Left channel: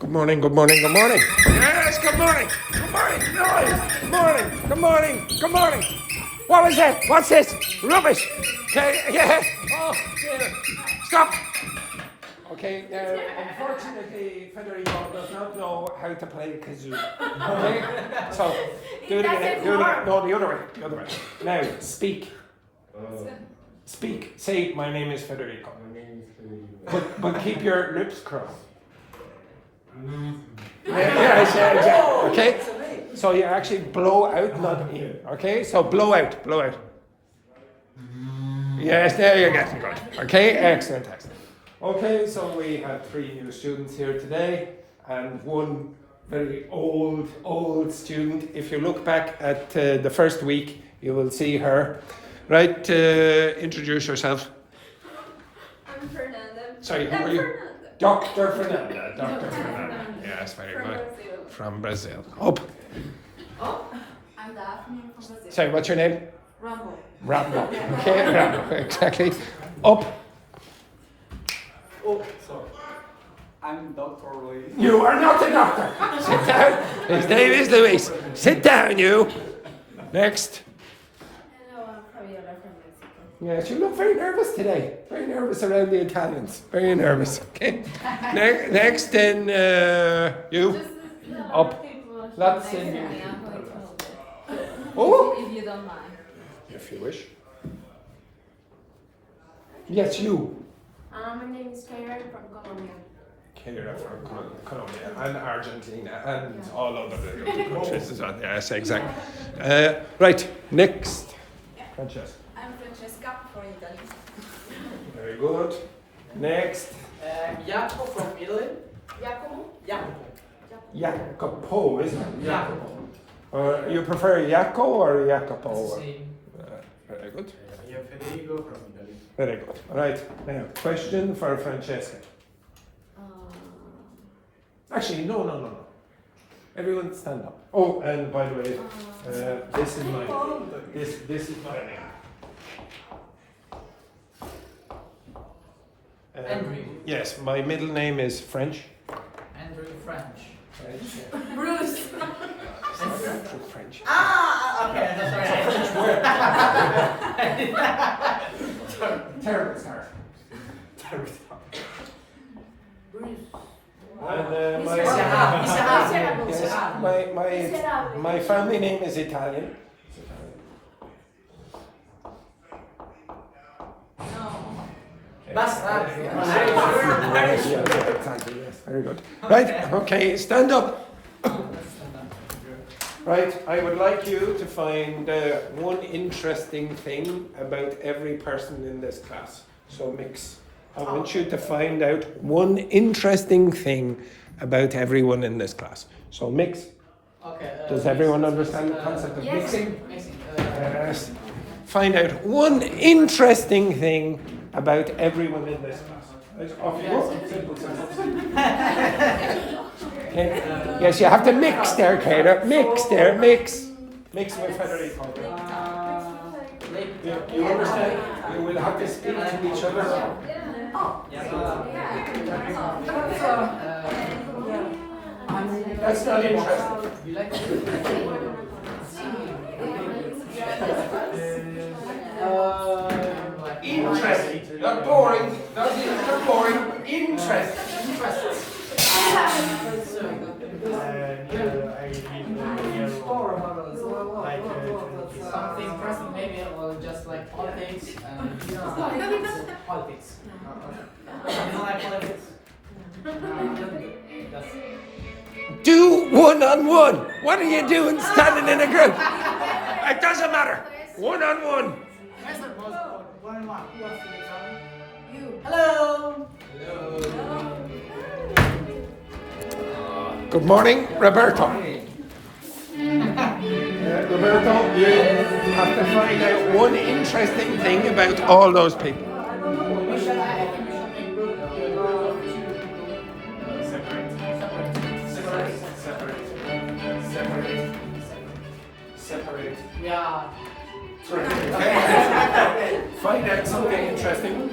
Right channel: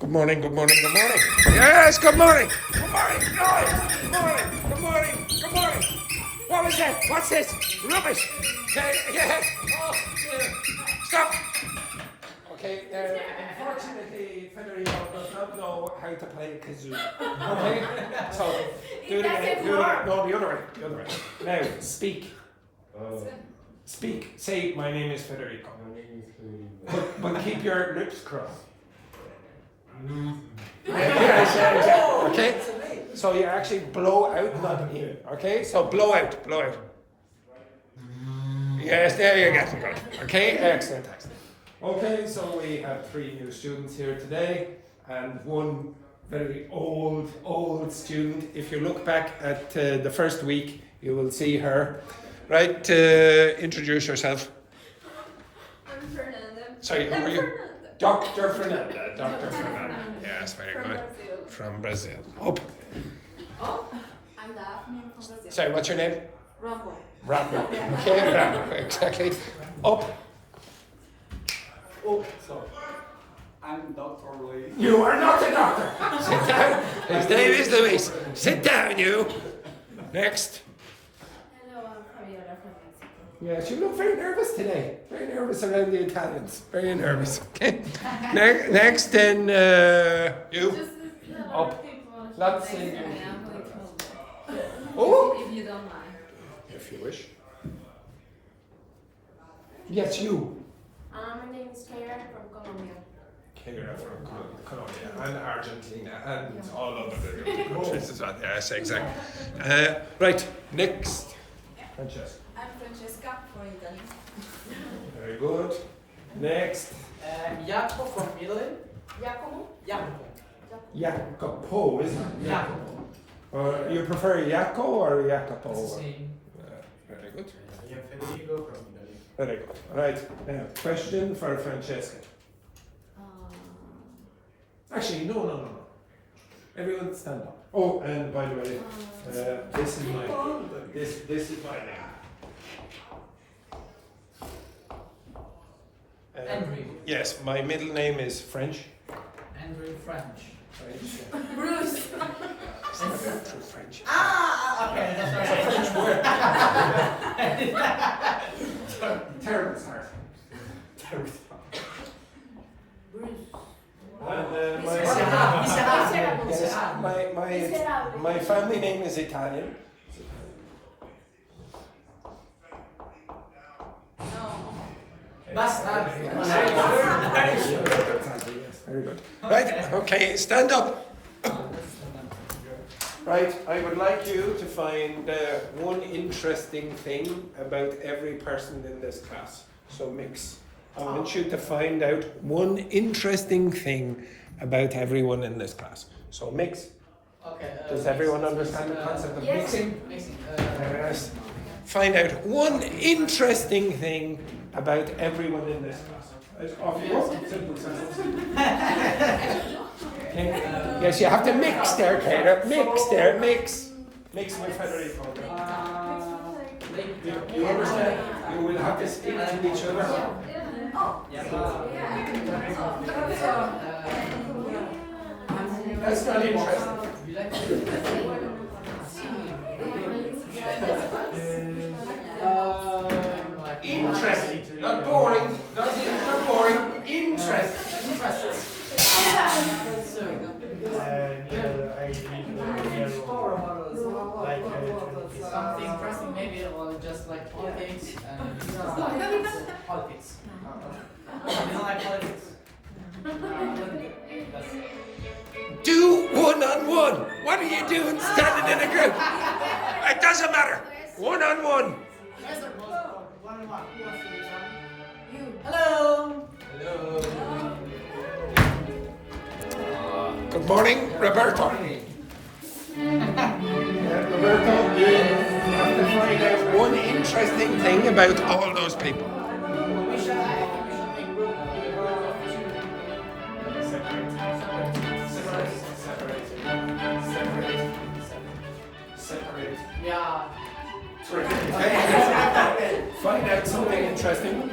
Good morning, good morning, good morning. Yes, good morning. Good morning. Good morning. Good morning. Good morning. What was that? What's this? Rubbish. Okay, yeah. Oh, dear. Stop. Okay, unfortunately, Federico does not know how to play kazoo. Okay? So, do it again. Do it again. No, the other way. The other way. Now, speak. Speak. Say, my name is Federico. But keep your lips crossed. Yeah. Okay? So you actually blow out, not in. Okay? So blow out, blow out. Yes, there you get it. Good. Okay? Excellent, excellent. Okay, so we have 3 new students here today and 1 very old student. If you look back at the first week, you will see her. Right, introduce yourself. I'm Fernanda. Sorry, who are you? Dr. Fernanda. Dr. Fernanda. Yes, very good. From Brazil. Up. Oh, I'm Daphne from Brazil. Sorry, what's your name? Rumble. Rambo. Okay, Rambo, exactly. Up. Oh, so I'm Dr. Lee. You are not a doctor. Sit down. His name is Luis. Sit down, you. Next. Hello, I'm Kheyra from Mexico. Yes, you look very nervous today. Very nervous around the Italians. Very nervous. Okay. Next, then you. Up. Let's sing. Oh. If you don't mind. If you wish. Yes, you. My name is Kheyra from Colombia. Kheyra from Colombia and Argentina and all over the countries as well. Yes, exactly. Right, next. Francesca. I'm Francesca from Italy. Very good. Next. Jacopo from Italy. Jacopo? Jacopo. Jacopo, isn't it? Jacopo. You prefer Jaco or Jacopo? It's the same. Very good. Federico from Italy. Very good. Right, now, question for Francesca. Actually, no. Everyone stand up. Oh, and by the way, this is my name. Andrew. Yes, my middle name is French. Andrew French. Bruce. French. Ah, okay, that's right. Terrible start. Bruce. And my family name is Italian. Basta. Very good. Right, okay, stand up. Right, I would like you to find one interesting thing about every person in this class. So mix. I want you to find out one interesting thing about everyone in this class. So mix. Okay. Does everyone understand the concept of mixing? Mixing. Yes. Find out one interesting thing about everyone in this class. Off you go. Simple sentence. Yes, you have to mix there, Kheyra. Mix there, mix. Mix with Federico. You understand? You will have to speak to each other. That's not interesting. You like Interesting. Not boring. Not boring. Interesting. something interesting, maybe, or just like politics and politics. You don't like politics? Do one-on-one. What are you doing standing in a group? It doesn't matter. One-on-one. Hello. Good morning, Roberto. Roberto, you have to find out one interesting thing about all those people. Separate. Yeah. Find out something interesting.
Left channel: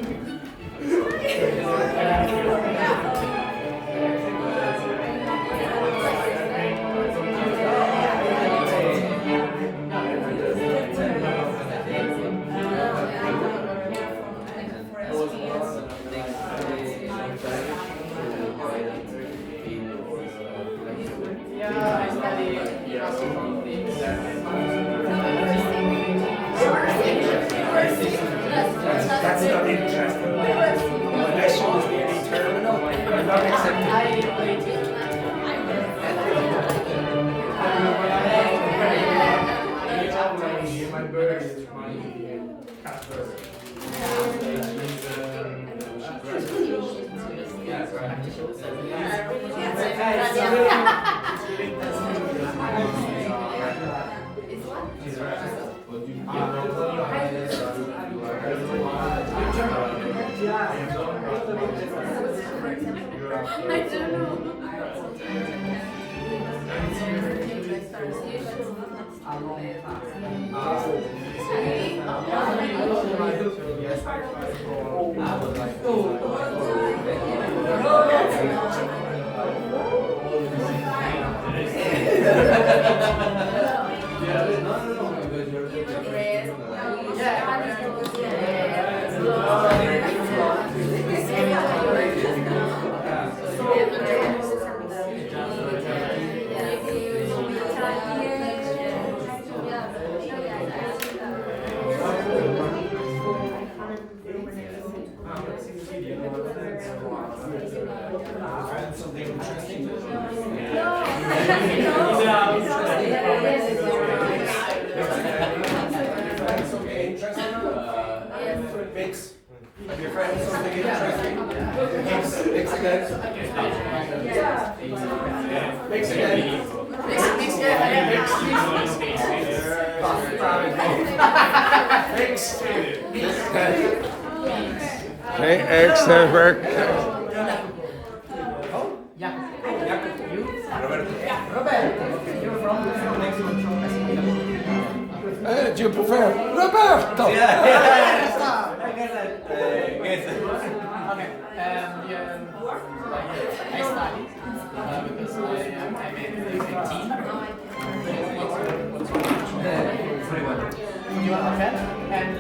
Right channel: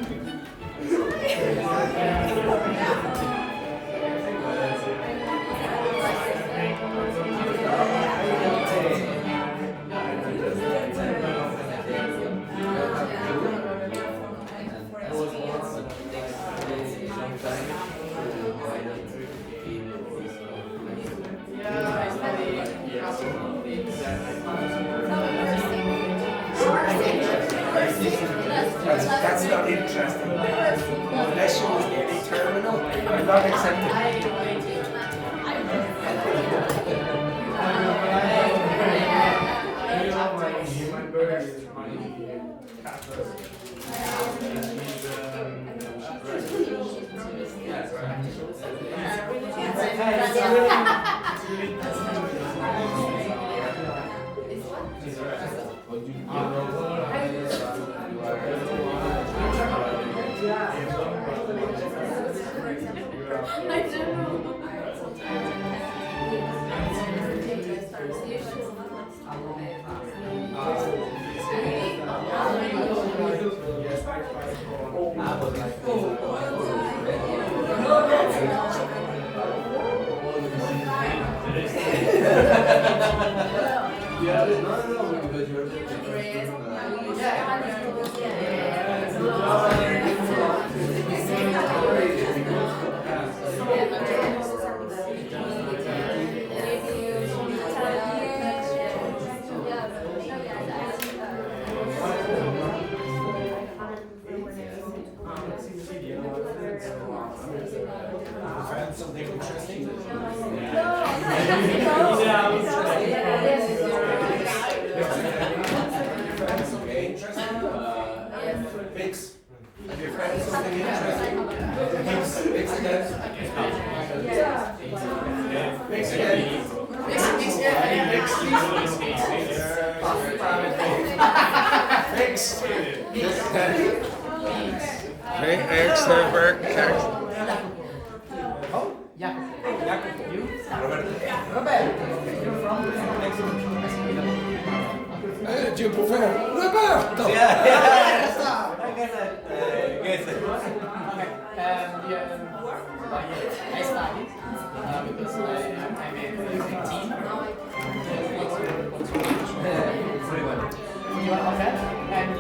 Jacopo. You? Roberto. Okay, you're from Do you prefer Roberto? Okay. I studied because I'm a teen. You are okay? And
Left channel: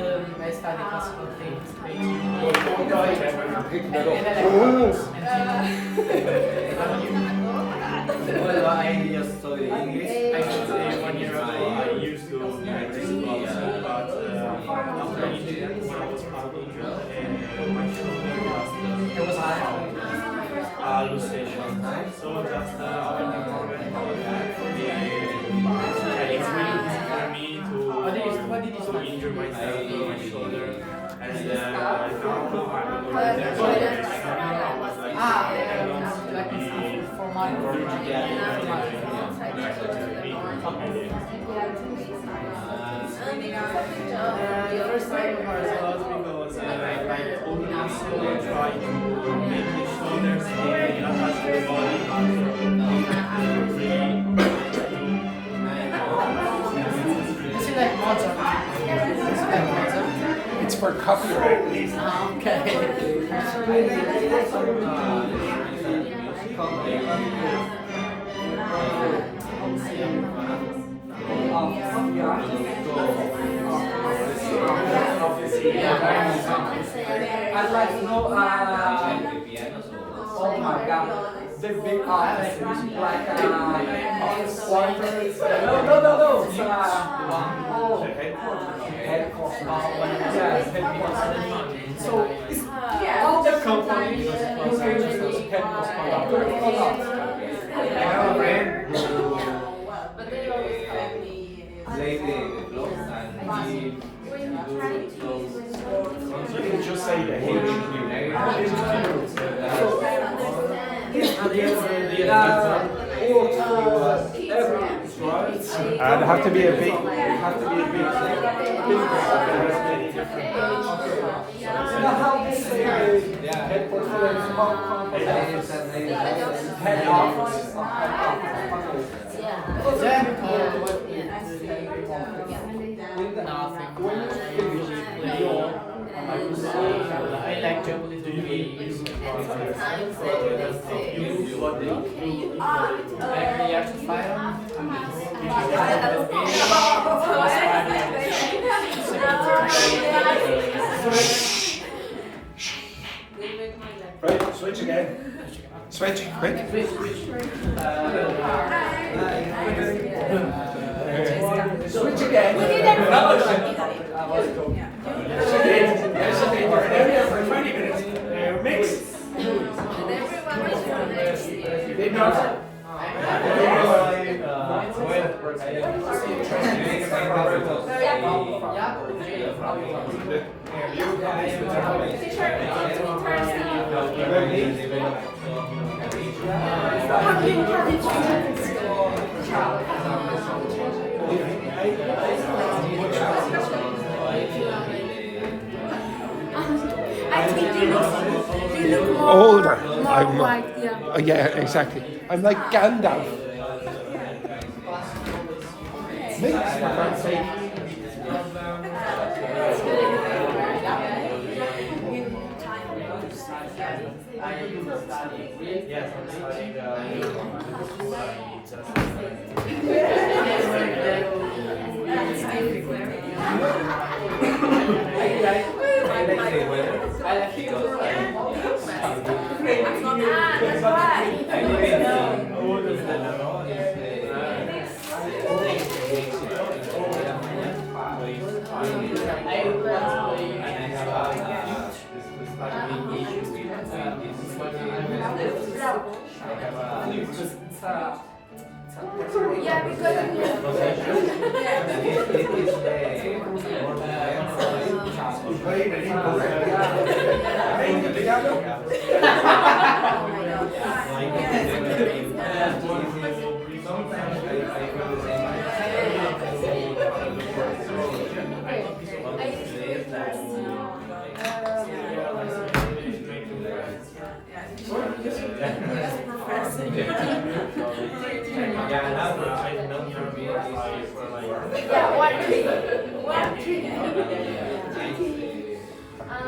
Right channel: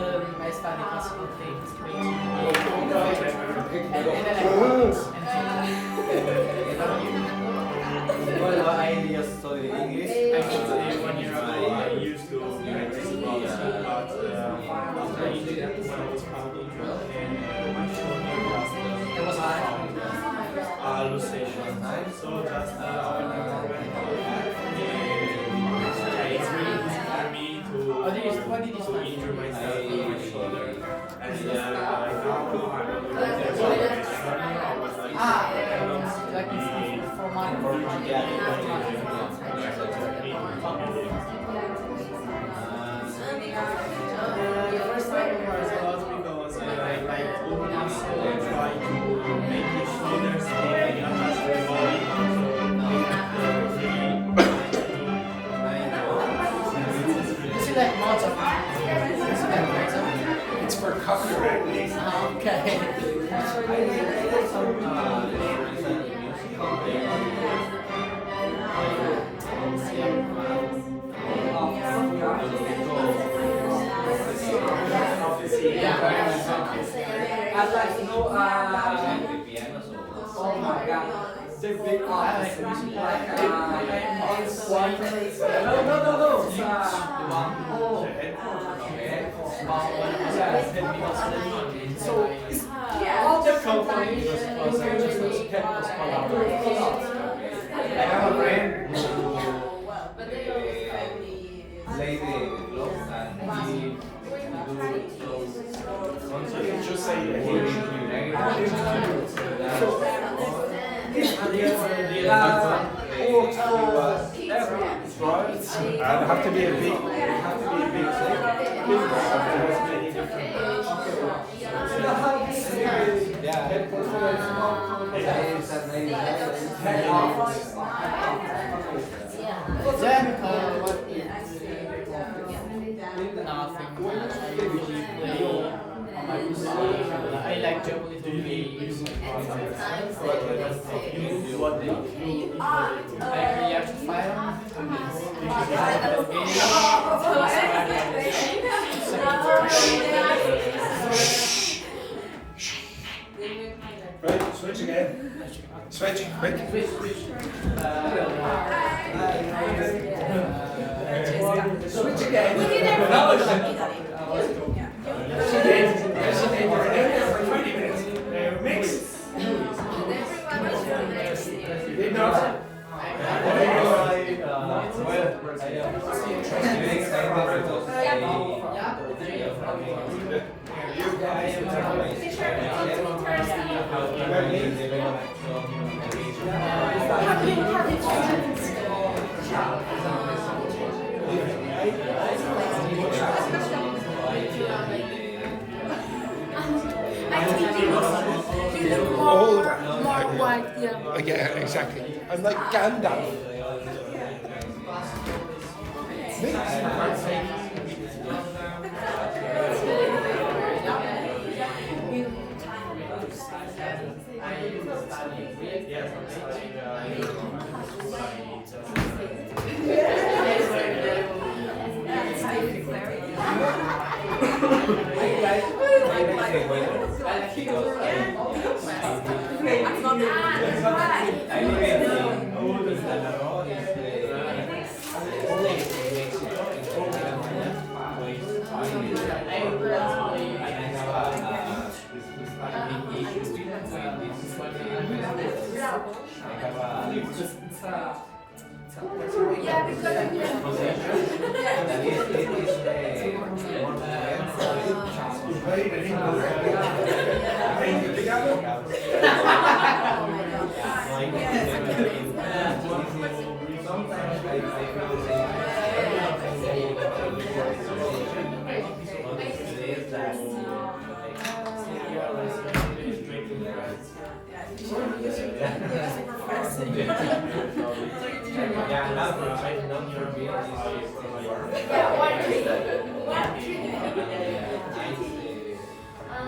I study classical things, and electronics. And how about you? Well, I just studied English. Actually, 1 year ago, I used to practice boxing, but after injury, when I was fighting, my shoulder lost It was hard. luxation. So just when I it's really easy for me What did you to study? injure myself with my shoulder. And now I'm with the I was like, Like for my the first time it was because I also try to make the shoulders stay attached to the body Is it like Mozart? It's for copyright. Okay. I'd like to know, oh my god, the big artists, like, on one, no, so, it's all the company, you can just I have a friend who laid the clothes and he do those just say I'd have to be a big. Nothing. I usually play on my PC. I like geopolitical games. I really have to fight on. Right, switch again. Switch, quick. Switch. Switch again. Mix. They look Older. more white, yeah. Oh, yeah, exactly. I'm like Gandalf.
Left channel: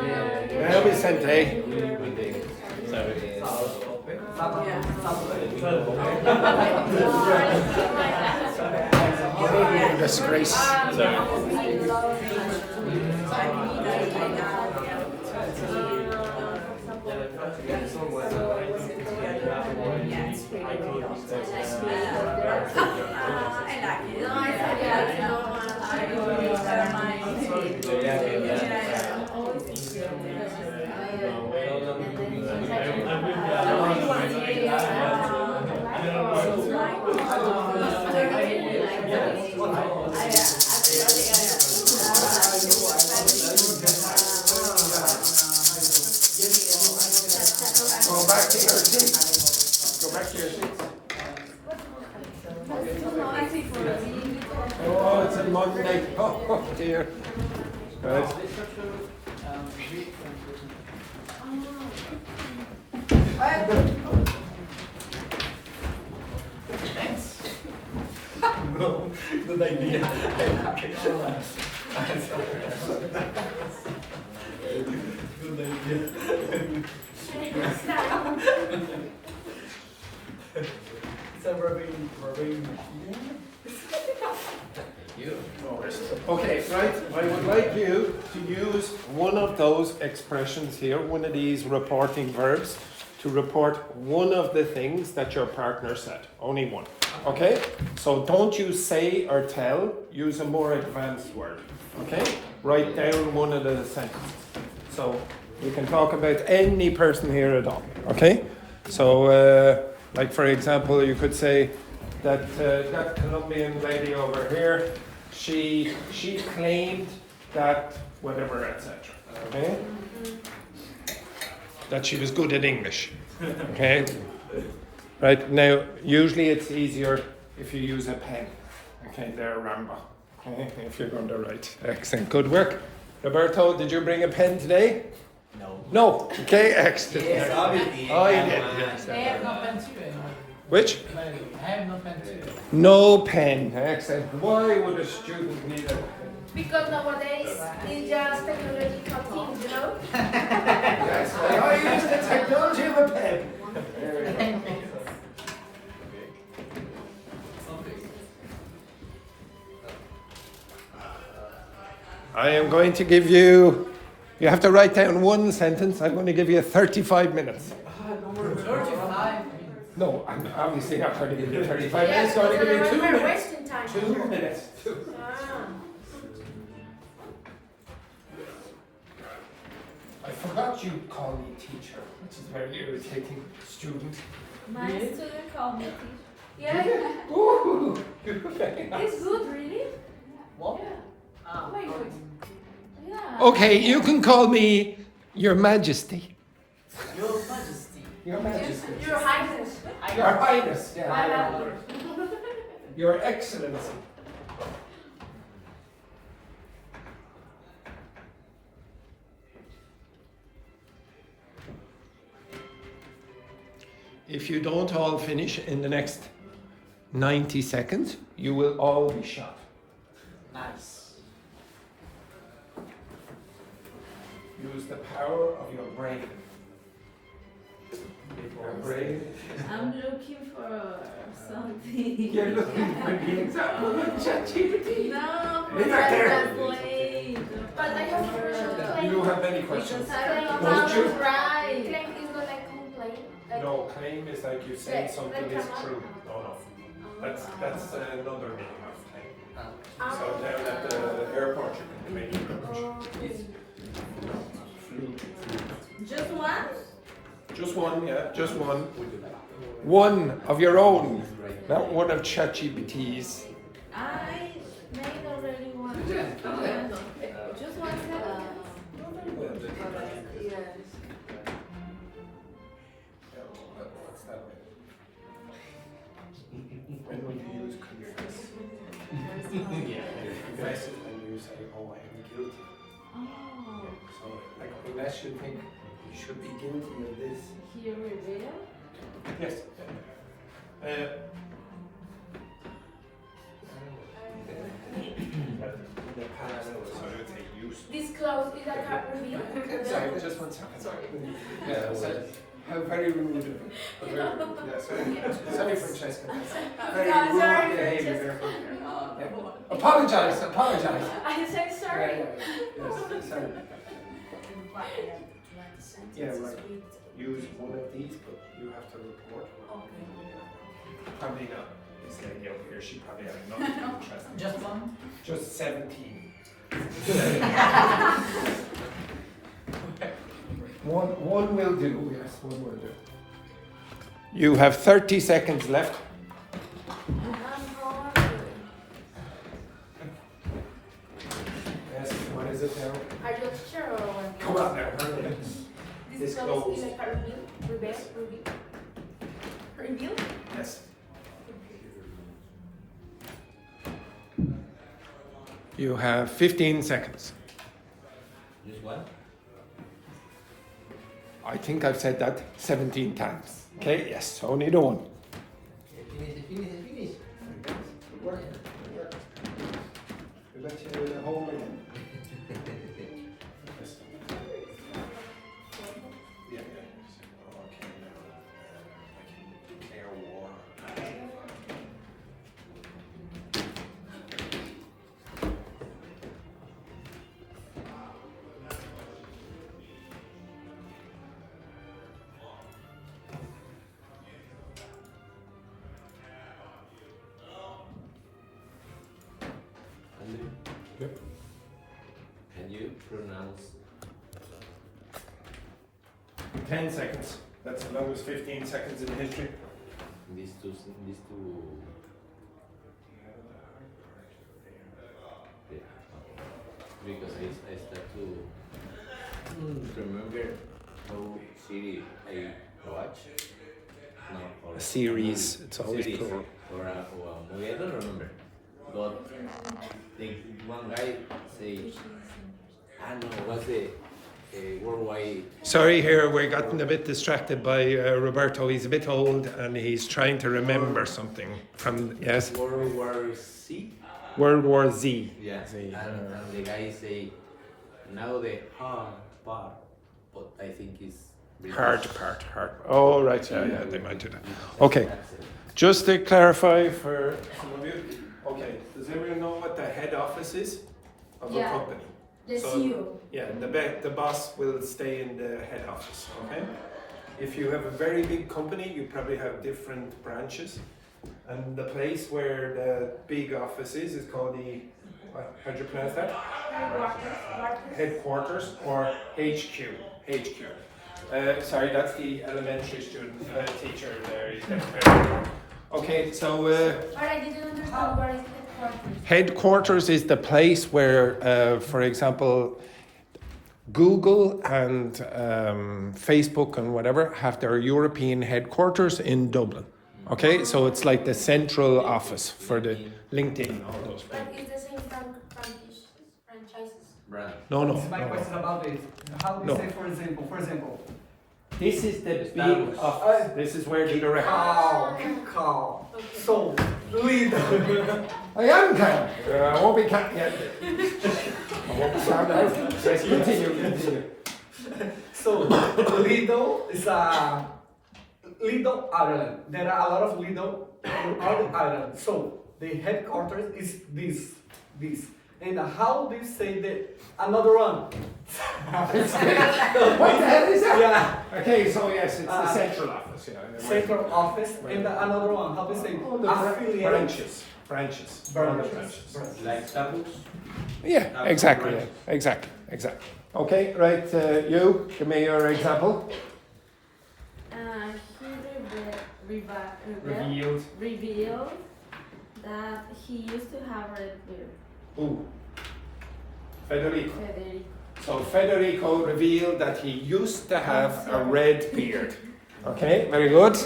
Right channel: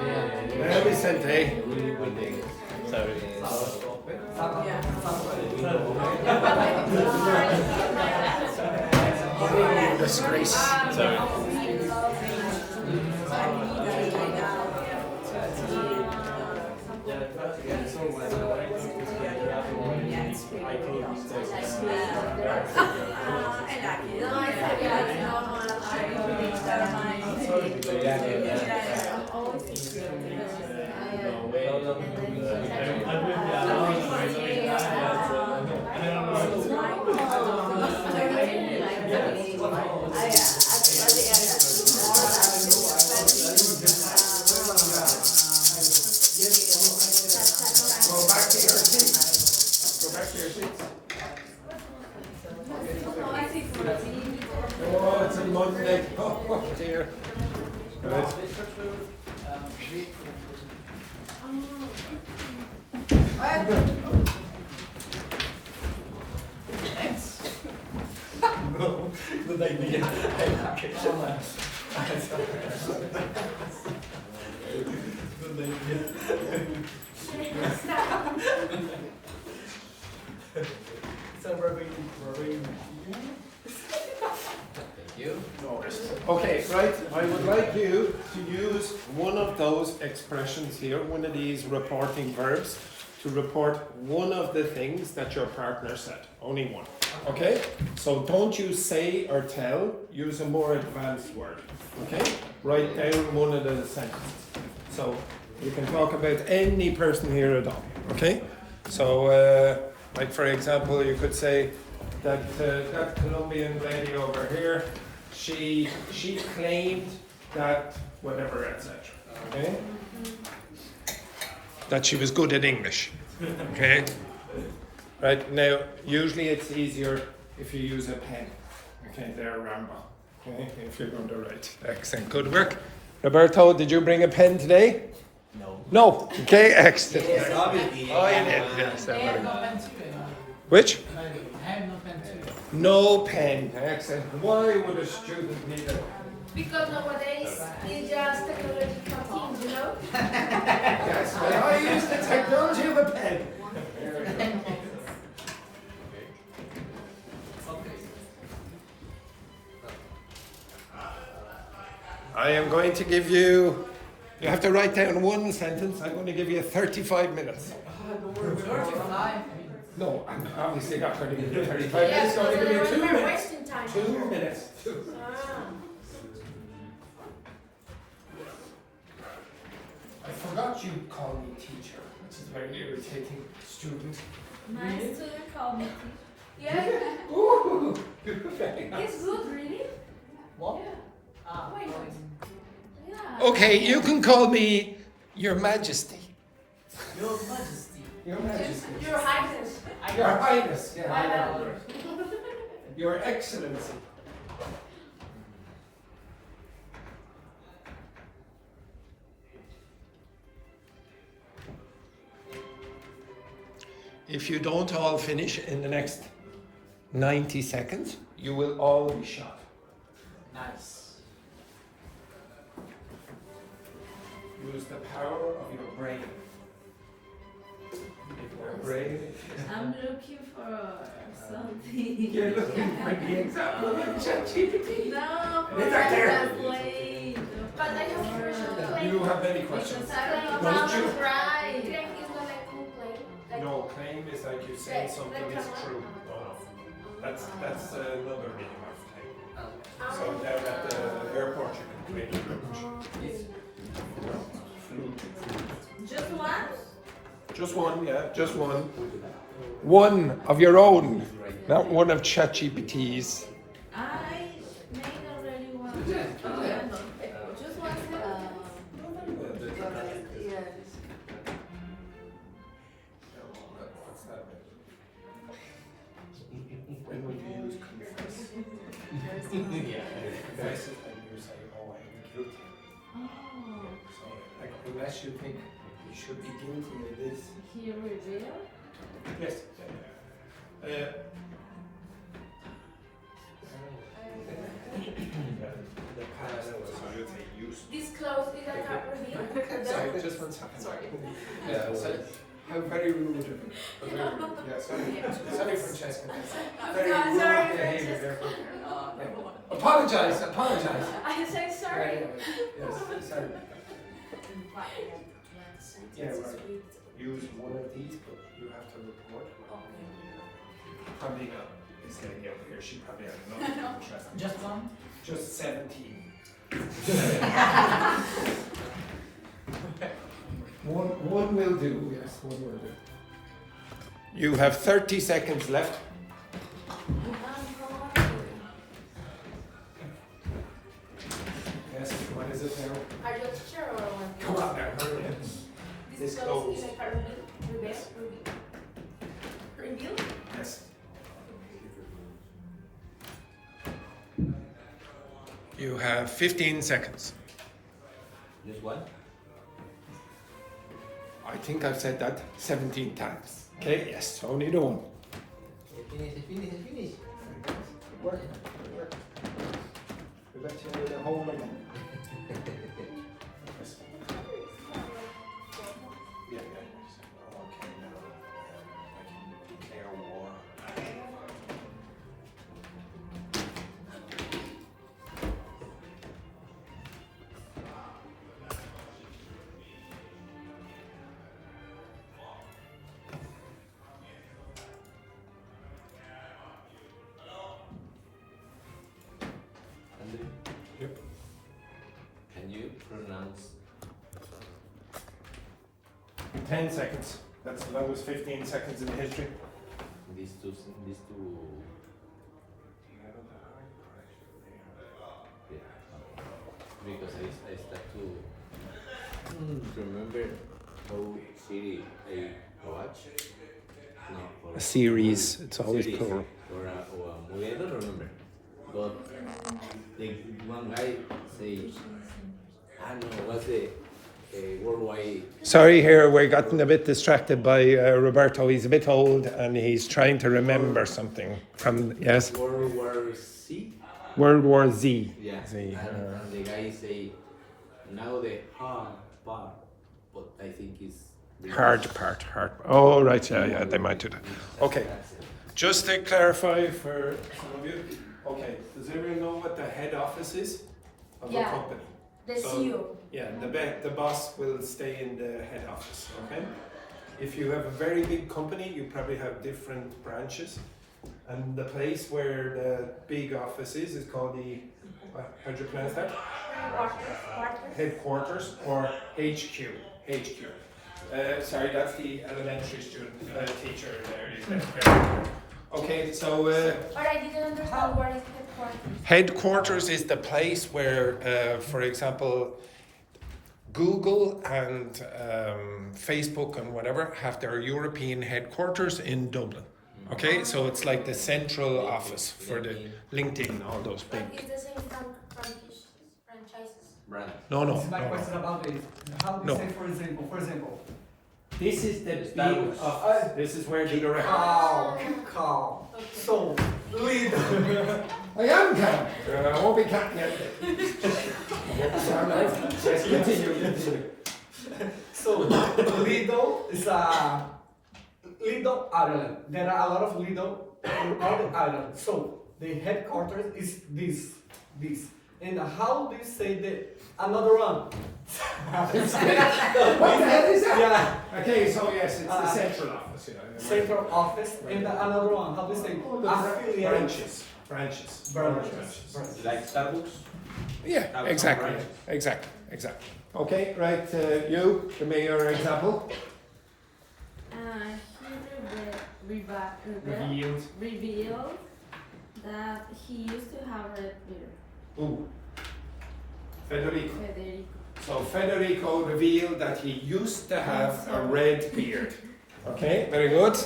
Yeah, Well, we sent A. Disgrace. Go back to your seats. Go back to your seats. Oh, it's a Monday. Oh, dear. Right. No, good idea. Good idea. It's a rubbing. Okay, right. I would like you to use one of those expressions here, one of these reporting verbs, to report one of the things that your partner said. Only one. Okay? So don't use say or tell, use a more advanced word. Okay? Write down one of the sentences. So you can talk about any person here at all. Okay? So, like for example, you could say that that Colombian lady over here, she claimed that whatever, etc. Okay? That she was good at English. Okay? Right, now, usually it's easier if you use a pen. Okay, there, remember. Okay, if you're going to write. Excellent, good work. Roberto, did you bring a pen today? No. No, okay, excellent. Yes, obviously. Oh, you did, yes. I have no pen too. Which? I have no pen too. No pen, excellent. Why would a student need a pen? Because nowadays it's just technological things, you know? Yes, I use the technology of a pen. I am going to give you, you have to write down one sentence. I'm going to give you 35 minutes. 35. No, I'm obviously not going to give you 35 Yeah, minutes. I'm going to give you 2 we're minutes. wasting time. 2 minutes. Ah. I forgot you call me teacher, which is very irritating, student. My student called me teacher. Yeah, Ooh, okay. it's good, really? What? Yeah. Ah, Wait, wait. Yeah. Okay, you can call me Your Majesty. Your Majesty. Your Majesty. Your Highness. Your Highness. I Yeah. have you. Your Excellency. If you don't all finish in the next 90 seconds, you will all be shot. Nice. Use the power of your brain. Your brain. I'm looking for something. You're looking for the example of ChatGPT. No, Look at there. but I have Do you have any questions? Don't you? right. No, claim is like you say something is true. No, no. That's another meaning of claim. So down at the airport you can claim your luggage. Just one? Just one, yeah, just one. One of your own, not one of ChatGPT's. I made already one. Just one When would you use confess? Confess it and you say, oh, I am guilty. Oh, So, like, unless you think you should be guilty of this. here reveal? Yes. The past, so I would say use. Disclose is a card reveal? Sorry, just one second. Sorry. Yeah, sorry. How very rude. Yeah, sorry, Francesca. Very I'm rude sorry, behavior Francesca. there. Yeah. Apologize, apologize. I say sorry. Yes, sorry. Yeah, right. Use one of these, but you have to report. Probably not. This lady over here, she probably has nothing interesting. Just one? Just 17. One will do, yes, one will do. You have 30 seconds left. Yes, what is it now? Are you a teacher or what? Come on now, hurry up. Disclose is a card reveal? Reveal? Reveal? Yes. You have 15 seconds. Just one? I think I've said that 17 times. Okay, yes, only the one. Finish. Good work. We'll let you in the home again. Yes. Yeah, yeah. Okay, now. Kheyra war. Yep. Can you pronounce 10 seconds. That's as long as 15 seconds in history. these two? Yeah. Because I start to remember how series I watch. No, or A series, it's always series plural. or a movie. I don't remember. But the one guy say, no, what's the worldwide? Sorry, here we're getting a bit distracted by Roberto. He's a bit old and he's trying to remember something from, yes, World War C? World War Z. Yeah. Z, And the guy say, now the hard part, but I think it's British. Hard. Oh, right, yeah, they might do that. Okay, just to clarify for some of you. Okay, does everyone know what the head office is of a Yeah. company? The So- CEO. Yeah, the boss will stay in the head office, okay? If you have a very big company, you probably have different branches. And the place where the big office is called the, how do you pronounce that? Headquarters or HQ. Sorry, that's the elementary student teacher there. He's getting okay, so I didn't understand where is headquarters. headquarters is the place where, for example, Google and Facebook and whatever have their European headquarters in Dublin. Okay, so it's like the central office for the LinkedIn, all those But big. it's the same franchises. Brand. No, This is my no. question about it. How do No. you say, for example? This is the big office. This is where the director. Calm. So, lead. I am calm. I won't be calm yet. I won't be calm now. Let's continue. So, Lido is a Lido Ireland. There are a lot of Lido in all the island. So the headquarters is this. And how do you say the another one? What the hell is that? Yeah, Okay, so yes, it's the central office. Yeah. central office. And another one. How do you say affiliate? Branches. Branches. Like Starbucks? Yeah, exactly. Okay, right. You give me your example. He revealed that he used to have red beard. Ooh. Federico. Federico. So Federico revealed that he used to have a red beard. Okay, very good.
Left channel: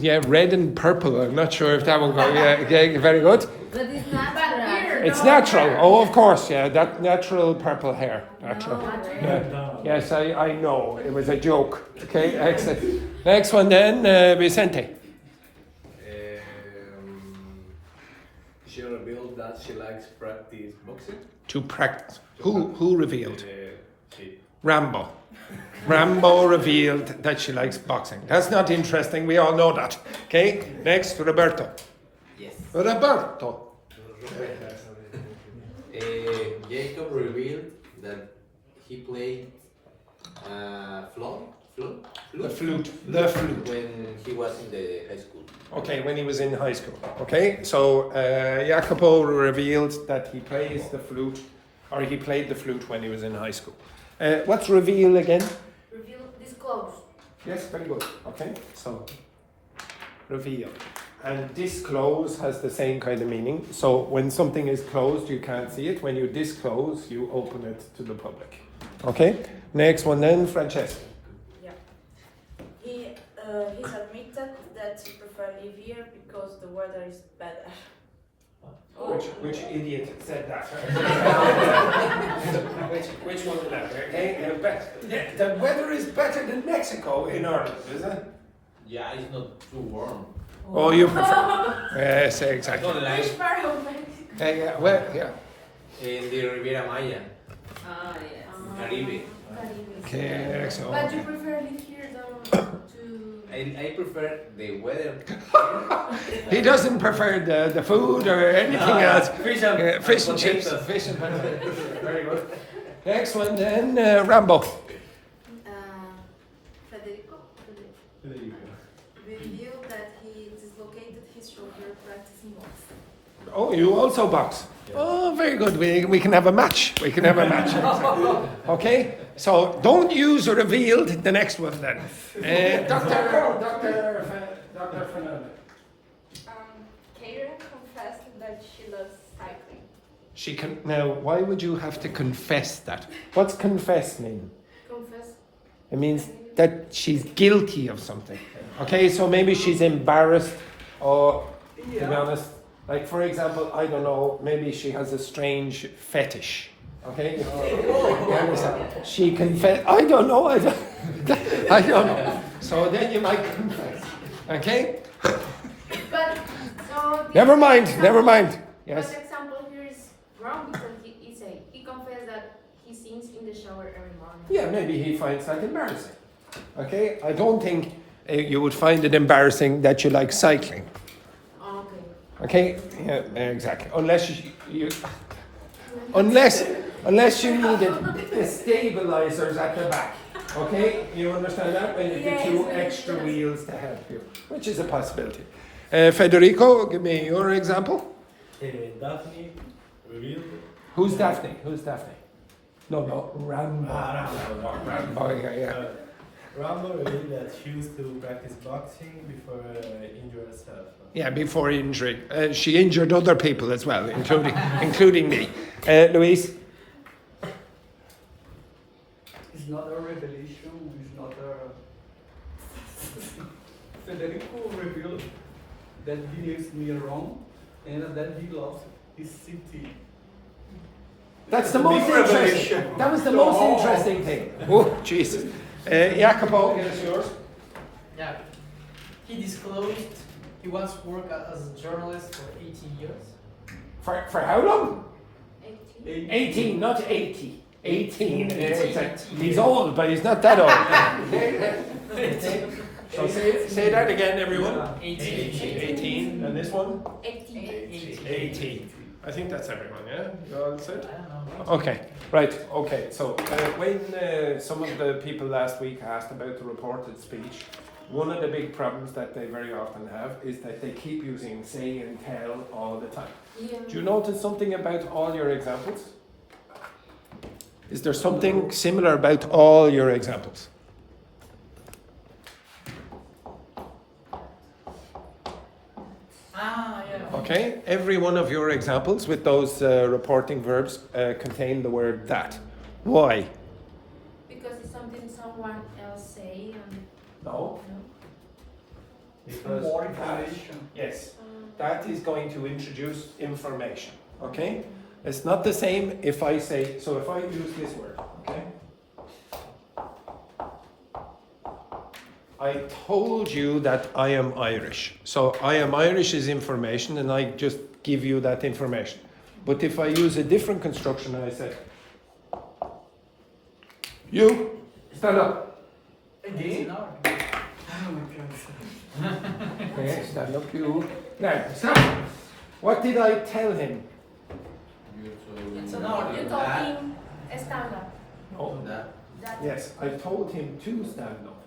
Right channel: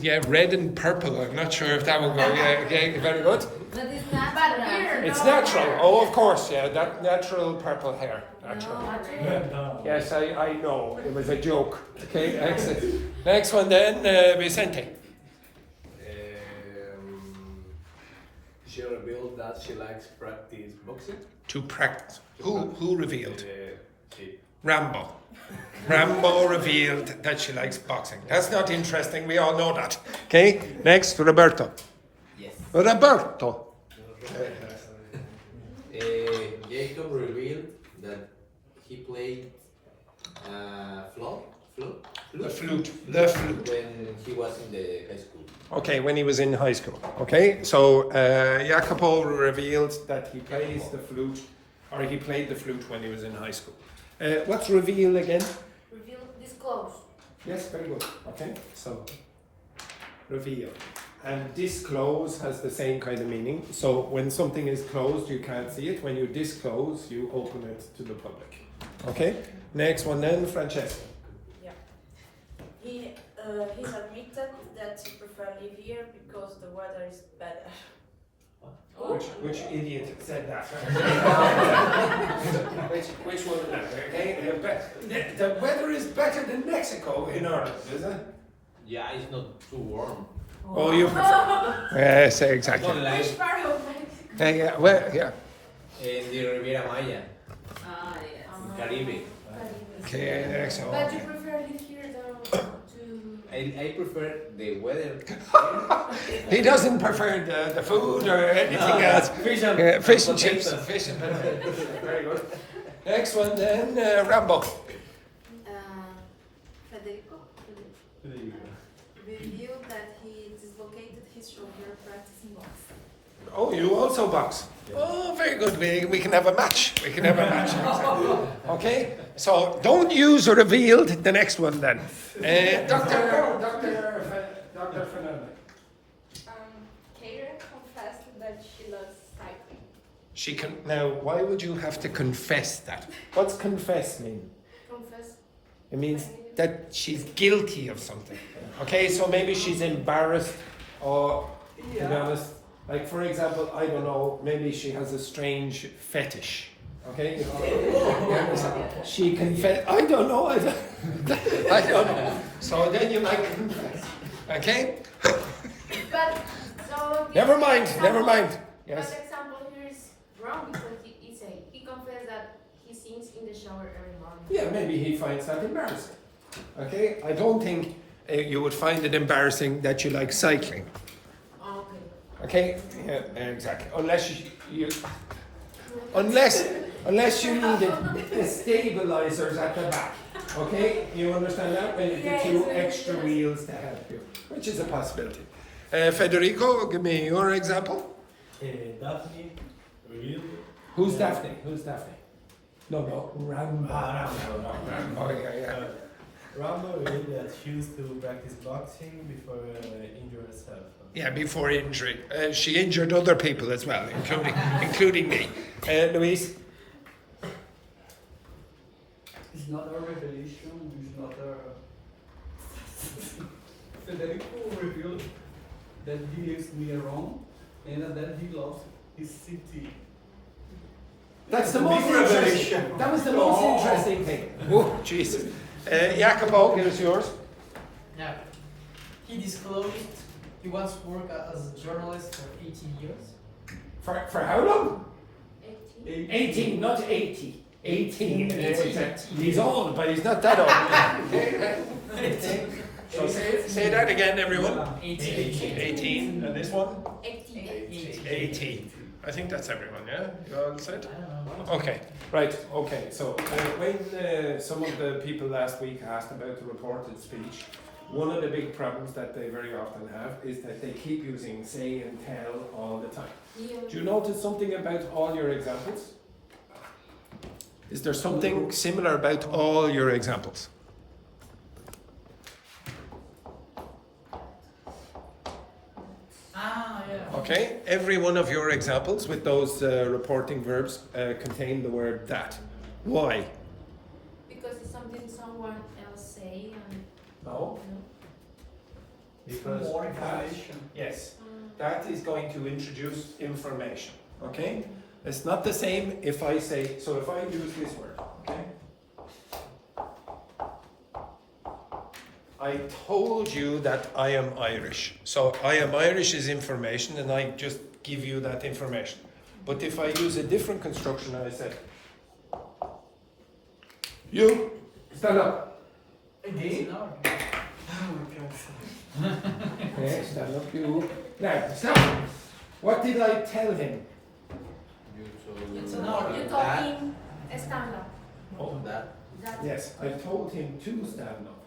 Yeah, red and purple. I'm not sure if that will go. Yeah, okay, very good. But it's not beard. It's natural. Oh, of course. Yeah, that natural purple hair. Natural. No. Yes, I know. It was a joke. Okay, excellent. Next one then, Vicente. She revealed that she likes practice boxing. To practice. Who revealed? She. Rambo. Rambo revealed that she likes boxing. That's not interesting. We all know that. Okay. Next, Roberto. Yes. Roberto. Jacob revealed that he played The flute. The flute. when he was in the high school. Okay, when he was in high school. Okay, so Jacopo revealed that he plays the flute, or he played the flute when he was in high school. What's reveal again? Reveal, disclose. Yes, very good. Okay, so reveal. And disclose has the same kind of meaning. So when something is closed, you can't see it. When you disclose, you open it to the public. Okay, next one then, Francesca. He's admitted that he prefers live here because the weather is better. Which idiot said that? which one is that? Okay, the weather is better than Mexico in Ireland, isn't it? Yeah, it's not too warm. Oh, you prefer? Yes, exactly. Not like Which part of Mexico? Yeah, well, yeah. in the Riviera Maya, Ah, yes. Caribe. Okay, excellent. But you prefer live here than to... I prefer the weather. He doesn't prefer the food or anything else. Fish and, Yeah, fish and chips. potatoes. Fish and Very good. Next one then, Rambo. Federico revealed that he dislocated his shoulder practicing boxing. Oh, you also box. Oh, very good. We can have a match. Okay, so don't use revealed the next one then. Dr. Fernandez. Kheyra confessed that she loves cycling. She can now. Why would you have to confess that? What's confess mean? Confess. It means that she's guilty of something. Okay, so maybe she's embarrassed, or to be honest, like for example, I don't know, maybe she has a strange fetish. Okay, you understand? She confess. I don't know. I don't know. So then you might confess. Okay. But, so... Never mind. Yes. But example here is wrong because he confessed that he sings in the shower every morning. Yeah, maybe he finds that embarrassing. Okay, I don't think you would find it embarrassing that you like cycling. Okay. Okay, yeah, exactly. Unless you needed the stabilizers at the back. Okay, you understand that? When you get two extra wheels to help you, which is a possibility. Federico, give me your example. Daphne revealed. Who's Daphne? No, Rambo. Rambo, yeah. Rambo really that she used to practice boxing before injure herself. Yeah, before injury. She injured other people as well, including me. Luis? It's not a revelation, it's not a... Federico revealed that he leaves me alone and that he loves his city. That's the a most big revelation. That was the most interesting thing. Oh, Jesus. Jacopo, get us yours. Yeah. He disclosed he once worked as a journalist for 18 years. For how long? 18. 18, not 80. 18. He's old, but he's not that old. So say that again, everyone. 18. 18. And this one? 18. 18. I think that's everyone, yeah? You all said? I don't know. Okay, right, okay. So when some of the people last week asked about the reported speech, one of the big problems that they very often have is that they keep using say and tell all the time. Yeah. Do you notice something about all your examples? Is there something similar about all your examples? Ah, yeah. Okay, every one of your examples with those reporting verbs contain the word that. Why? Because it's something someone else say and No. no. Because More information. Yes, that is going to introduce information. Okay? It's not the same if I say, so if I use this word, okay? I told you that I am Irish. So I am Irish is information and I just give you that information. But if I use a different construction, I say, you, stand up. Again? Okay, stand up, you. Now, stand. What did I tell him? So No, you told him stand up. Oh, That. yes, I told him to stand up.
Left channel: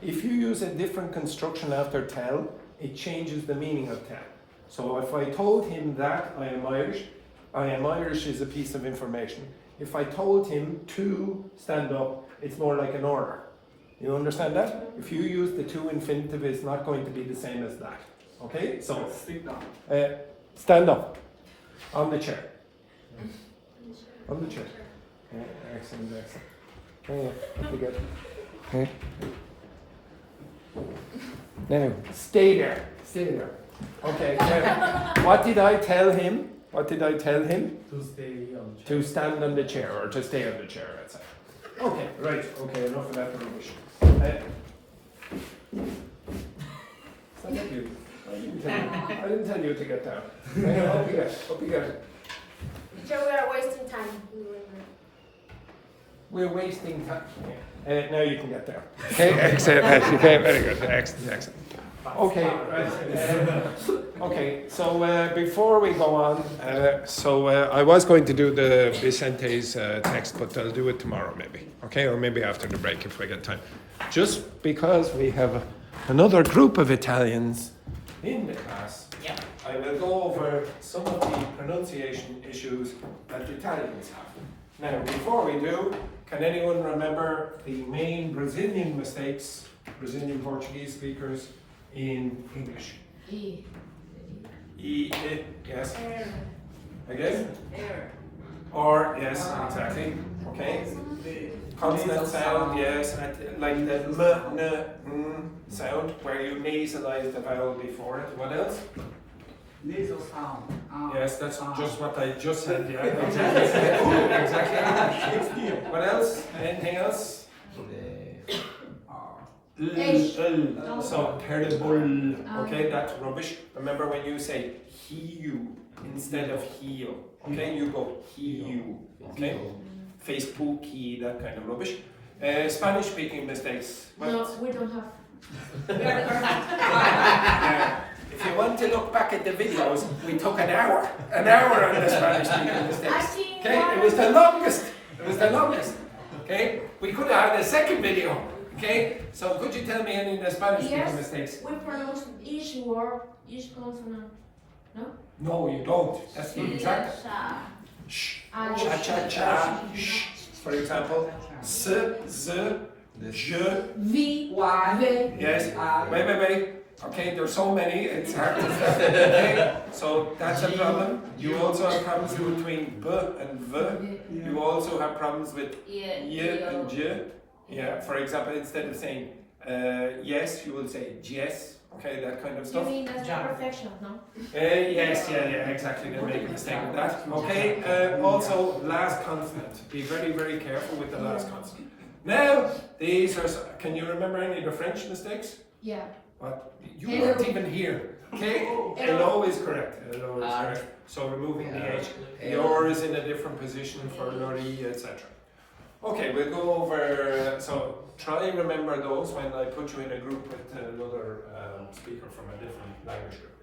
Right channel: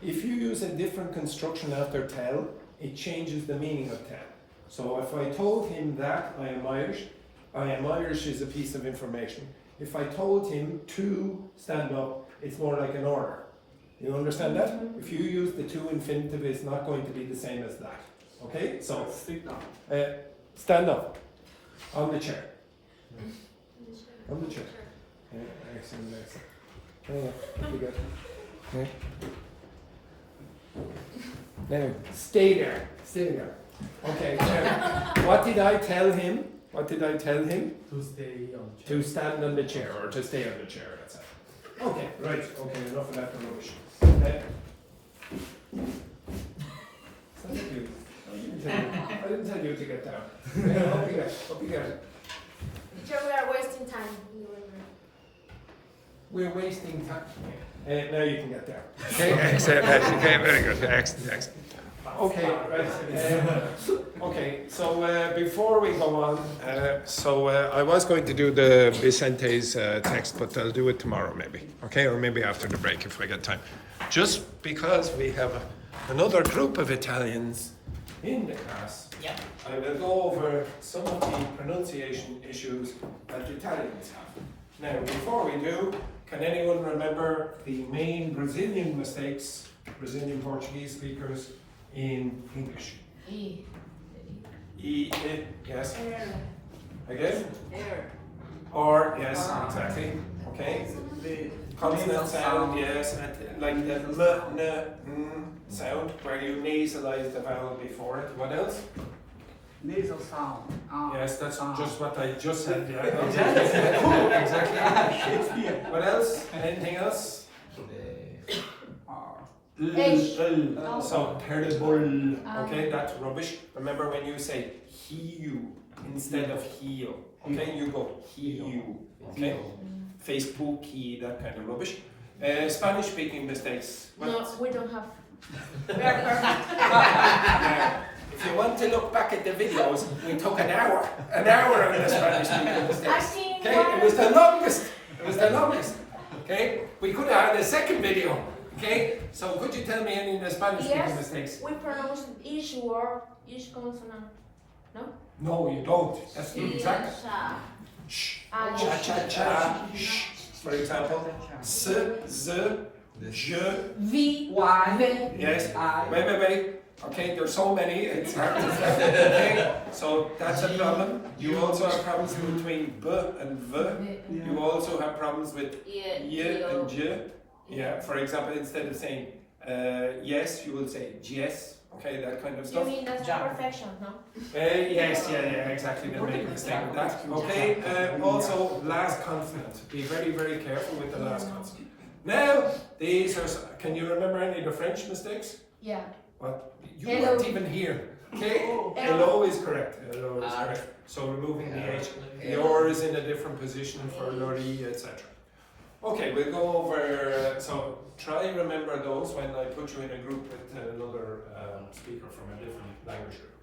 If you use a different construction after tell, it changes the meaning of tell. So if I told him that I am Irish is a piece of information. If I told him to stand up, it's more like an order. You understand that? If you use the to infinitive, it's not going to be the same as that. Okay? So, Sit down. stand up. On the chair. On the chair. Okay, excellent, excellent. Okay, good. Okay. Now, stay there. Stay there. Okay, now, what did I tell him? What did I tell him? To stay on To stand on the chair, or to stay on the chair, let's say. Okay, right. Okay, enough of that rubbish. Thank you. I didn't tell you to get down. Up you get. Up you get. Teacher, we are wasting time. We're wasting time. Now you can get down. Okay, excellent. Okay, very good. Excellent, excellent. Okay, right. Okay, so before we go on, I was going to do the Vicente's text, but I'll do it tomorrow maybe. Okay, or maybe after the break if I get time. Just because we have another group of Italians in the class, Yeah. I will go over some of the pronunciation issues that Italians have. Now, before we do, can anyone remember the main Brazilian mistakes, Brazilian Portuguese speakers in English? Yes. Again? Or, yes, exactly. Okay. Consonant sound, yes, like the m, n, n sound, where you nasalize the vowel before it. What else? Nasal sound. Yes, that's just what I just said. Yeah, exactly. Exactly. What else? Anything else? So terrible. Okay, that's rubbish. Remember when you say he you instead of heal. Okay, you go he you. Okay, Facebooky, that kind of rubbish. Spanish speaking mistakes. What? No, we don't have. We are Yeah. If you want to look back at the videos, we took an hour on the Spanish speaking mistakes. Okay, it was the longest. It was the longest. Okay, we could have had a second video. Okay, so could you tell me any of the Spanish speaking mistakes? We pronounce each word, each consonant. No? No, you don't. That's the exact. Shh. Cha cha cha. Shh. For example, s, z, je. V, Y. V. Yes. Wait. Okay, there's so many, it's hard to start. Okay, so that's a problem. You also have problems between b and v. You also have problems with y and j. Yeah, for example, instead of saying yes, you will say yes. Okay, that kind of You stuff. mean that's perfection, no? Yes, yeah, exactly. They make a mistake with that. Okay, also last consonant. Be very, very careful with the last consonant. Now, these are, can you remember any of the French mistakes? Yeah. What? You Hello. weren't even here. Okay, hello is correct. Hello is correct. So removing the H. The R is in a different position for Lori, etc. Okay, we'll go over, so try remember those when I put you in a group with another speaker from a different language group.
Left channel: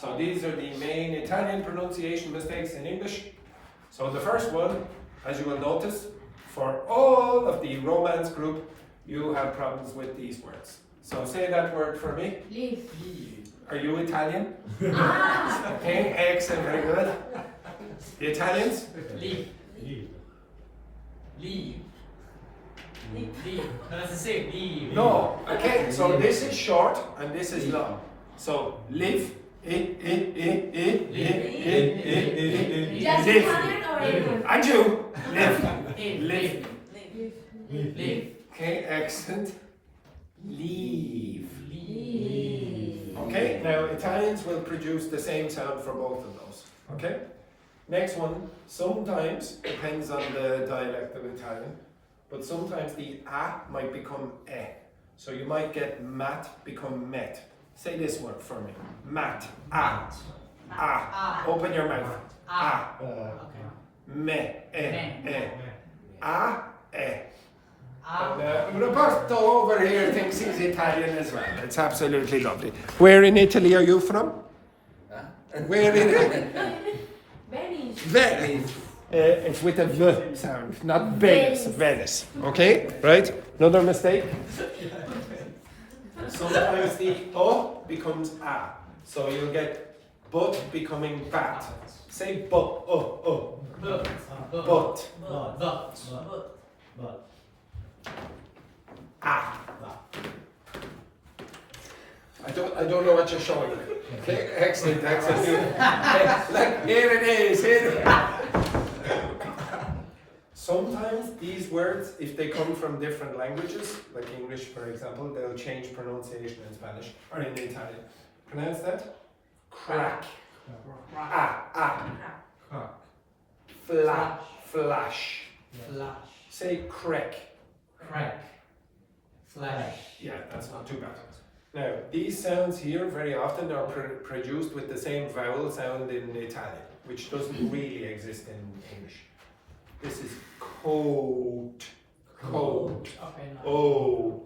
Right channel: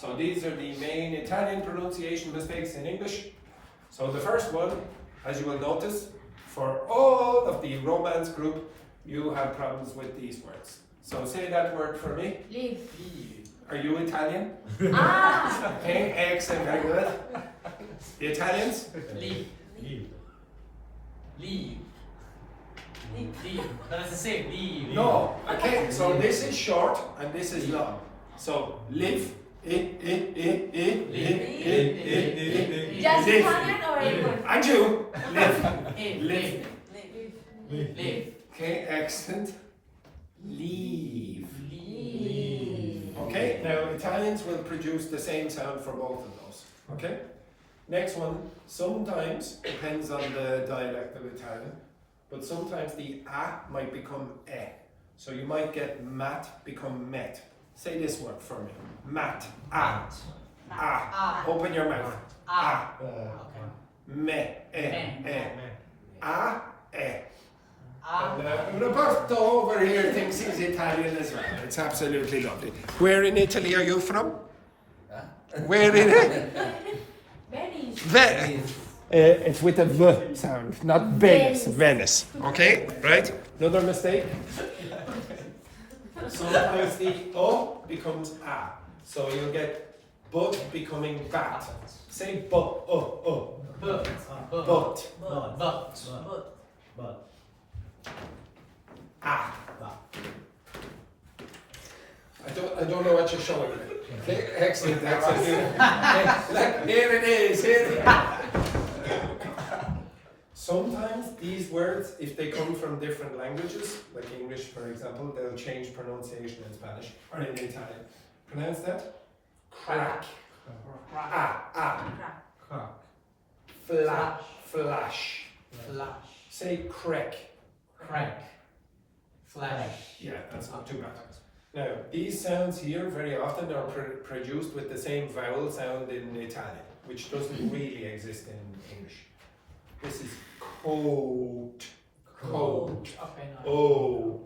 So these are the main Italian pronunciation mistakes in English. So the first one, as you will notice, for all of the Romance group, you have problems with these words. So say that word for me. Leave. Are you Italian? Ah! Okay, excellent, very good. The Italians? Leave. Leave. Leave. Leave. Does it say leave? No. Okay, so this is short and this is long. So live, Just live. Italian or anyone? And you, live, Live. live. Leave. Okay, excellent. Leave. Leave. Okay, now Italians will produce the same sound for both of those. Okay? Next one, sometimes, depends on the dialect of Italian, but sometimes the a might become e. So you might get mat become met. Say this word for me. Mat. A. A. Open your mouth. A. Okay. Me. E. A. E. Ah. And Roberto over here thinks he's Italian as well. It's absolutely lovely. Where in Italy are you from? Where in it? Venice. Venice. It's with a V sound, not Venice. Venice. Okay, right? Another mistake. Sometimes the O becomes A. So you'll get but becoming bat. Say but, But. but, But. ah. I don't know what you're showing me. Okay, excellent, excellent. Like, here it is, here it is. Sometimes these words, if they come from different languages, like English for example, they'll change pronunciation in Spanish or in Italian. Pronounce that? Crack. Ah. Flash. Flash. Say crack. Crack. Flash. Yeah, that's not too bad. Now, these sounds here very often are produced with the same vowel sound in Italian, which doesn't really exist in English. This is coat, coat, Okay. oh,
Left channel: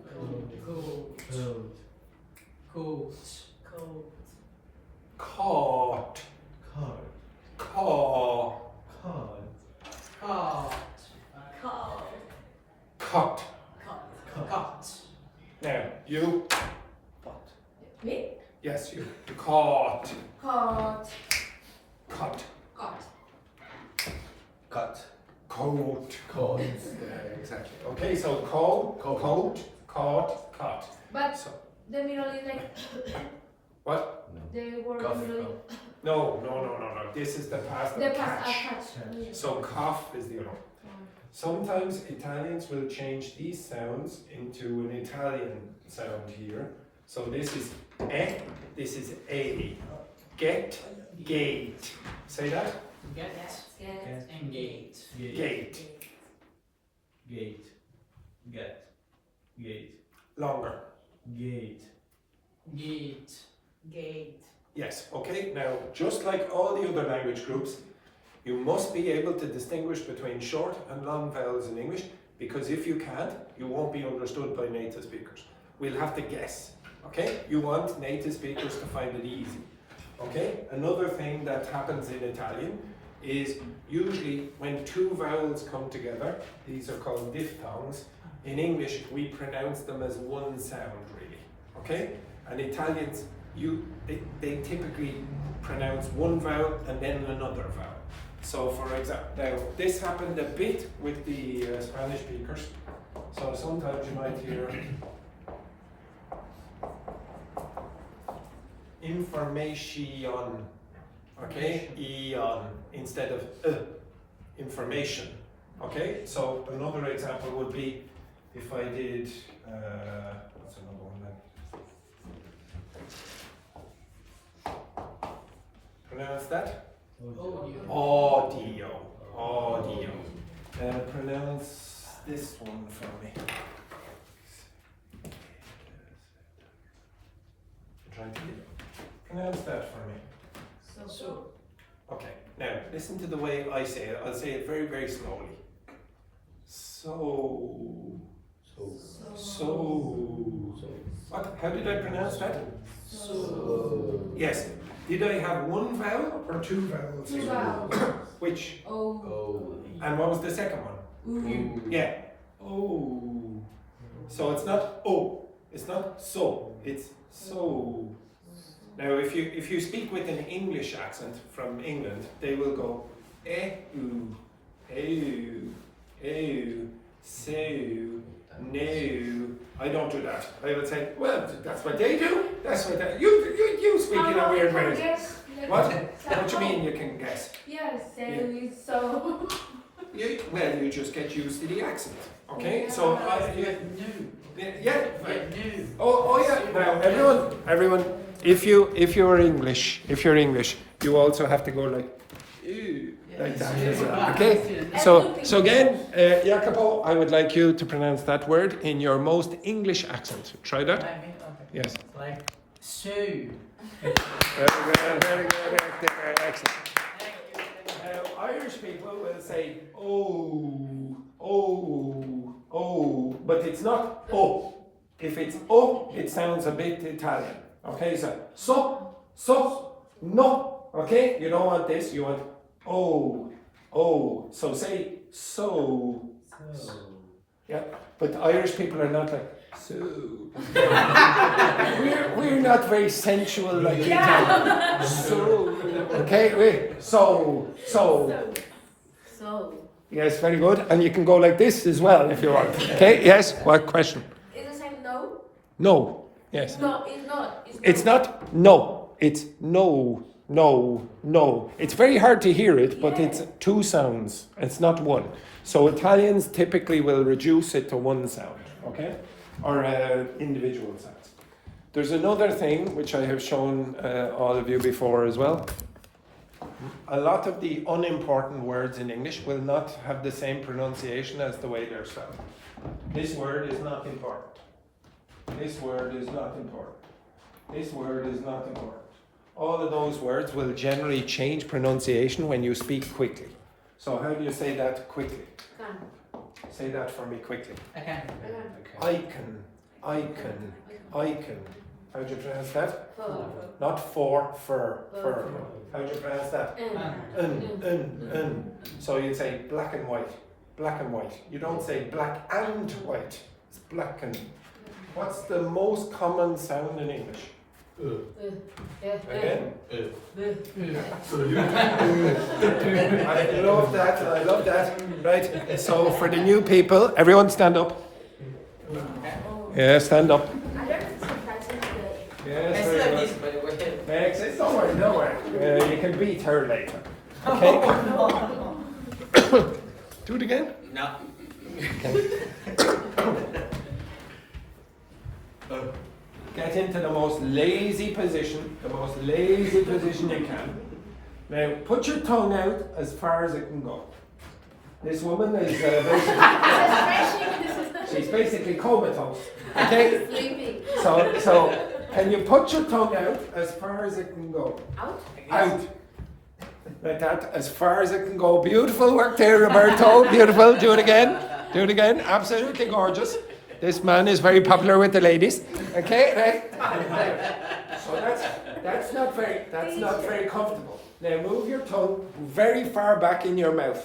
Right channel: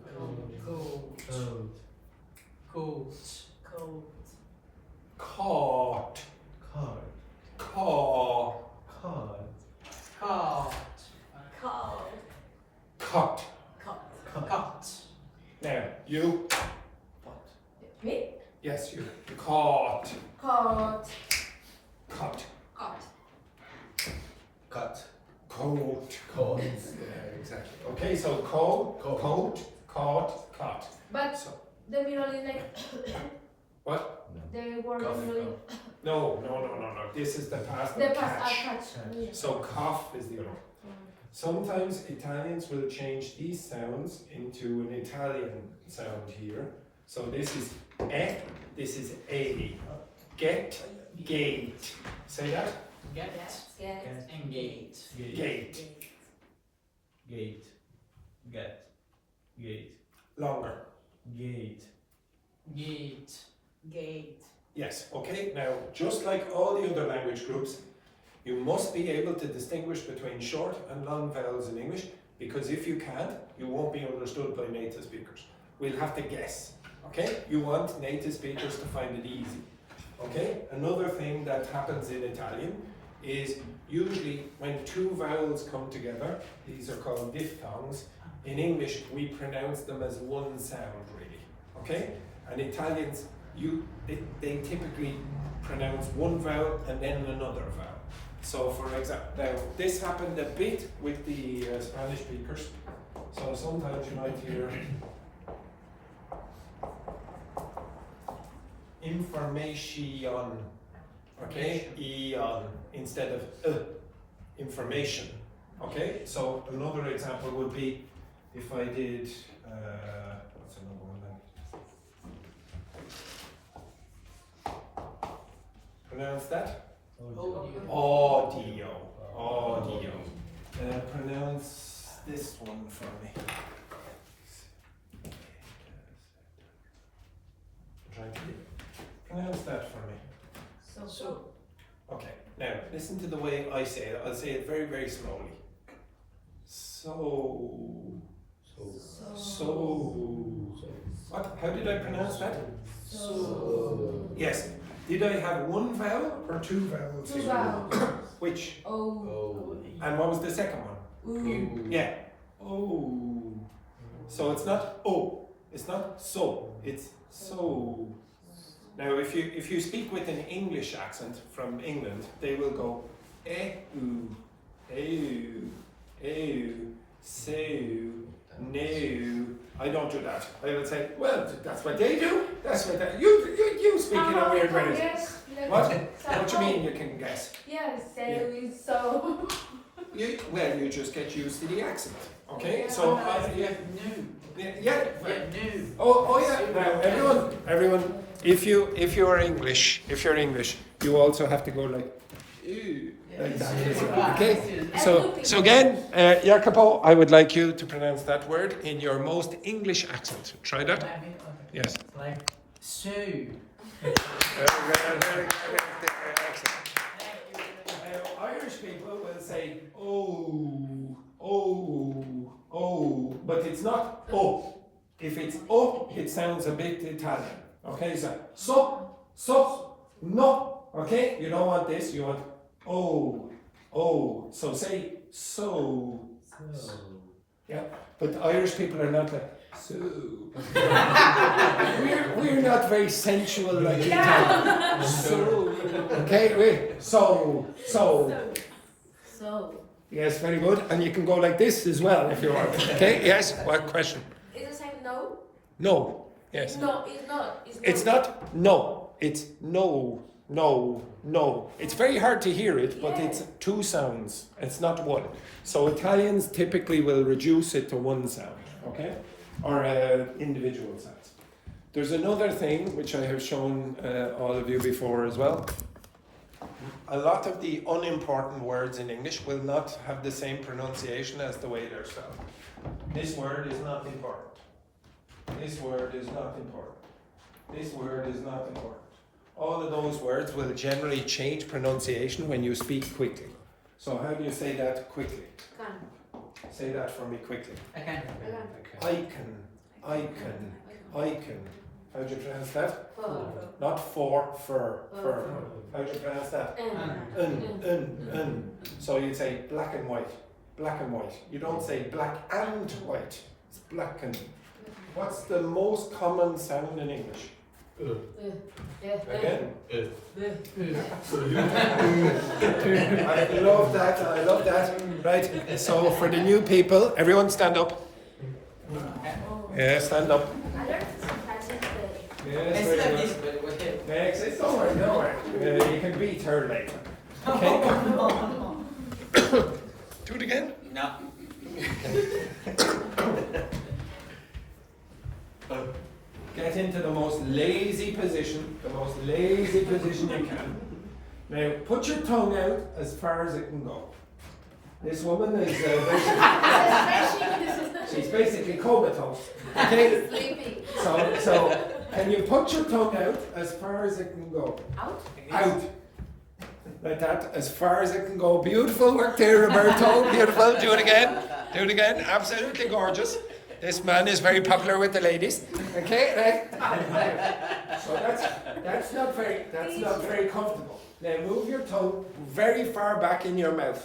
caught, caw, cut. Now, you, Me? yes, you, caught, Caught. cut, Caught. coat. Yeah, exactly. Okay, so coat, caught, cut. But So, the middle is like what? the word middle. No. This is the past of The past catch. catch. So cough is the other one. Sometimes Italians will change these sounds into an Italian sound here. So this is e, this is a. Get, gate. Say that? Get. Get. And gate. Gate. Gate. Longer. Gate. Yes, okay. Now, just like all the other language groups, you must be able to distinguish between short and long vowels in English, because if you can't, you won't be understood by native speakers. We'll have to guess, okay? You want native speakers to find it easy, okay? Another thing that happens in Italian is usually when two vowels come together, these are called diphthongs. In English, we pronounce them as one sound, really, okay? And Italians, they typically pronounce one vowel and then another vowel. So for example, now this happened a bit with the Spanish speakers. So sometimes you might hear information, okay, ion instead of information, okay. So another example would be if I did what's another one then? Pronounce that. Audio. Pronounce this one for me. Trying to pronounce that for me. So. Okay, now listen to the way I say it. I'll say it very, very slowly. So. What? How did I pronounce that? So. Yes. Did I have one vowel or two vowels? Two vowels. Which? Oh. And what was the second one? Ooh. Yeah. Oh. So it's not oh. It's not so. It's so. Now, if you speak with an English accent from England, they will go ooh, so, no. I don't do that. I will say, well, that's what they do. That's what they, you speak in a weird way. Yes. What? What do you mean you can guess? Yes, Yeah. so. You just get used to the accent. Okay? So, yeah. Oh yeah. Now, everyone. If you're English, you also have to go like, ooh, like that. as well, okay. So again, Jacopo, I would like you to pronounce that word in your most English accent. Try that. Okay. Yes. Like so. Irish people will say oh, but it's not oh. If it's oh, it sounds a bit Italian. Okay, so, no. Okay, you don't want this. You want oh. So say so. Yeah, but Irish people are not like so. we're not very sensual like Italian. So, okay, wait. So. Yes, very good. And you can go like this as well if you want. Okay. Yes. What question? Is the same no? No. Yes. No, it's not. It's not no. It's no. It's very hard to hear it, but it's two sounds. It's not one. So Italians typically will reduce it to one sound, okay? Or individual sounds. There's another thing which I have shown all of you before as well. A lot of the unimportant words in English will not have the same pronunciation as the way they're spelled. This word is not important. This word is not important. This word is not important. All of those words will generally change pronunciation when you speak quickly. So how do you say that quickly? Can. Say that for me quickly. I can. Icon. How do you pronounce that? Fur. Not for, fur. How do you pronounce that? So you say black and white. You don't say black and white. It's black and. What's the most common sound in English? Again? I love that. Right, so for the new people, everyone stand up. Yeah, stand up. I learned some French today. Yes, very good. Next, don't worry. You can beat her later. Okay? Do it again? No. Get into the most lazy position you can. Now, put your tongue out as far as it can go. This woman is she's basically comatose. Okay? Sleeping. So can you put your tongue out as far as it can go? Out? Out. Like that, as far as it can go. Beautiful work there, Roberto. Beautiful. Do it again. Absolutely gorgeous. This man is very popular with the ladies. Okay, right? So that's not very comfortable. Now move your tongue very far back in your mouth.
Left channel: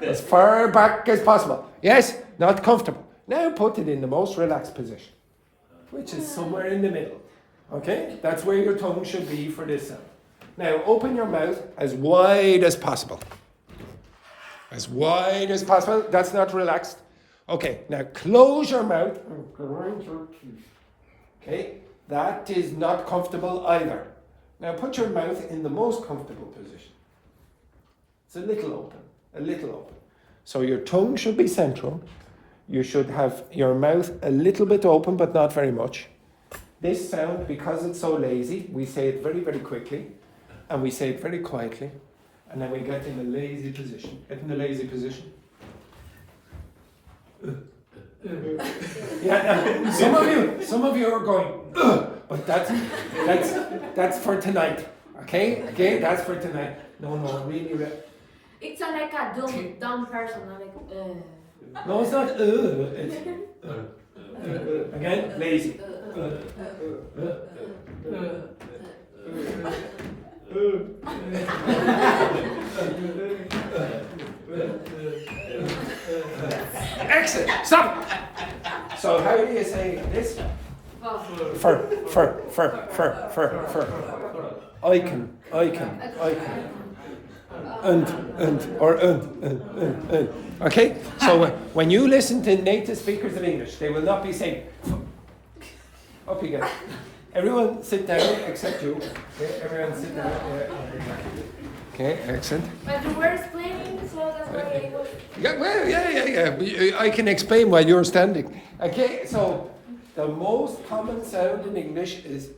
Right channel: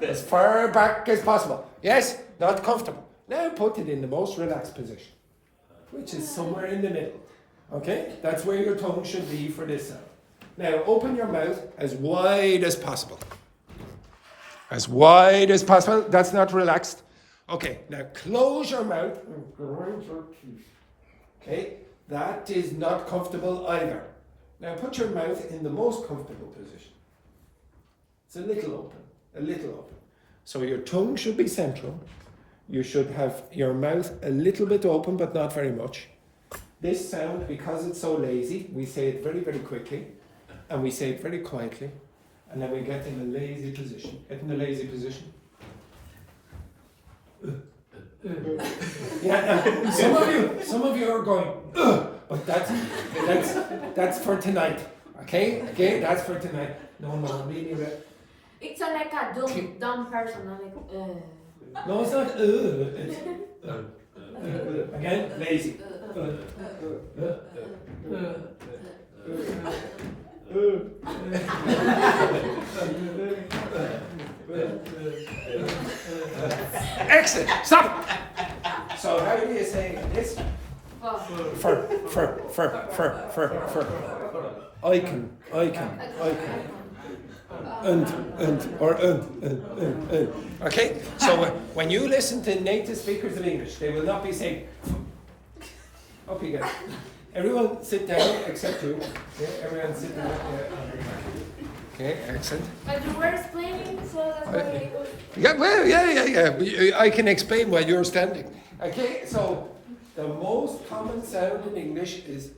As far back as possible. Yes, not comfortable. Now put it in the most relaxed position, which is somewhere in the middle. Okay, that's where your tongue should be for this sound. Now open your mouth as wide as possible. As wide as possible. That's not relaxed. Okay, now close your mouth and grind your teeth. Okay, that is not comfortable either. Now put your mouth in the most comfortable position. It's a little open, a little open. So your tongue should be central. You should have your mouth a little bit open, but not very much. This sound, because it's so lazy, we say it very, very quickly, and we say it very quietly, and then we get in a lazy position. Get in the lazy position. Yeah, some of you are going, but that's for tonight. Okay, that's for tonight. No, really. It's like a dumb person. Like, No, it's not. It's again, lazy. Excellent. Stop. So how do you say this? Fur. Icon. Okay, so when you listen to native speakers of English, they will not be saying, up you go. Everyone sit down except you. Okay, everyone sit down. Okay, excellent. but you were explaining, so that's why I was. Yeah, well, yeah. I can explain while you're standing. Okay, so the most common sound in English is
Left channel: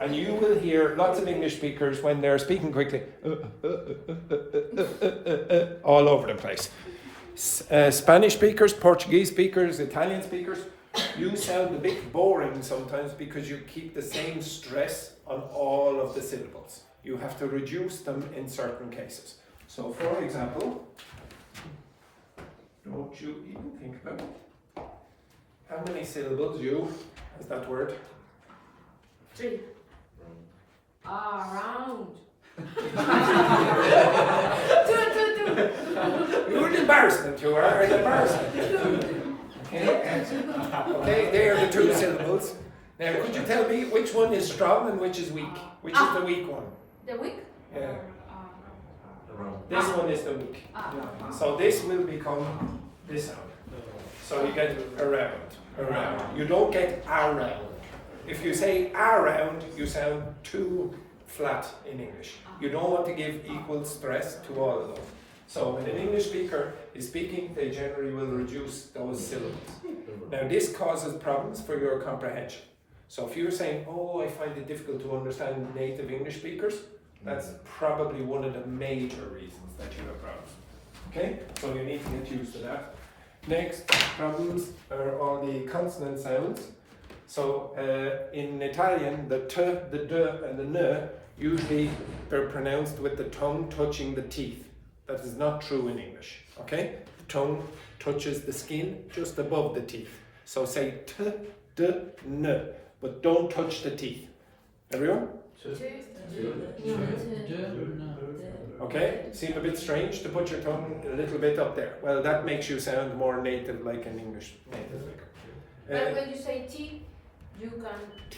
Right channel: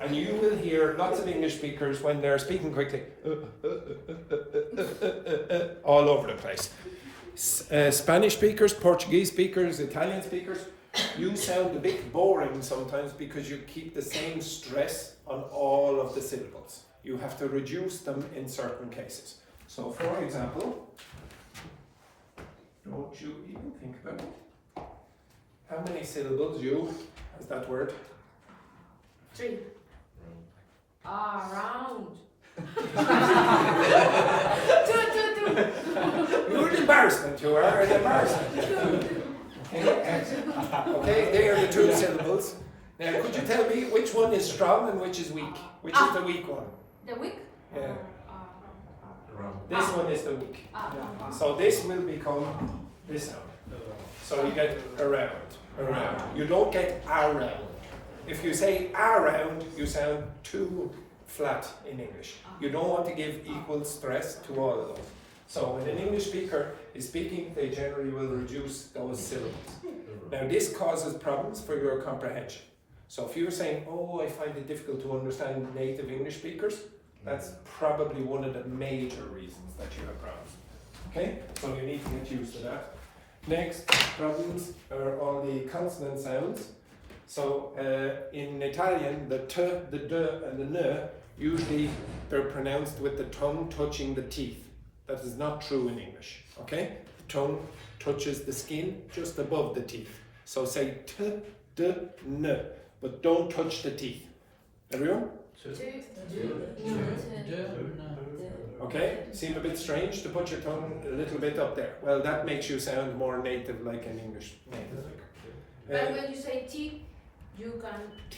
and you will hear lots of English speakers when they're speaking quickly all over the place. Spanish speakers, Portuguese speakers, Italian speakers, you sound a bit boring sometimes because you keep the same stress on all of the syllables. You have to reduce them in certain cases. So for example, don't you even think about it. How many syllables has that word? 3. Around. 2. You're an embarrassment, you are an embarrassment. Okay, they are the 2 syllables. Now, could you tell me which one is strong and which is weak? Which is the weak one? The weak? Yeah. This one is the weak. So this will become this sound. So you get around. You don't get around. If you say around, you sound too flat in English. You don't want to give equal stress to all of those. So when an English speaker is speaking, they generally will reduce those syllables. Now this causes problems for your comprehension. So if you're saying, oh, I find it difficult to understand native English speakers, that's probably one of the major reasons that you have problems. Okay, so you need to get used to that. Next problems are all the consonant sounds. So in Italian, the t, the d, and the n, usually they're pronounced with the tongue touching the teeth. That is not true in English, okay? The tongue touches the skin just above the teeth. So say t, d, n, but don't touch the teeth. Everyone? Okay, seem a bit strange to put your tongue a little bit up there. Well, that makes you sound more native like an English native speaker. But when you say T, you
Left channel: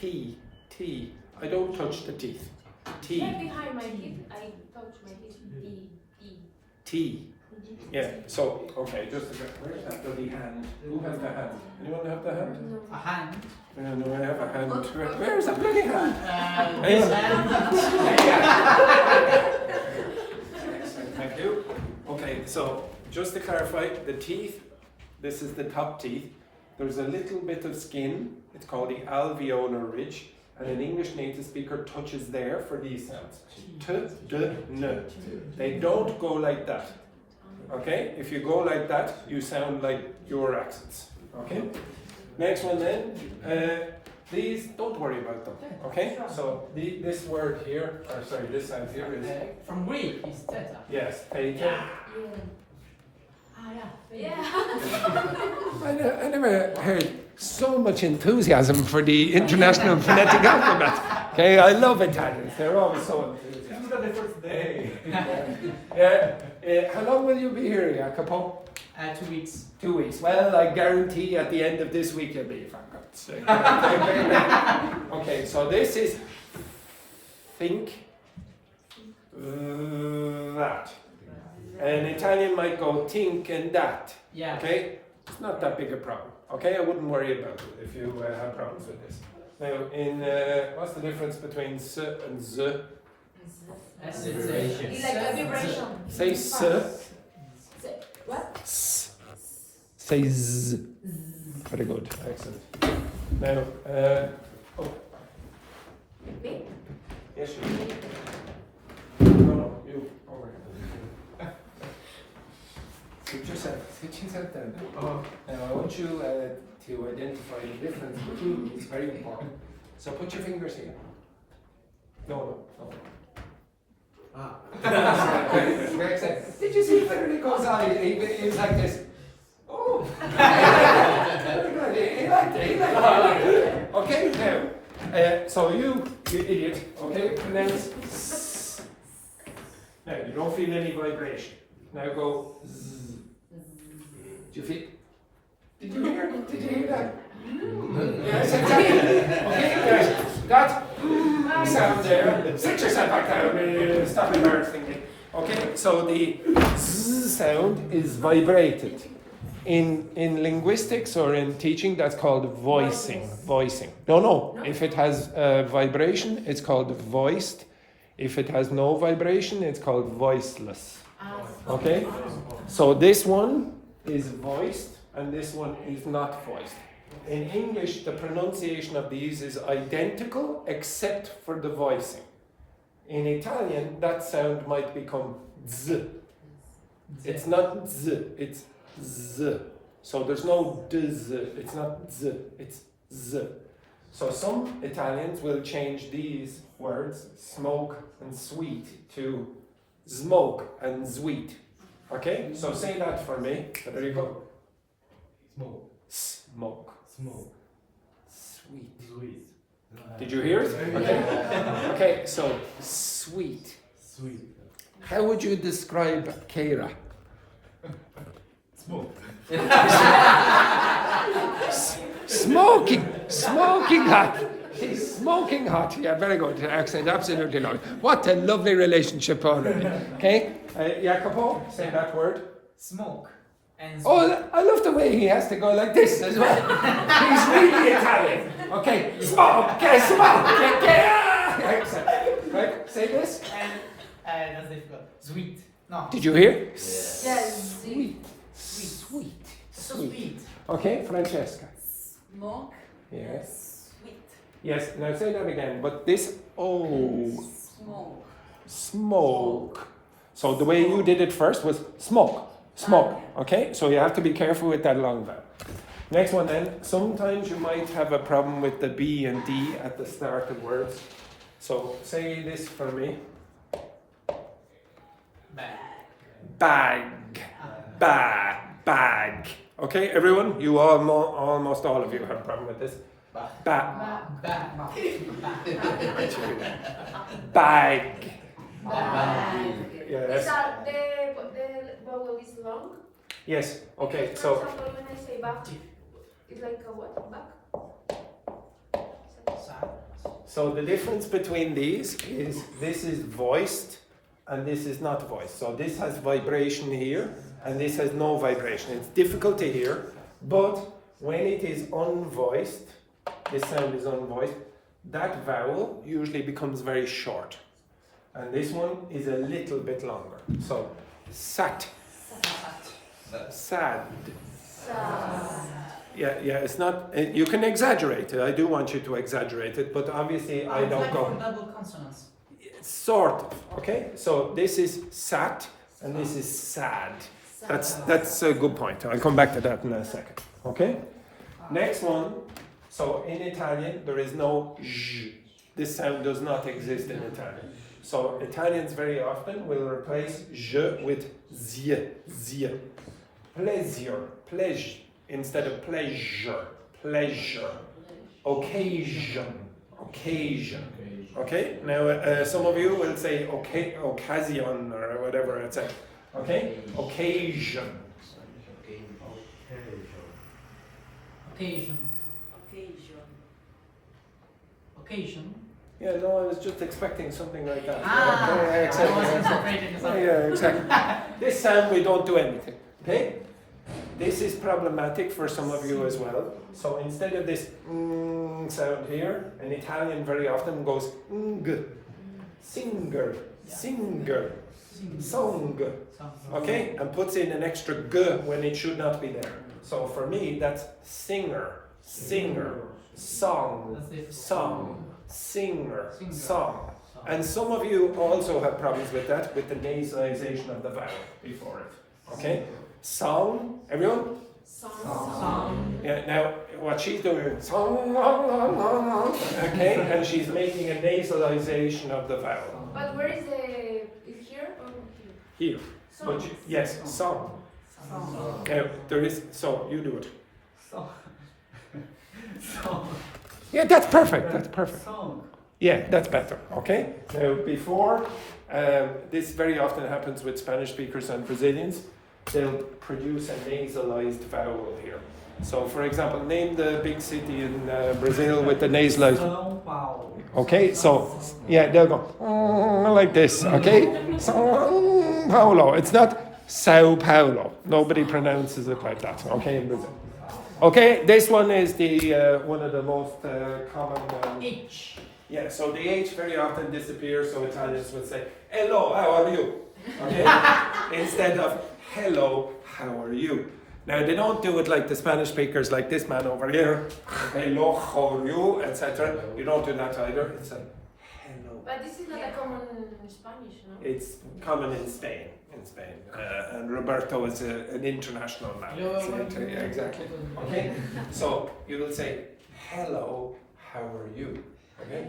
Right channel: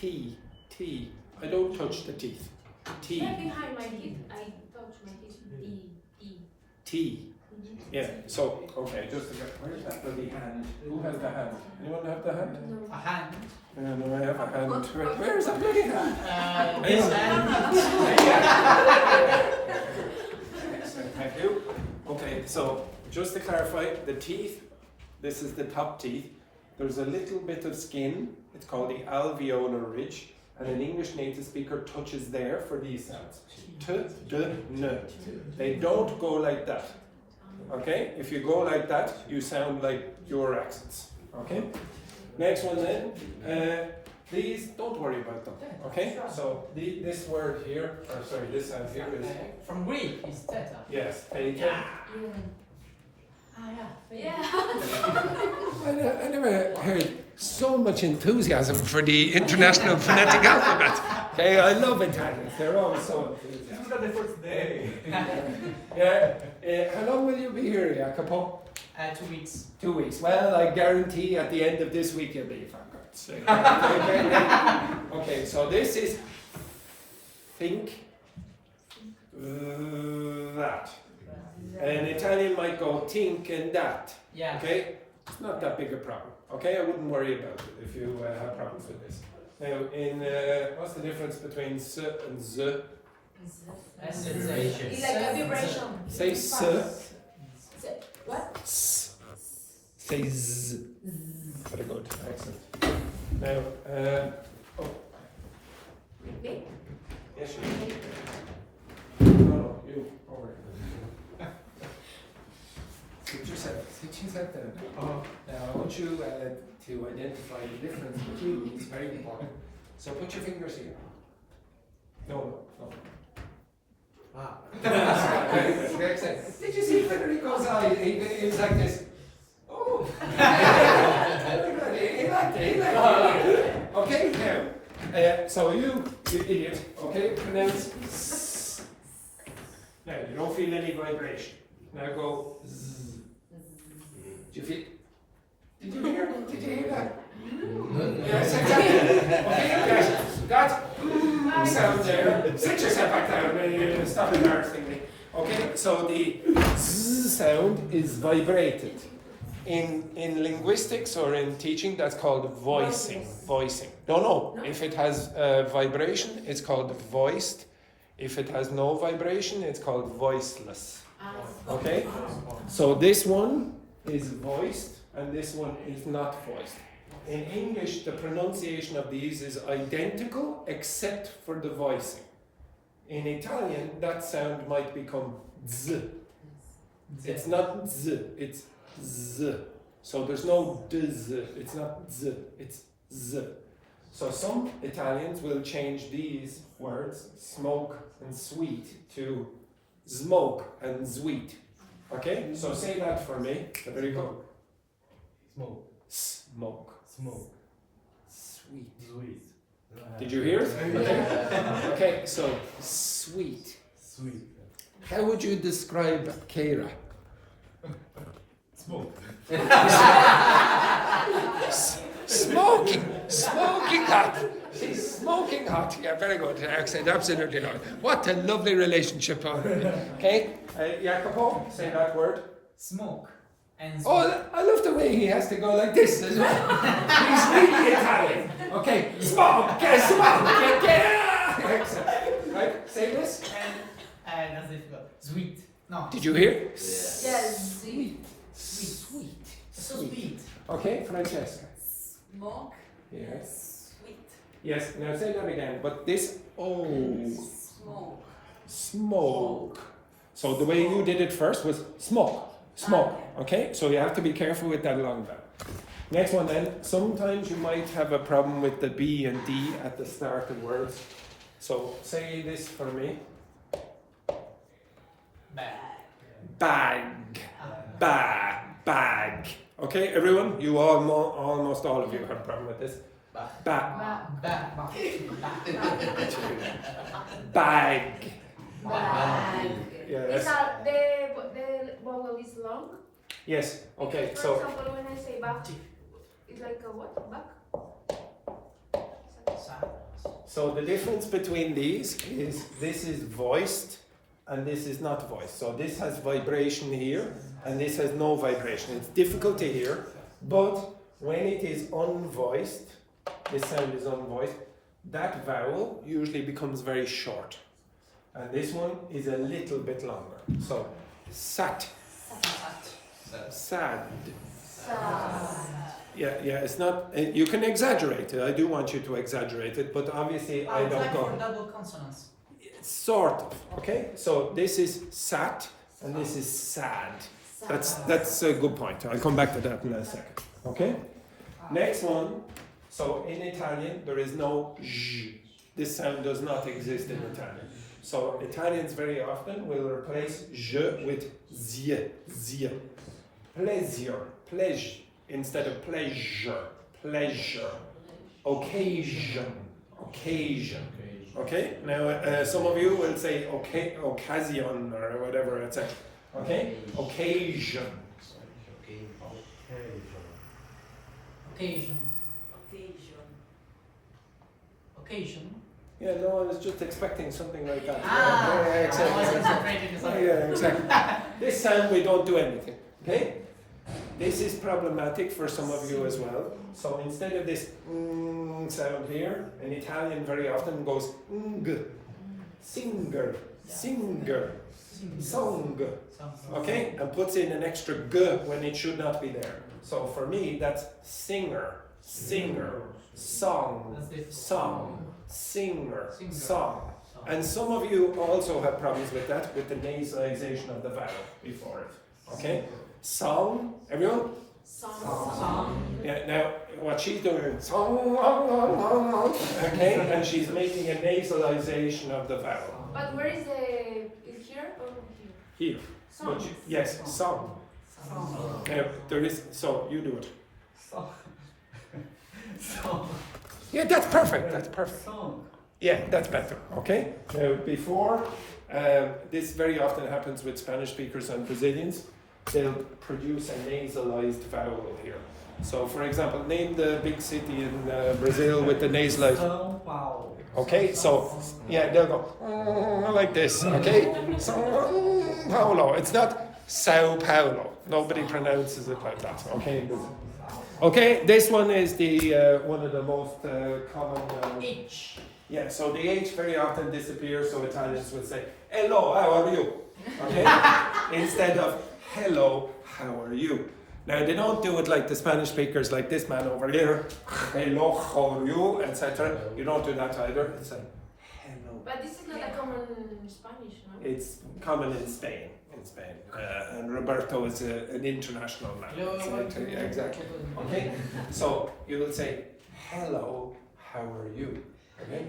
can. T. I don't touch the teeth. T. Right behind my teeth, I touch my teeth. T. Yeah, so, okay, just a bit. Where's that bloody hand? Who has the hand? Anyone have the hand? No. A hand. No, I have a hand. Where's that bloody hand? This hand. Excellent, thank you. Okay, so just to clarify, the teeth, this is the top teeth. There's a little bit of skin, it's called the alveolar ridge, and an English native speaker touches there for these sounds. T, d, n. They don't go like that. Okay? If you go like that, you sound like your accents. Okay? Next one then. Please don't worry about them. Okay? So this word here, or sorry, this sound here is. From Greek is theta. Yes, theta. Yeah. I never heard so much enthusiasm for the International Phonetic Alphabet. Okay, I love Italians. They're always so enthusiastic. This is the first day. Yeah. How long will you be here, Jacopo? 2 weeks. 2 weeks. Well, I guarantee at the end of this week you'll be, for God's sake. Okay, so this is think, that. An Italian might go think and that. Yeah. Okay? It's not that big a problem. Okay? I wouldn't worry about it if you have problems with this. Now, in what's the difference between s and z? S It's like a vibration. Say s. What? S. Say z. Very good. Excellent. Now, oh. Me? Yes, you. No, you. Over here. Sit yourself down. Now, I want you to identify the difference between these, very important. So put your fingers here. No. Very exciting. Did you see Federico's eye? He was like this. Oh! He liked it. Okay, now, so you idiot, okay, pronounce s. Now, you don't feel any vibration. Now go z. Did you hear that? Yes, exactly. Okay, that sound there. Sit yourself back down and stop embarrassing me. Okay, so the z sound is vibrated. In linguistics or in teaching, that's called voicing. No. If it has vibration, it's called voiced. If it has no vibration, it's called voiceless. Okay? So this one is voiced and this one is not voiced. In English, the pronunciation of these is identical except for the voicing. In Italian, that sound might become z. It's not z, it's z. So there's no dz, it's not z, it's z. So some Italians will change these words, smoke and sweet, to smoke and sweet. Okay? So say that for me, Federico. Smoke. Smoke. Smoke. Sweet. Sweet. Did you hear it? Okay. Okay, so sweet. Sweet. How would you describe Kheyra? Smoke. Smoking hot. She's smoking hot. Yeah, very good. Accent, absolutely not. What a lovely relationship already. Okay, Jacopo, say that word. Smoke. And Oh, I love the way he has to go like this as well. He's really Italian. Okay, smoke. Excellent. Right, say this. and that's difficult. Sweet. No. Did you hear? Yes. Sweet. So sweet. Okay, Francesca. Smoke. Yes. Sweet. Yes, now say that again, but this, Smoke. smoke. So the way you did it first was smoke, okay? So you have to be careful with that long vowel. Next one then, sometimes you might have a problem with the B and D at the start of words. So say this for me. Bag. Okay, everyone, you almost all of you have a problem with this. Bag. Yes. The vowel is long. Yes. Okay. For So example, when I say back, it's like a what? Back? so the difference between these is this is voiced and this is not voiced. So this has vibration here and this has no vibration. It's difficult to hear, but when it is unvoiced, this sound is unvoiced, that vowel usually becomes very short. And this one is a little bit longer. So, sat. Sad. Yeah, it's not, you can exaggerate it. I do want you to exaggerate it, but obviously I don't like go. for double consonants. Sort of, okay? So this is sat and this is sad. That's a good point. I'll come back to that in a second. Okay? Next one. So in Italian there is no j. This sound does not exist in Italian. So Italians very often will replace je with zie. Pleasure instead of pleasure. Occasion. Okay? Now some of you will say occasion or whatever it's at. Okay? Occasion. Yeah, no, I was just expecting something like that. Ah, yeah, exactly. I was exactly. concentrating something. Yeah, exactly. This sound we don't do anything. Okay? This is problematic for some of you as well. So instead of this sound here, in Italian very often goes ng, singer, singer, song. Okay? And puts in an extra g when it should not be there. So for me, that's singer, singer, song, song, singer, song. And some of you also have problems with that, with the nasalization of the vowel before it. Okay? Song, everyone? Song. Yeah, now what she's doing is song, okay, and she's making a nasalization of the vowel. But where is is here or here? Here. Song. But yes, song. Now there is, so you do it. Song. Song. Yeah, that's perfect, that's perfect. Song. Yeah, that's better, okay? Now before, this very often happens with Spanish speakers and Brazilians, they'll produce a nasalized vowel here. So for example, name the big city in Brazil with the nasalized. São Paulo. Okay, so yeah, they'll go like this. Okay, São Paulo. It's not Sao Paulo. Nobody pronounces it like that. Okay, in Brazil. Okay, this one is the one of the most common. H. Yeah, so the H very often disappears. So Italians would say "Hello, how are you?" Okay, instead of "Hello, how are you?" Now they don't do it like the Spanish speakers, like this man over here. Hello, how are you, etc. You don't do that either. It's like hello. But this is not a common Spanish, no? It's common in Spain. And Roberto is an international man. Yeah, exactly. Okay, so you will say hello, how are you? Okay.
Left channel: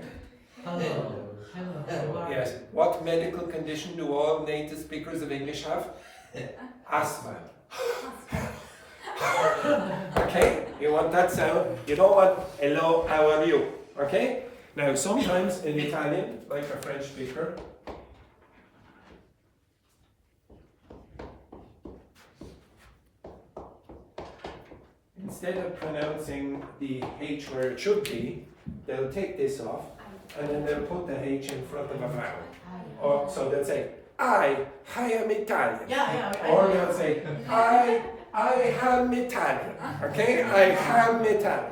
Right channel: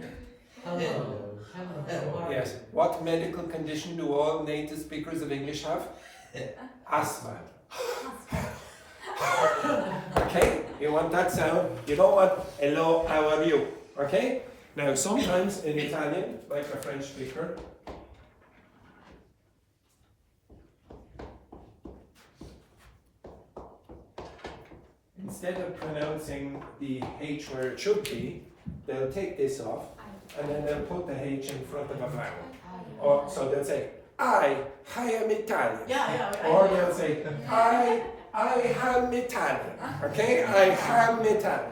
Hello. Hello. Yes. What medical condition do all native speakers of English have? Asthma. Okay, you want that sound. You don't want hello, how are you? Okay? Now, sometimes in Italian, like a French speaker, instead of pronouncing the H where it should be, they'll take this off and then they'll put the H in front of a vowel. Or, so they'll say, I am Italian. Or they'll say, I am Italian. Okay? I am Italian.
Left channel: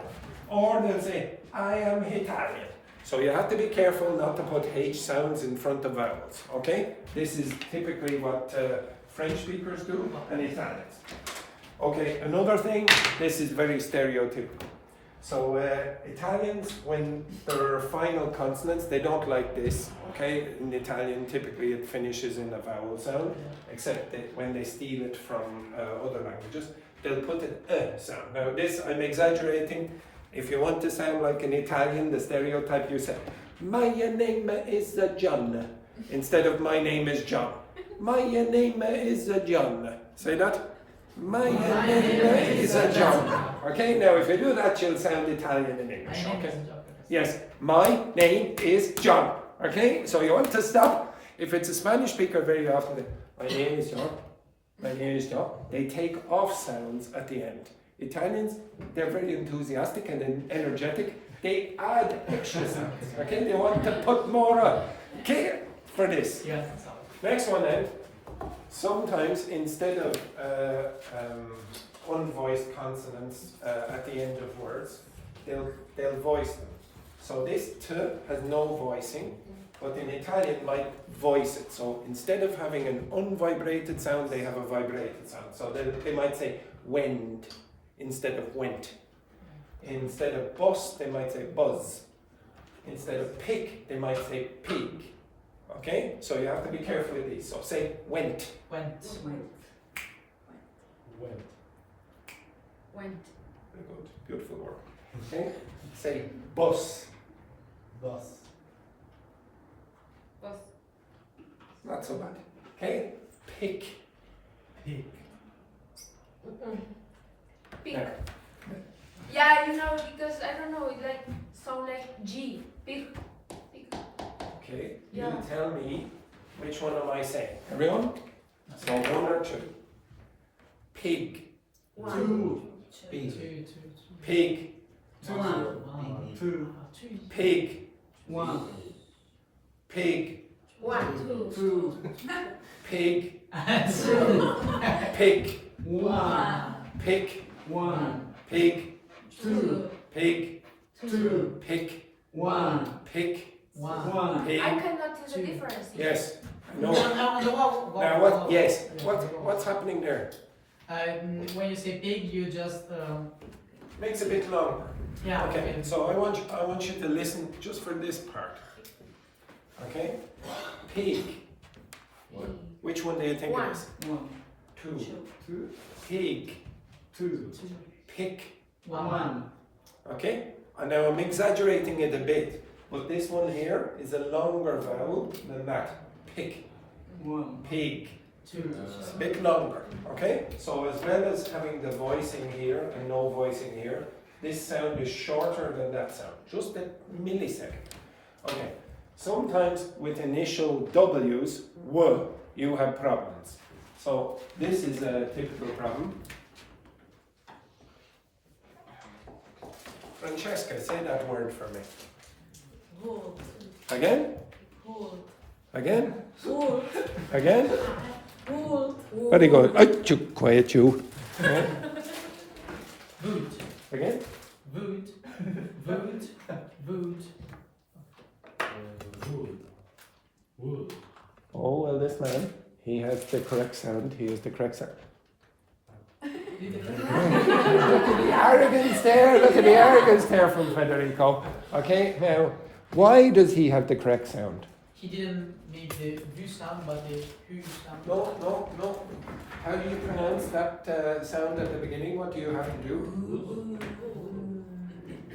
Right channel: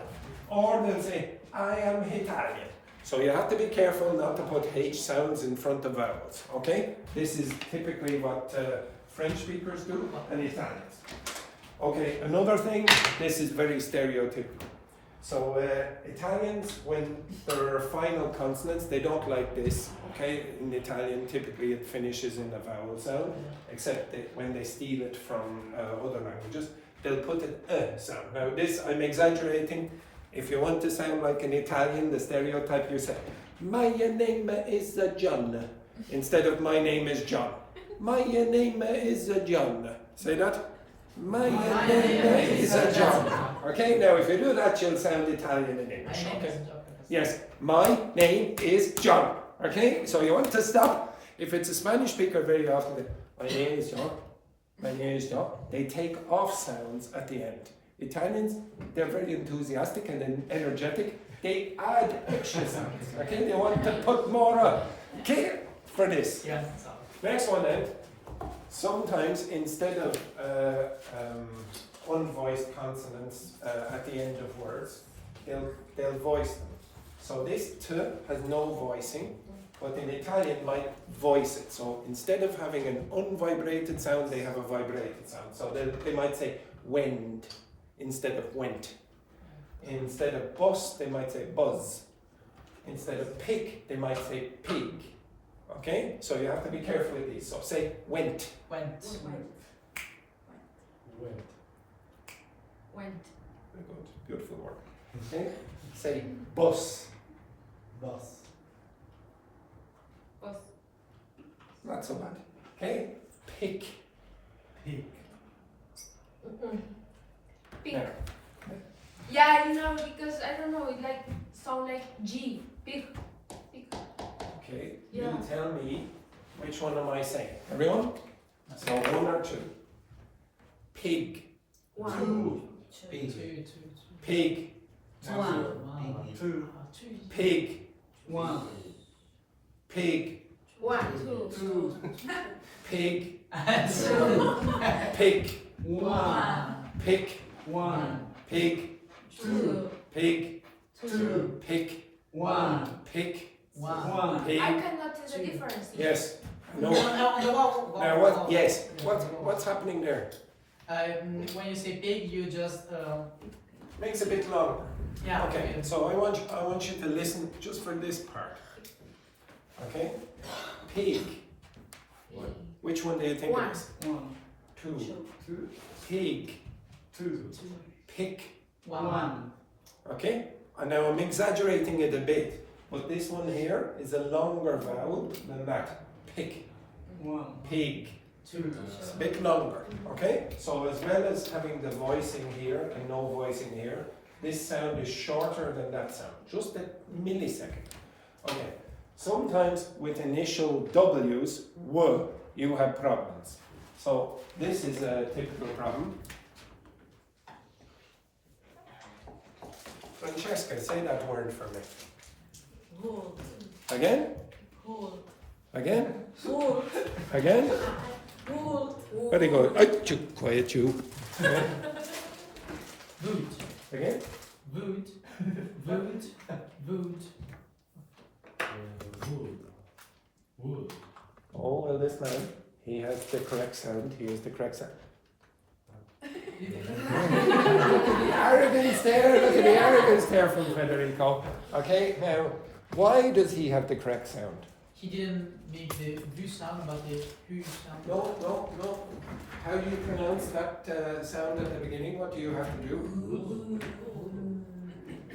Or they'll say, I am Italian. So you have to be careful not to put H sounds in front of vowels. Okay? This is typically what French speakers do and Italians. Okay, another thing, this is very stereotypical. So Italians, when there are final consonants, they don't like this. Okay, in Italian, typically it finishes in a vowel sound, except that when they steal it from other languages, they'll put an sound. Now this, I'm exaggerating. If you want to sound like an Italian, the stereotype, you say, my name is John, instead of my name is John. My name is John. Say that. My name is John. Okay, now if you do that, you'll sound Italian in English. Okay. Yes, my name is John. Okay, so you want to stop. If it's a Spanish speaker, very often, my name is John. My name is John. They take off sounds at the end. Italians, they're very enthusiastic and energetic. They add extra sounds. Okay, they want to put more on. Okay, for this. Next one then. Sometimes instead of unvoiced consonants at the end of words, they'll voice them. So this t has no voicing, but in Italian might voice it. So instead of having an unvibrated sound, they have a vibrated sound. So they might say wend instead of went. Instead of bus, they might say buzz. Instead of pig, they might say pig. Okay, so you have to be careful with these. So say went. Went. Went. Very good, beautiful work. Okay, say bus. Bus. Was. Not so bad. Okay, pick. Pig. Pig. Now, Yeah, you know, because I don't know, it like sound like G. Pig. Pig. okay, Yeah. you tell me which one am I saying? Everyone? So one or two. Pig. One. Pig. One. Two. Pig. One. Pig. 1, 2, Two. Pig. Two. Pig. One. Pig. One. Pig. 2, Pig. 2. Pig. One. Pig. One. Pig. I cannot tell the difference. Yes. No. No. Now what? Yes. What's happening there? When you say pig, you just Makes a bit longer. yeah. Okay. So I want you to listen just for this part. Okay. Pig. Which one do you think it is? One. Two. Pig. Two. Pig. One. Okay? And now I'm exaggerating it a bit, but this one here is a longer vowel than that. Pig. One. Pig. Two. It's a bit longer. Okay? So as well as having the voicing here and no voicing here, this sound is shorter than that sound. Just a millisecond. Okay. Sometimes with initial W's, W, you have problems. So this is a typical problem. Francesca, say that word for me. Wood. Again? Wood. Again? Wood. Again? Wood. Very good. Achoo, quiet you. Wood. Again? Wood. Wood. Wood. Wood. Oh, well, this man, he has the correct sound. He has the correct sound. Look at the arrogance there. Look at the arrogance there from Federico. Okay, now, why does he have the correct sound? He didn't make the V sound, but the Hu sound. No. How do you pronounce that sound at the beginning? What do you have to do?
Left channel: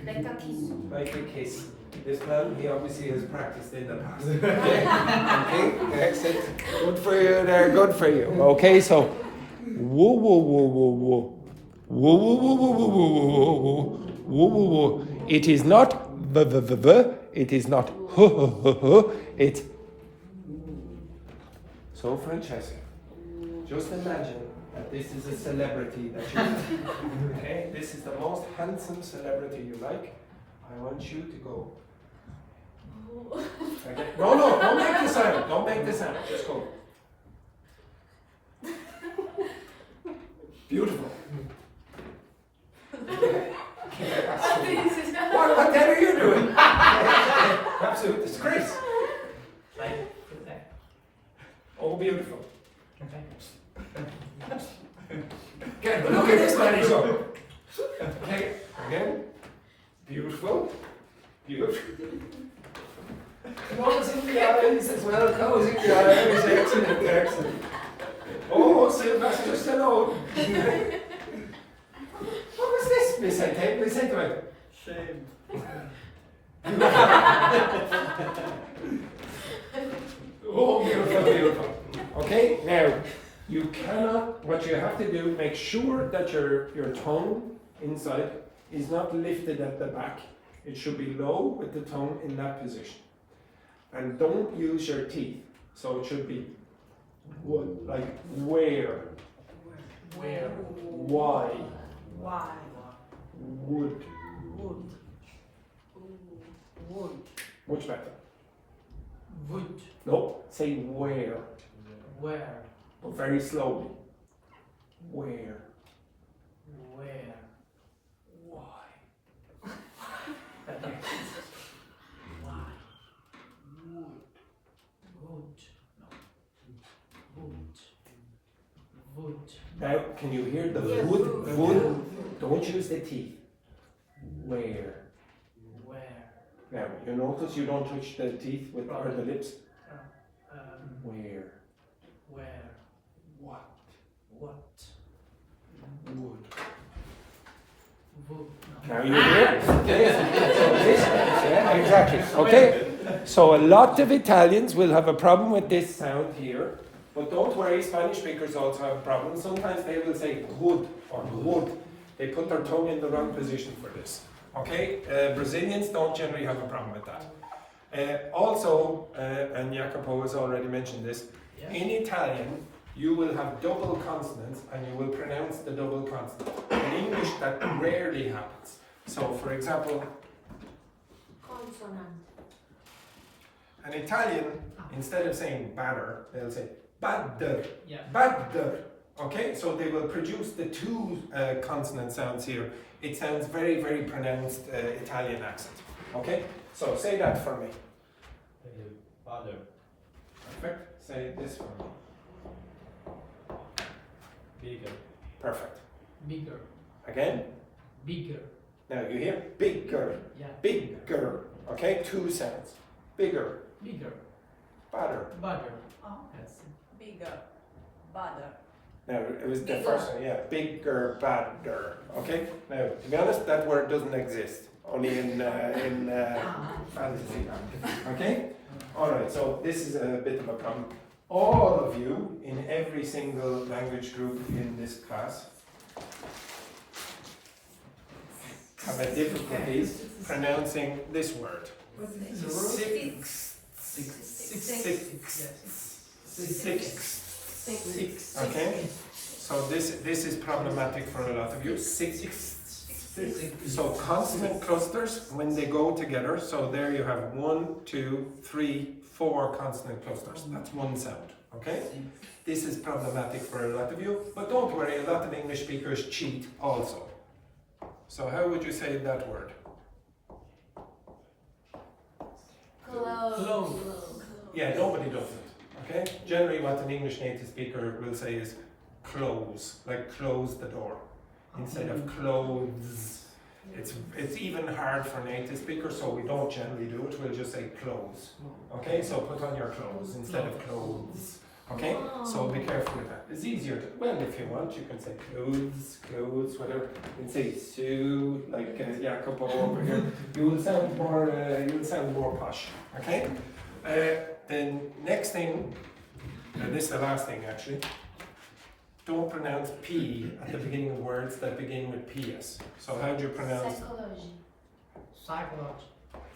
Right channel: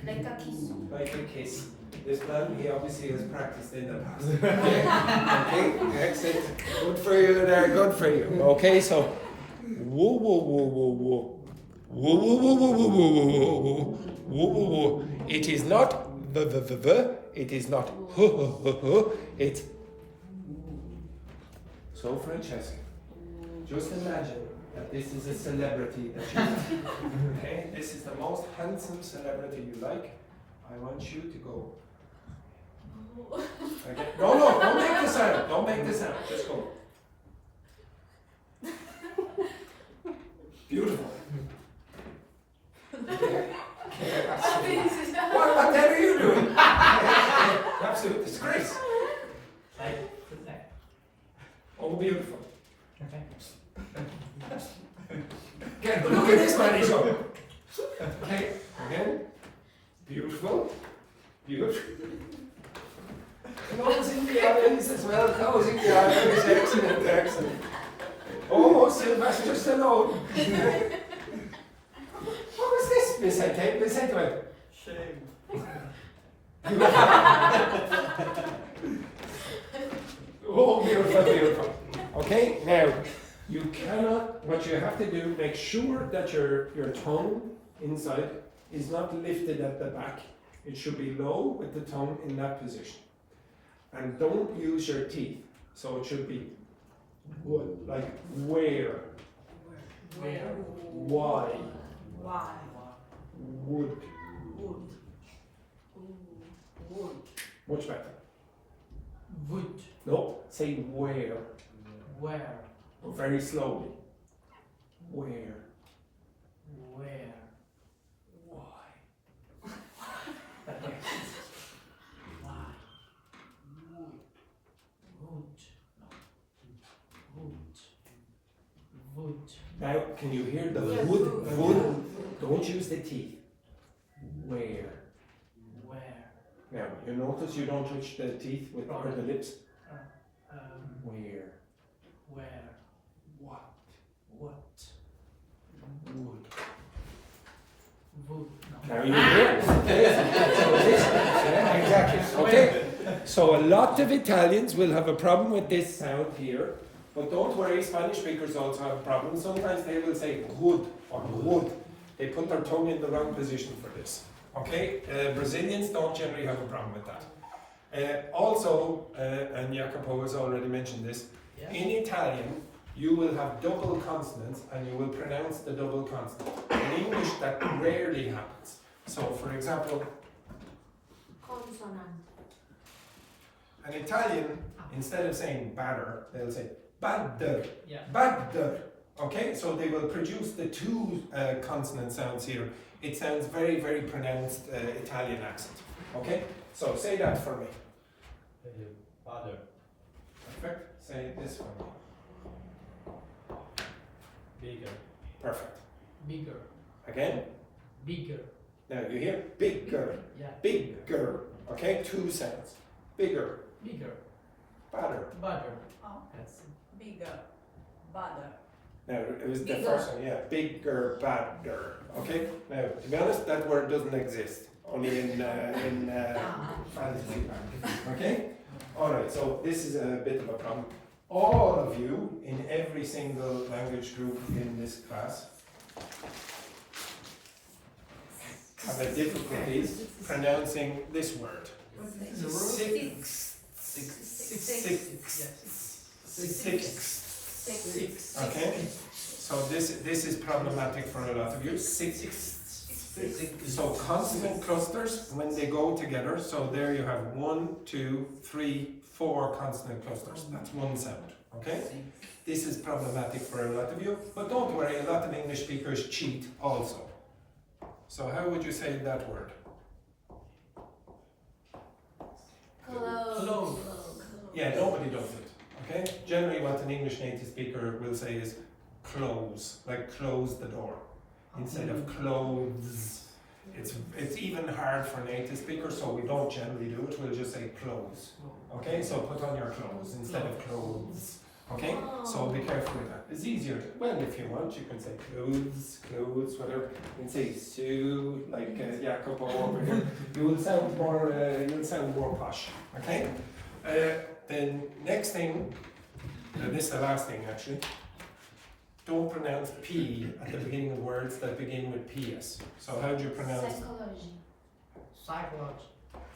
Like a kiss. Like a kiss. This man, he obviously has practiced in the past. Okay, excellent. Good for you there, good for you. Okay, so woo woo woo woo woo. Woo woo woo woo woo woo woo woo woo woo woo. It is not v v v v. It is not h h h h. It's so Francesca. Just imagine that this is a celebrity that you okay? This is the most handsome celebrity you like. I want you to go. Okay. No, don't make the sound. Don't make the sound. Just go. Beautiful. What the hell are you doing? Absolute disgrace. Like. Oh, beautiful. Okay, look at this man, he's up. Okay, again. Beautiful. Beautiful. Closing the eyes as well, closing the eyes. Excellent, excellent. Oh, Sylvester Stallone. What was this? Listen to it. Shame. Oh, beautiful, beautiful. Okay, now, you cannot, what you have to do, make sure that your tongue inside is not lifted at the back. It should be low with the tongue in that position. And don't use your teeth. So it should be like where, Where? why, Why? would. Wood. Wood. Much better. Wood. No, say where, Where? but very slowly. Where, Where? why. Why? Wood. Wood. No. Wood. Wood. Now, can you hear the Yeah, wood? wood. Wood. Don't use the teeth. Where? Where? Now, you notice you don't touch the teeth with or the lips. Where? Where? What? What? Wood. Wood. No. Now you hear it. Okay. So this, yeah, exactly. Okay. So a lot of Italians will have a problem with this sound here, but don't worry, Spanish speakers also have problems. Sometimes they will say wood or wood. They put their tongue in the wrong position for this. Okay. Brazilians don't generally have a problem with that. Also, and Jacopo has already mentioned this, Yeah. in Italian you will have double consonants and you will pronounce the double consonant. In English that rarely happens. So for example, Consonant. An Italian, instead of saying batter, they'll say badder, Yeah. badder. Okay, so they will produce the two consonant sounds here. It sounds very, very pronounced Italian accent. Okay, so say that for me. Father. Perfect. Say it this for me. Bigger. Perfect. Bigger. Again. Bigger. Now you hear bigger, Yeah. bigger. Okay, two sounds. Bigger, Bigger. badder. Butter. Oh, Yes. bigger, badder. Now it was the Bigger. first one, yeah. Bigger, badder. Okay. Now to be honest, that word doesn't exist. Only in fantasy. Okay. All right. So this is a bit of a problem. All of you in every single language group in this class have a difficulties pronouncing this word. Six. Okay. So this is problematic for a lot of you. Six. So consonant clusters when they go together. So there you have 1, 2, 3, 4 consonant clusters. That's one sound. Okay. This is problematic for a lot of you, but don't worry. A lot of English speakers cheat also. So how would you say that word? Close. Yeah, nobody does it. Okay. Generally, what an English native speaker will say is close, like close the door, instead of clothes. It's even hard for native speakers, so we don't generally do it. We'll just say close. Okay. So put on your clothes instead of clothes. Okay. So be careful with that. It's easier. Well, if you want, you can say clothes, whatever. You can say Sue, like Jacopo over here. You will sound more posh. Okay. Then next thing, this is the last thing actually. Don't pronounce P at the beginning of words that begin with PS. So how do you pronounce Psychology.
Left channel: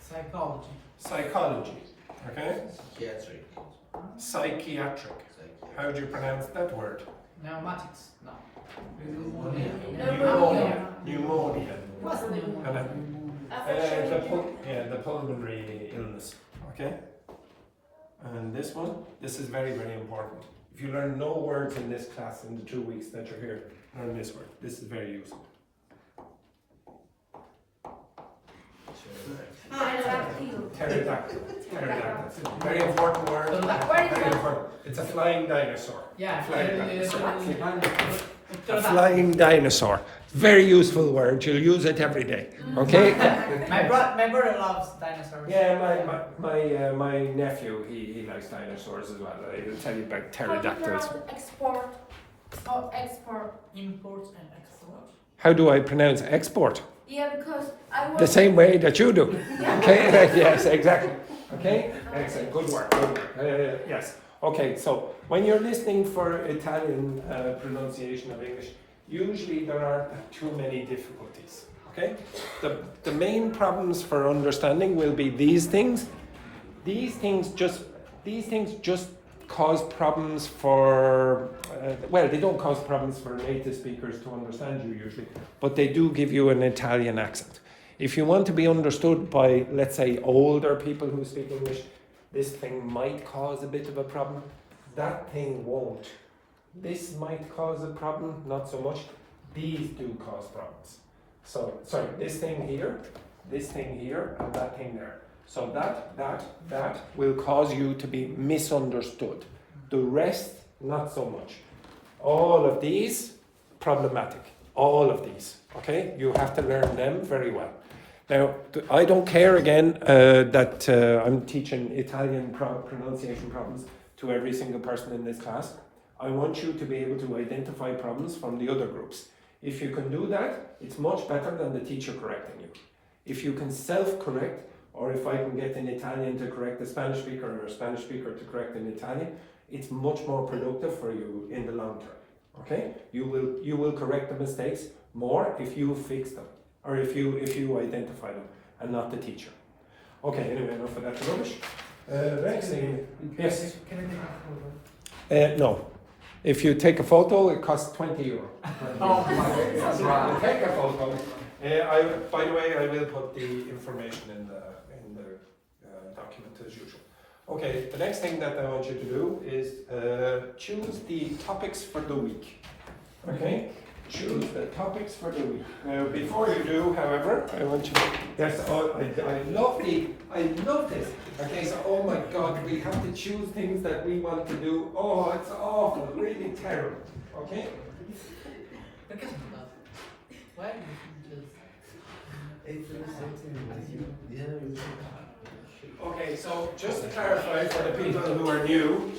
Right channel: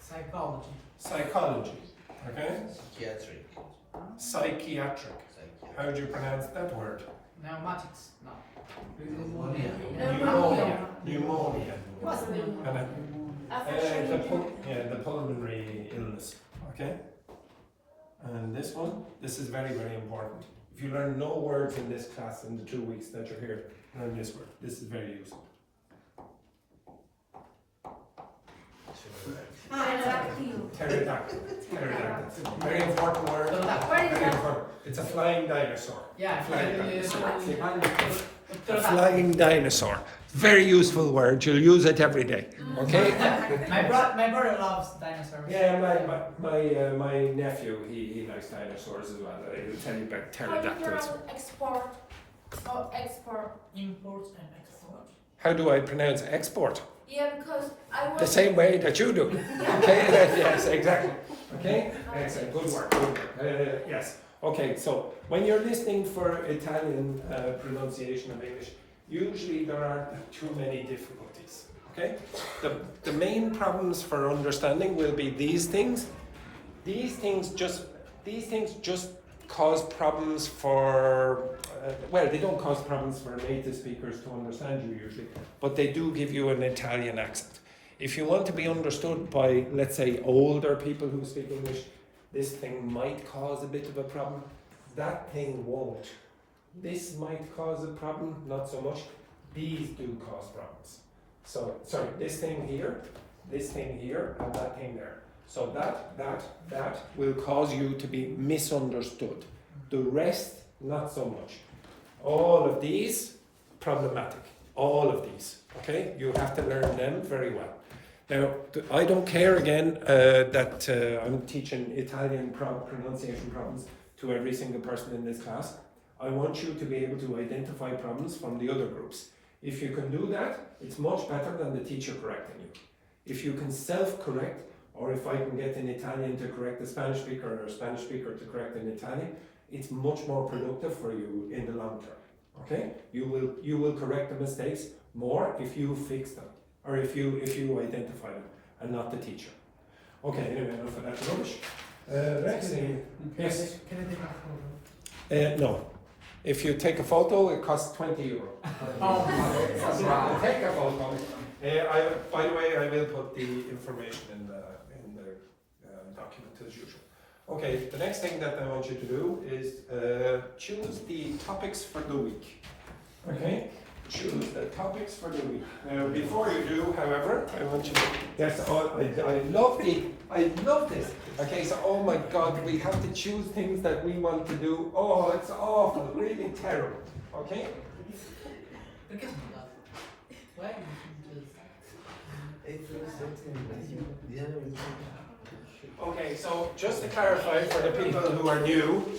Psychology. psychology? Okay. Psychiatric. Psychiatric. How do you pronounce that word? Pneumatics. No. Pneumonia. What's pneumonia? And the pulmonary illness. Okay. And this one, this is very, very important. If you learn no words in this class in the 2 weeks that you're here, learn this word. This is very useful. Pterodactyl. Pterodactyl. Very important word. Very important. It's a flying dinosaur. Yeah. Flying dinosaur. A flying dinosaur. Very useful word. You'll use it every day. Okay? My brother loves dinosaurs. Yeah, my nephew, he likes dinosaurs as well. He'll tell you about How do you pterodactyls. pronounce export? Oh, export. Imports and exports. How do I pronounce export? Yeah, because I was The same way that you do. Okay? Yes, exactly. Okay? Excellent. Good work. Good work. Yes. Okay, so when you're listening for Italian pronunciation of English, usually there aren't too many difficulties. Okay? The main problems for understanding will be these things. These things just cause problems for well, they don't cause problems for native speakers to understand you usually, but they do give you an Italian accent. If you want to be understood by, let's say, older people who speak English, this thing might cause a bit of a problem. That thing won't. This might cause a problem, not so much. These do cause problems. So, sorry, this thing here, and that thing there. So that will cause you to be misunderstood. The rest, not so much. All of these, problematic. All of these, okay? You have to learn them very well. Now, I don't care again that I'm teaching Italian pronunciation problems to every single person in this class. I want you to be able to identify problems from the other groups. If you can do that, it's much better than the teacher correcting you. If you can self-correct, or if I can get an Italian to correct a Spanish speaker or a Spanish speaker to correct an Italian, it's much more productive for you in the long term. Okay? You will correct the mistakes more if you fix them, or if you identify them, and not the teacher. Okay, anyway, enough of that rubbish. Next thing, yes. Can I take a photo? No. If you take a photo, it costs €20. Oh my God. Take a photo. By the way, I will put the information in the document as usual. Okay, the next thing that I want you to do is choose the topics for the week. Okay? Choose the topics for the week. Now, before you do, however, I want you to. Yes, I love this. Okay, so oh my God, we have to choose things that we want to do. Oh, it's awful, really terrible. Okay? Why Okay, so just to clarify for the people who are new,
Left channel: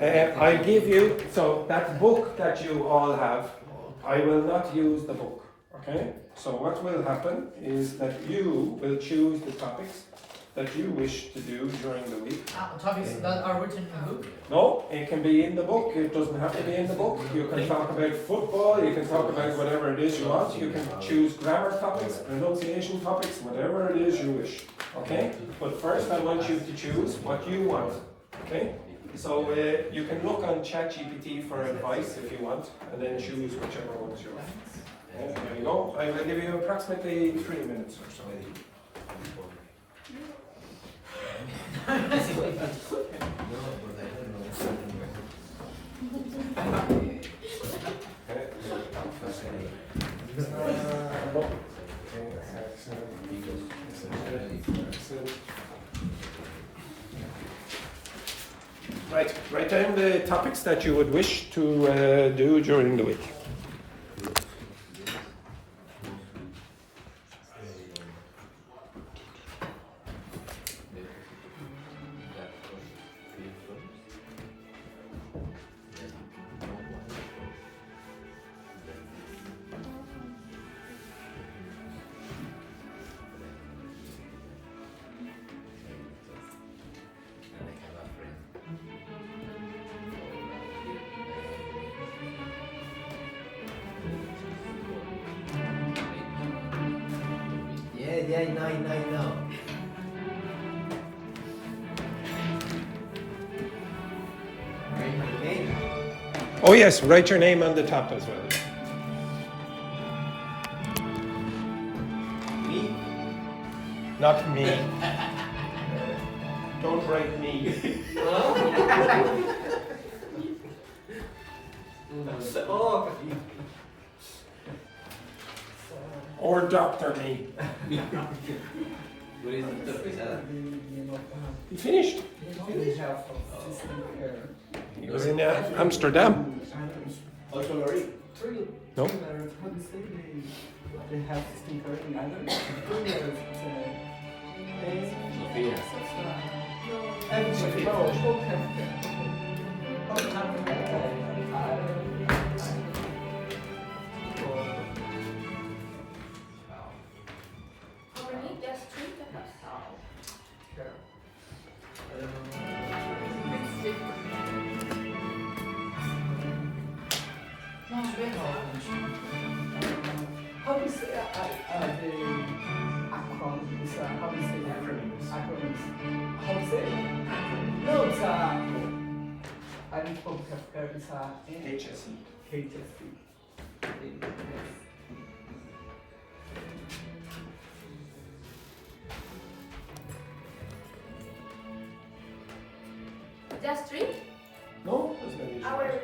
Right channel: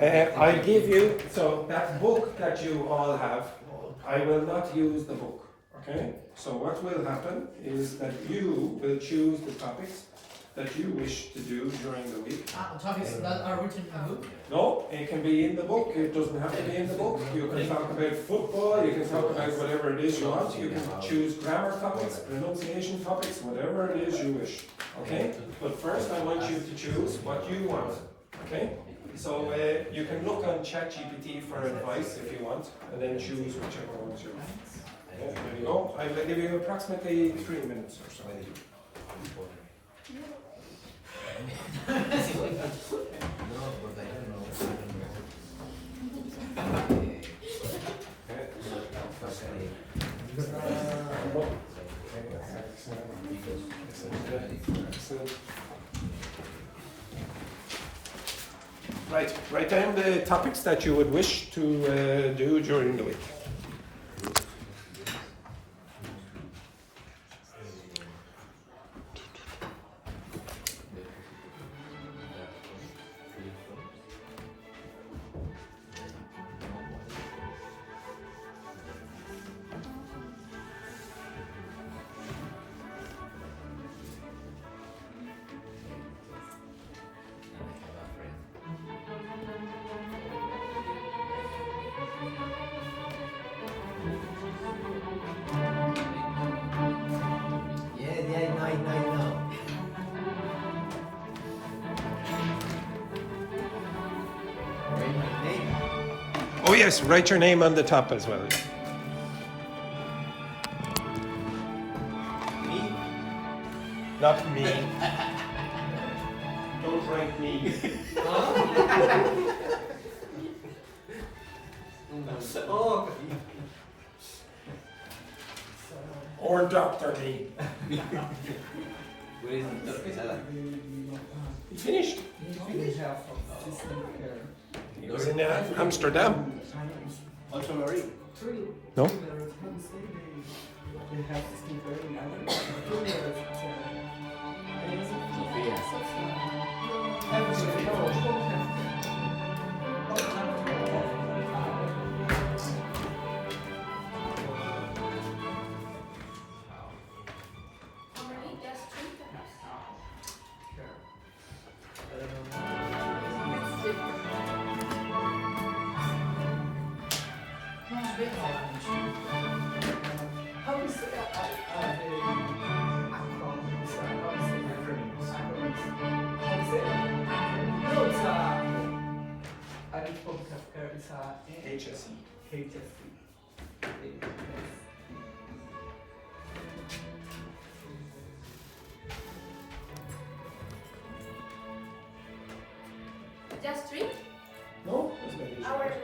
I give you, so that book that you all have, I will not use the book, okay? So what will happen is that you will choose the topics that you wish to do during the week. topics that are written in the book? No, it can be in the book, it doesn't have to be in the book. You can talk about football, you can talk about whatever it is you want. You can choose grammar topics, pronunciation topics, whatever it is you wish, okay? But first I want you to choose what you want, okay? So you can look on ChatGPT for advice if you want, and then choose whichever ones you want. There you go. I will give you approximately 3 minutes or so. Right, write down the topics that you would wish to do during the week. Yeah, I know. Write my name. Oh yes, write your name on the top as well. Me? Not me. Don't write me. Oh, Or Dr. Me. Where is the pesada? You finished? It was in Amsterdam. Also Lorraine. No? They have skin for in Ireland. Only just 3 How do you say the acronyms? How do you say acronyms? How do you say it? No, it's I didn't talk it's HSE. HSC. Just 3 No? That's not easy. hours.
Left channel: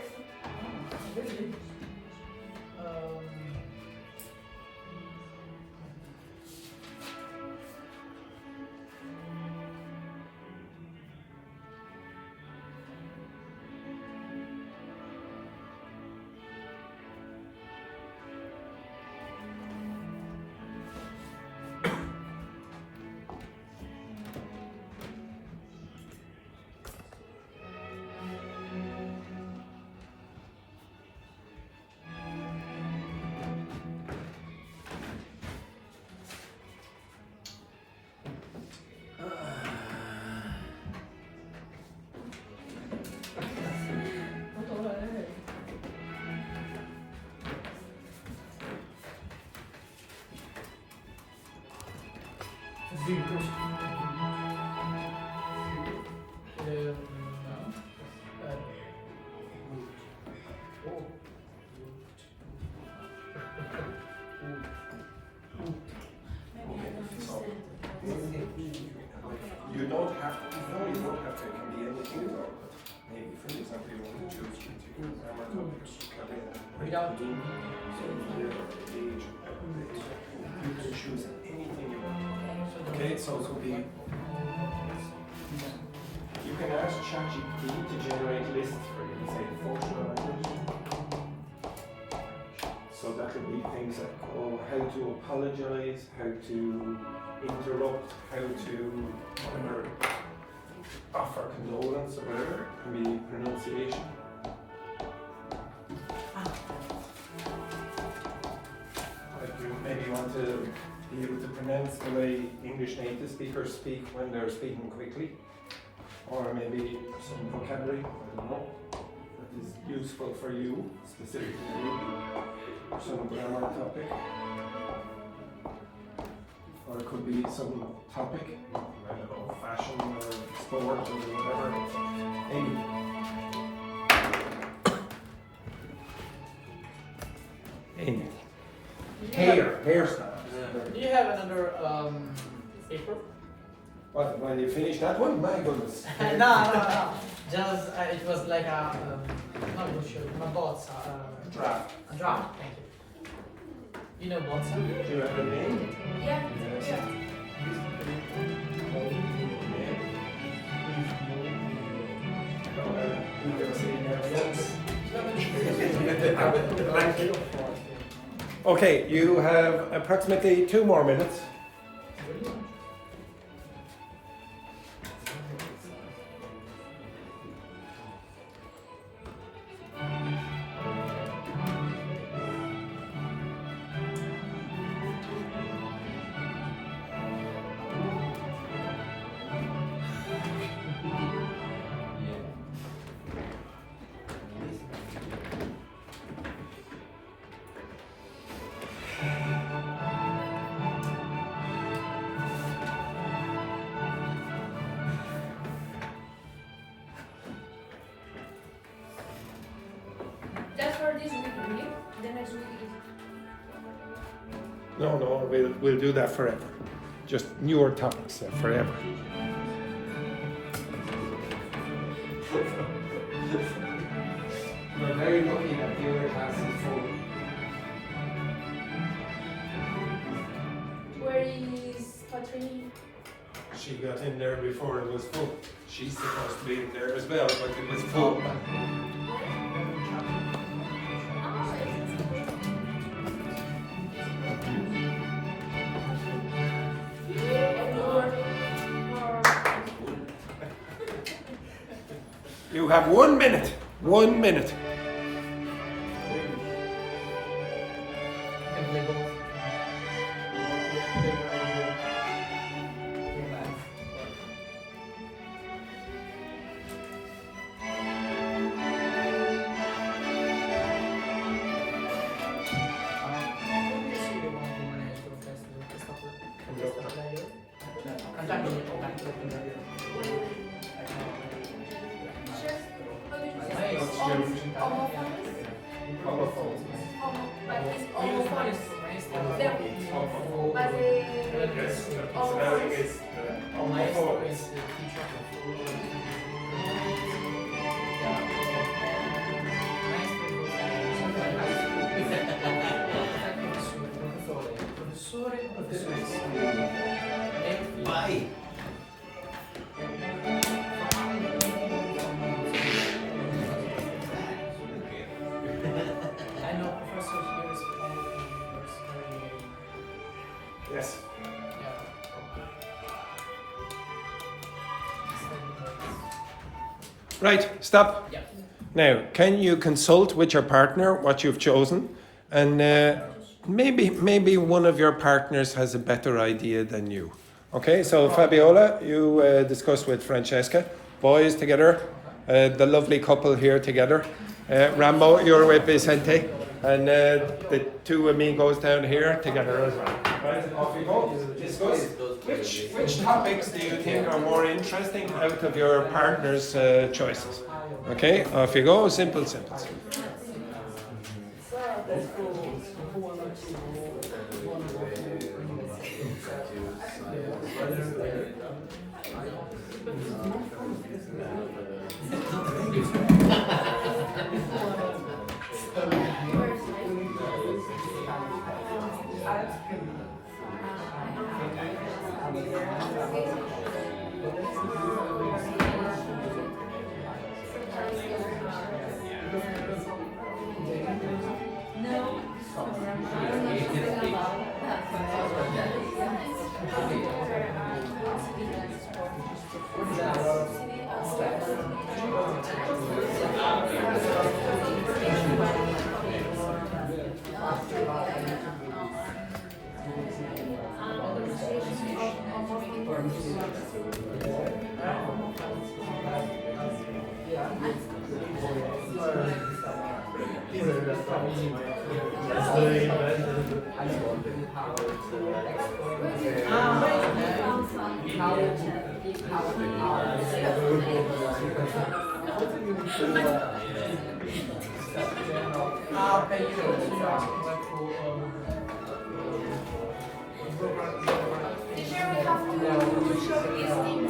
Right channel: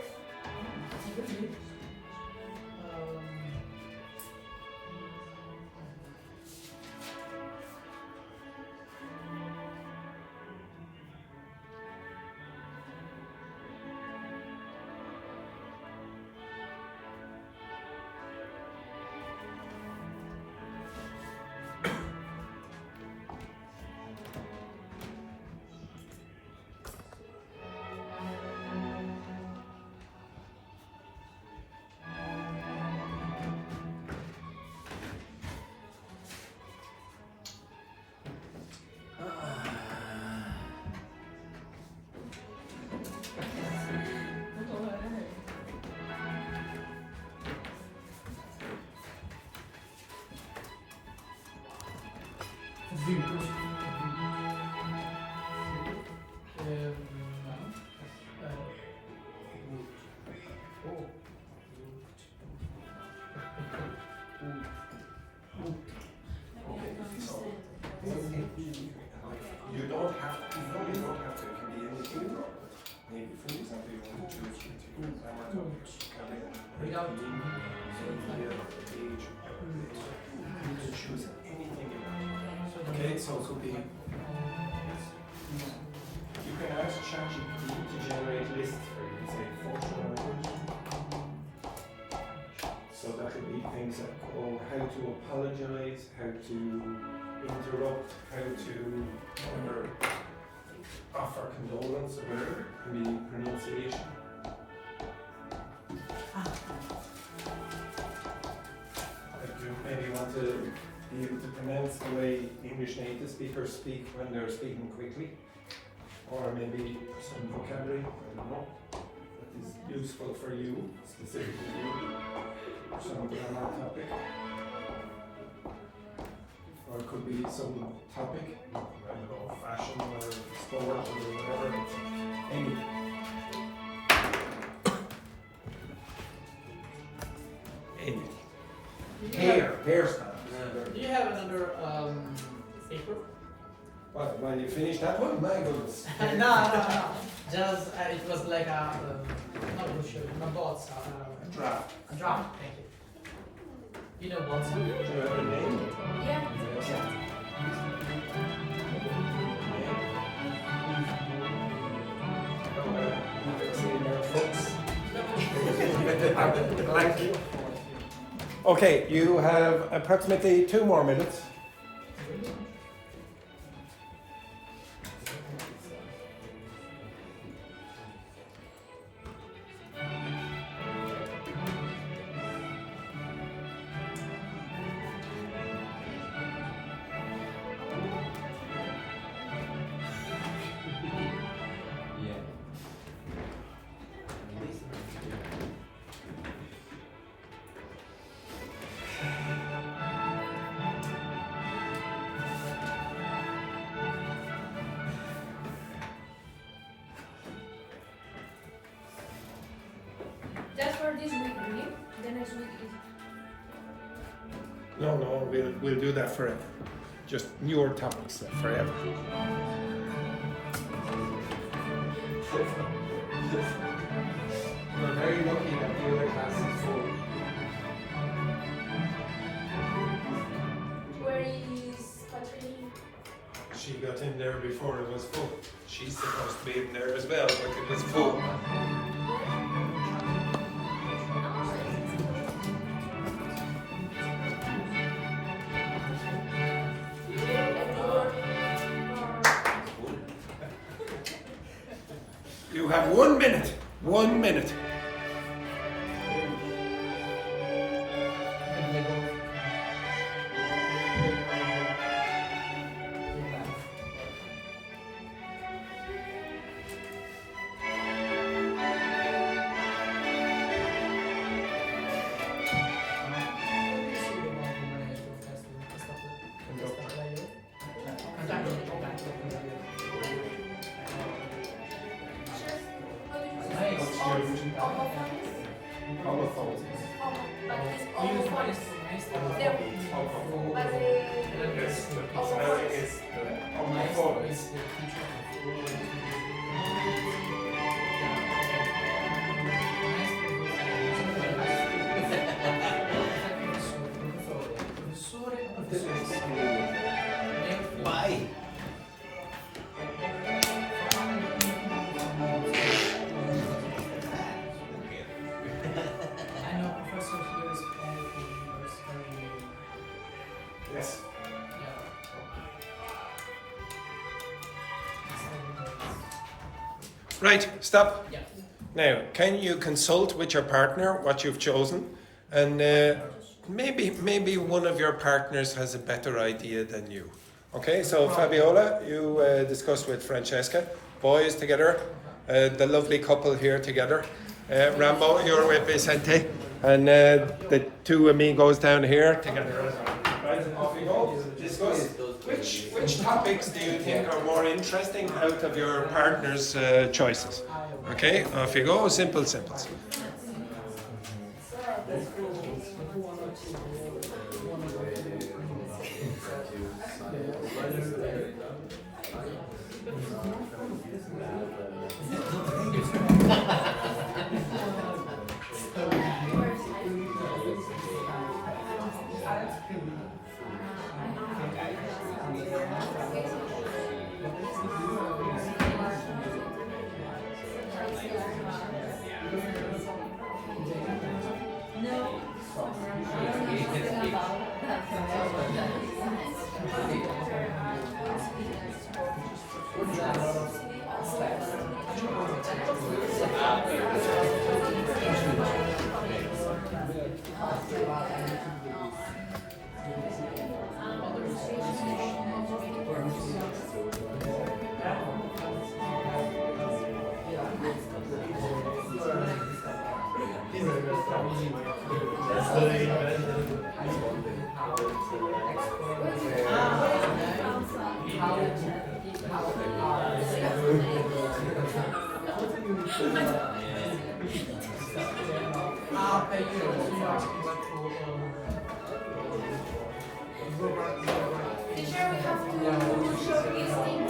You don't have to, no, you don't have to. without name, year, age, you can choose anything you want. Okay, so it could be. You can ask ChatGPT to generate lists for you, say photo. So that could be things like, oh, how to apologize, how to interrupt, how to whatever, offer condolence or whatever. It can be pronunciation. Like you maybe want to be able to pronounce the way English native speakers speak when they're speaking quickly. Or maybe some vocabulary, I don't know, that is useful for you, specifically you, or some grammar topic. Or it could be some topic, I don't know, fashion or sport or whatever. Amy. Amy. Hairstyle. Do you have another paper? What, when you finish that one? My goodness. No. Just it was like a not bullshit, my bots. Draft. A draft. Thank you. You know bots? Do you have a name? Yeah. Okay, you have approximately 2 more minutes. That's for this week, really. The next week is. No, we'll do that forever. Just newer topics forever. You're very lucky that the other class is full. Where is Patrick? She got in there before it was full. She's supposed to be in there as well, but it was full. You have 1 minute. 1 minute. Why? I know Professor here is very Yes. Right, stop. Yeah. Now, can you consult with your partner what you've chosen? And maybe one of your partners has a better idea than you. Okay, so Fabiola, you discuss with Francesca, boys together, the lovely couple here together. Rambo, you're with Vicente, and the two amigos down here together as well. Right, off you go. Discuss which topics do you think are more interesting out of your partner's choices. Okay, off you go. Simple. Okay, you know, so you're asking like Teacher, we have to show this thing.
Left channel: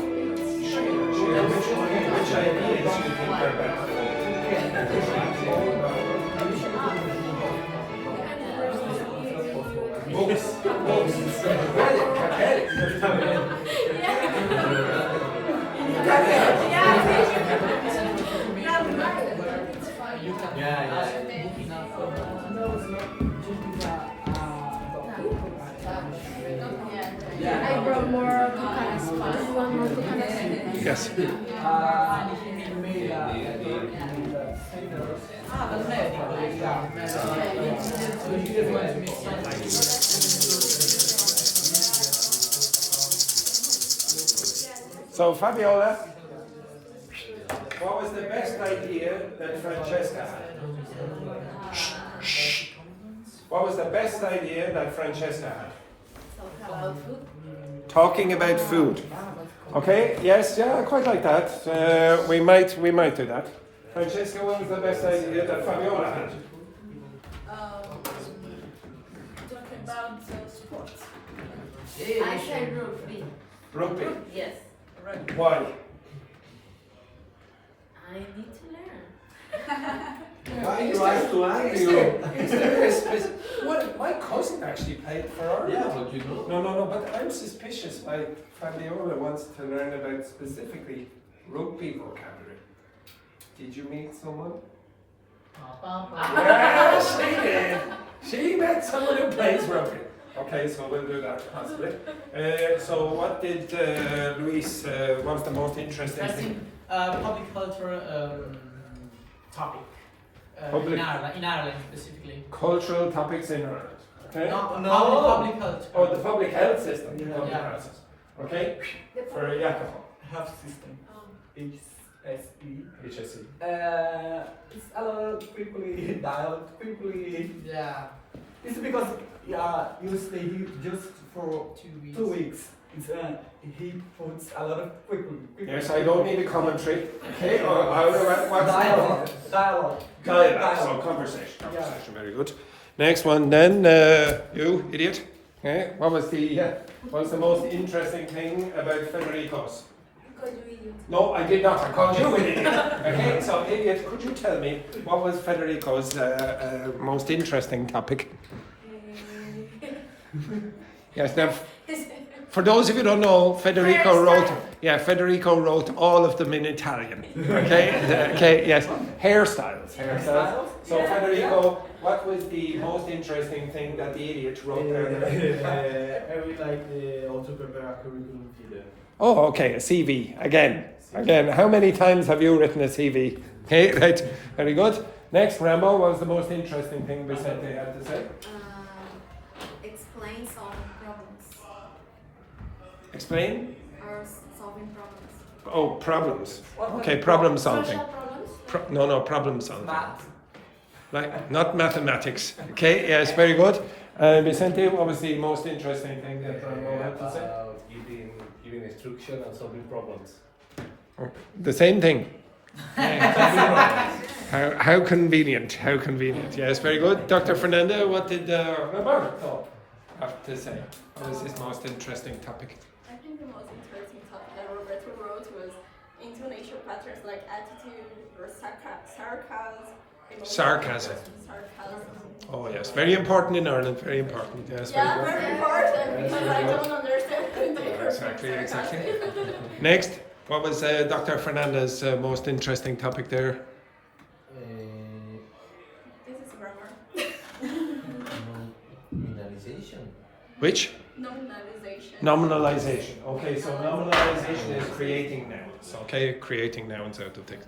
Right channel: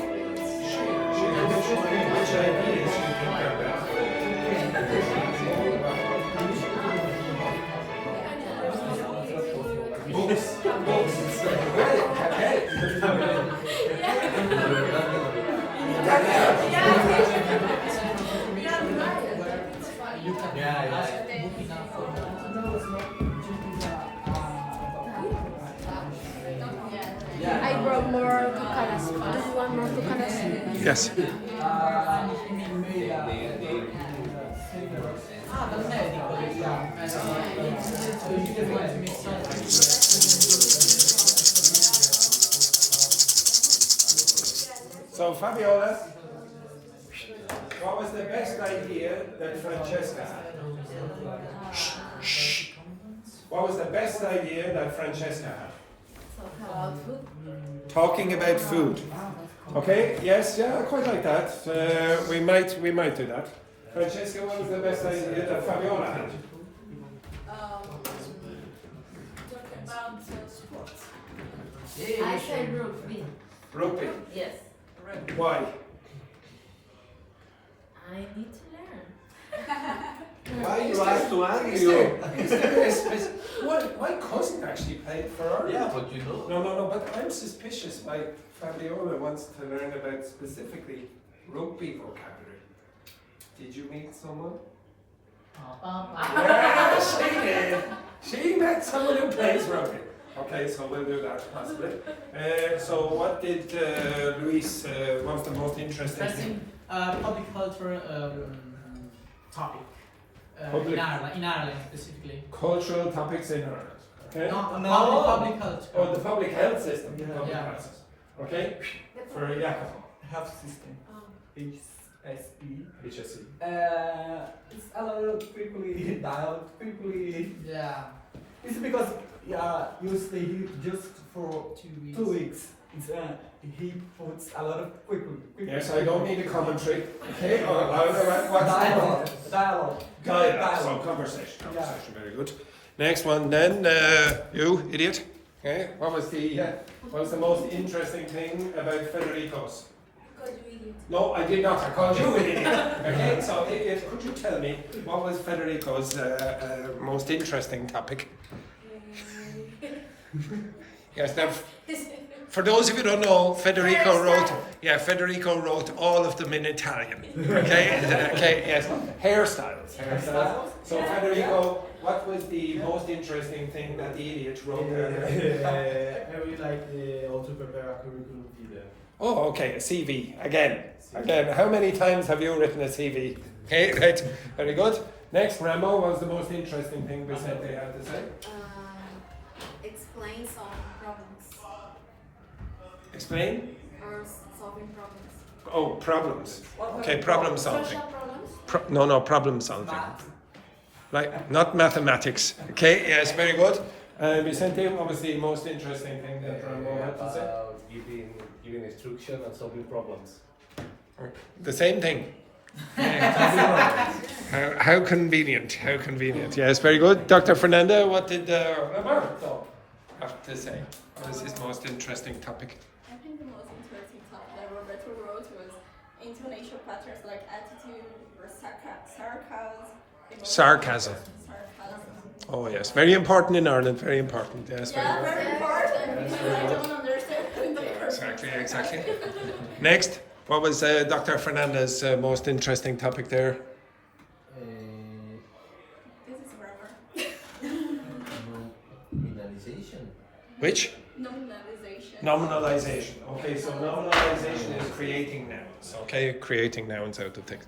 I brought more Yes. dal medico, so you just want to make something. So Fabiola, what was the best idea that Francesca had? What was the best idea that Francesca had? Talking about food. Okay, yes, yeah, I quite like that. We might do that. Francesca, what was the best idea that Fabiola had? Talk about sports. I said rugby. Rugby. Yes. Why? I need to learn. Why you have to Is there a what? My cousin actually played for Ireland. Yeah, but you know. No, but I'm suspicious why Fabiola wants to learn about specifically rugby vocabulary. Did you meet someone? Yeah, she did. She met someone who plays rugby. Okay, so we'll do that possibly. So what did Luis, what was the most interesting I thing? think public culture topic Public- in Ireland specifically. Cultural topics in Ireland. Okay? Public culture. Oh, the public health system. Yeah. Process. Okay? For Jacopo. Health system. HSE. HSE. It's a lot of quickly dialogue, quickly. Yeah. It's because you stay here just for 2 weeks. 2 weeks. It's, he puts a lot of quickly. Yes, I don't need a commentary. Okay? Or what's Dialogue. Dialogue. So conversation. Conversation. Very good. Next one then. You idiot. Okay. What was the most interesting thing about Federico's? Because you idiot. No, I did not. I called you an idiot. Okay, so idiot, could you tell me what was Federico's most interesting topic? Yes, now, for those of you who don't know, Federico wrote all of them in Italian. Okay, okay, yes, hairstyles. So Federico, what was the most interesting thing that the idiot wrote there? I really like how to prepare a curriculum vitae. Oh, okay, a CV, again. How many times have you written a CV? Okay, right, very good. Next, Rambo, what was the most interesting thing Vicente had to say? Explain solving problems. Explain? Or solving problems. Oh, problems. Okay, problem solving. Social problems? No, problem solving. Like, not mathematics. Okay, yes, very good. Vicente, what was the most interesting thing that Rambo had to say? Giving instruction and solving problems. The same thing. How convenient, how convenient. Yes, very good. Dr. Fernanda, what did Roberto have to say? What was his most interesting topic? I think the most interesting topic that Roberto wrote was intonation patterns like attitude or sarcasm. Sarcasm. Oh yes, very important in Ireland, very important. Yes, Yeah, very good. very important because I don't understand the Exactly. Next, what was Dr. Fernanda's most interesting topic there? This is grammar. Nominalization. Which? Nominalization. Nominalization. Okay, so nominalization is creating nouns. Okay, creating nouns out of things.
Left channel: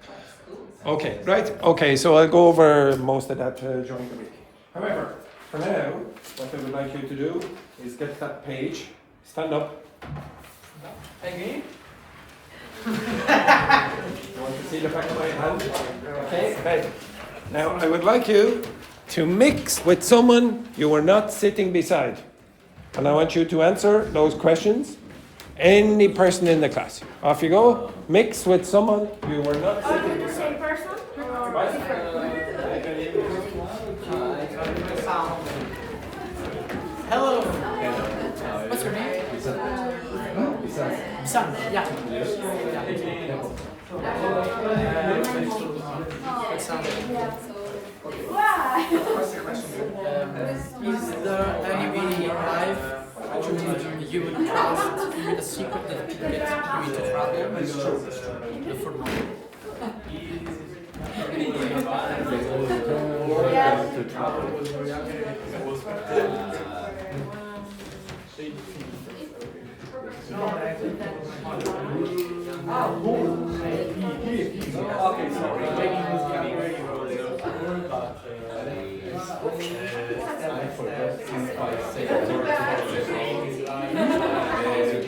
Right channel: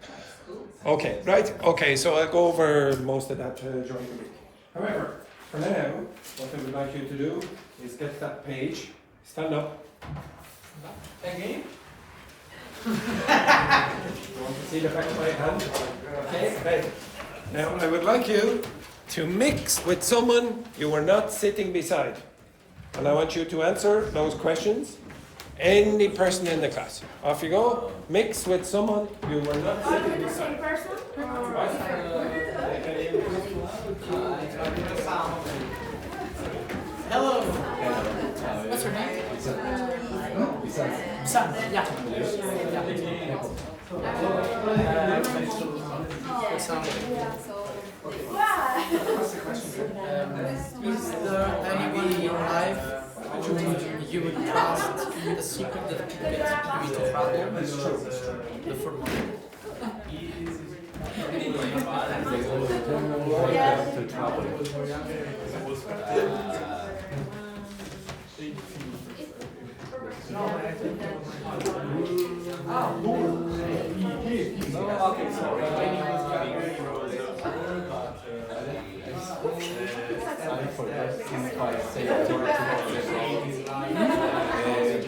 Okay, right. Okay, so I'll go over most of that during the week. However, for now, what I would like you to do is get to that page, stand up. Again? You want to see the back of my hand? Okay, right. Now I would like you To mix with someone you were not sitting beside. And I want you to answer those questions. Any person in the class. Off you go. Mix with someone you were not Are sitting we the beside. same person? Or Hello. What's your name? Sam. Yeah. Is there anybody in your life you would trust with a secret that could get you into trouble? The formal.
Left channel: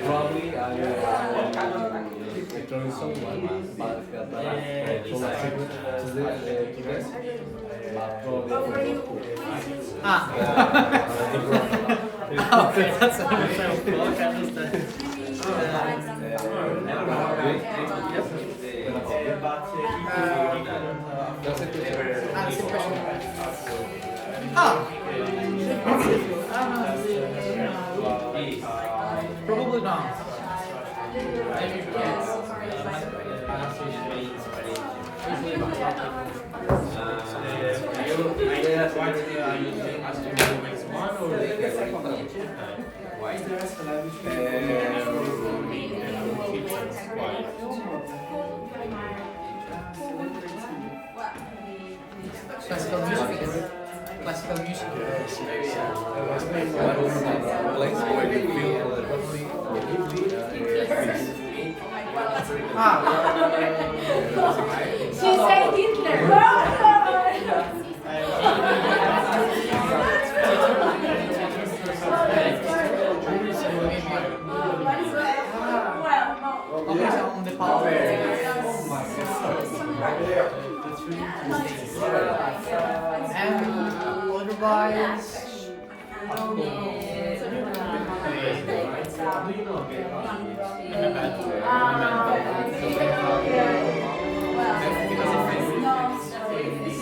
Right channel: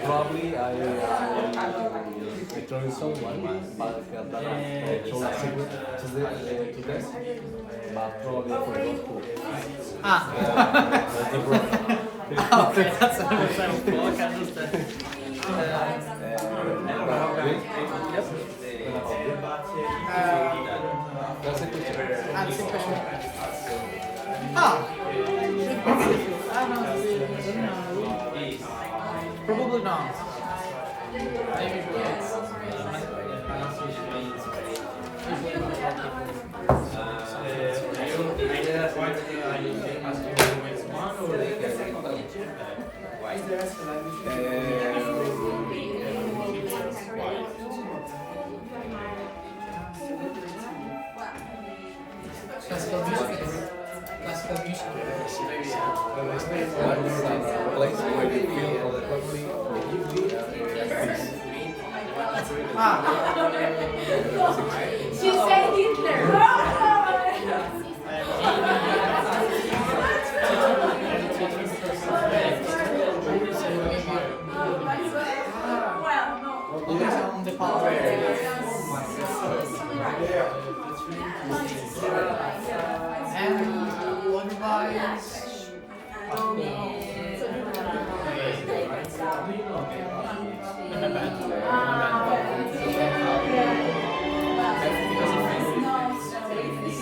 Probably I join someone, but I told secret to them. Probably That's a fair plug, I understand. Probably not. Classical music. Classical music. place where you feel relatively She said Hitler. On the power. And otherwise,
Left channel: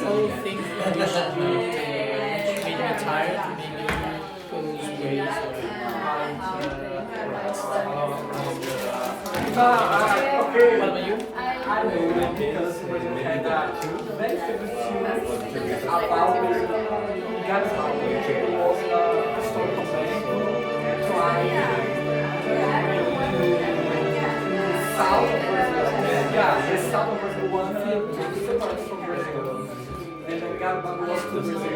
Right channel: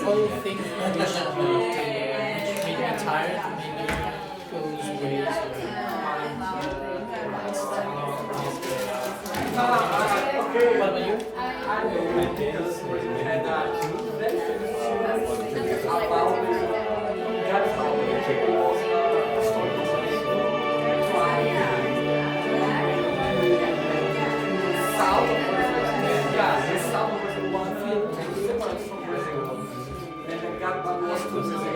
all things that you should do to make me tired, what about you? I don't know because we had a very famous series about the South was the one separate from Brazil. And Garba was to Brazil.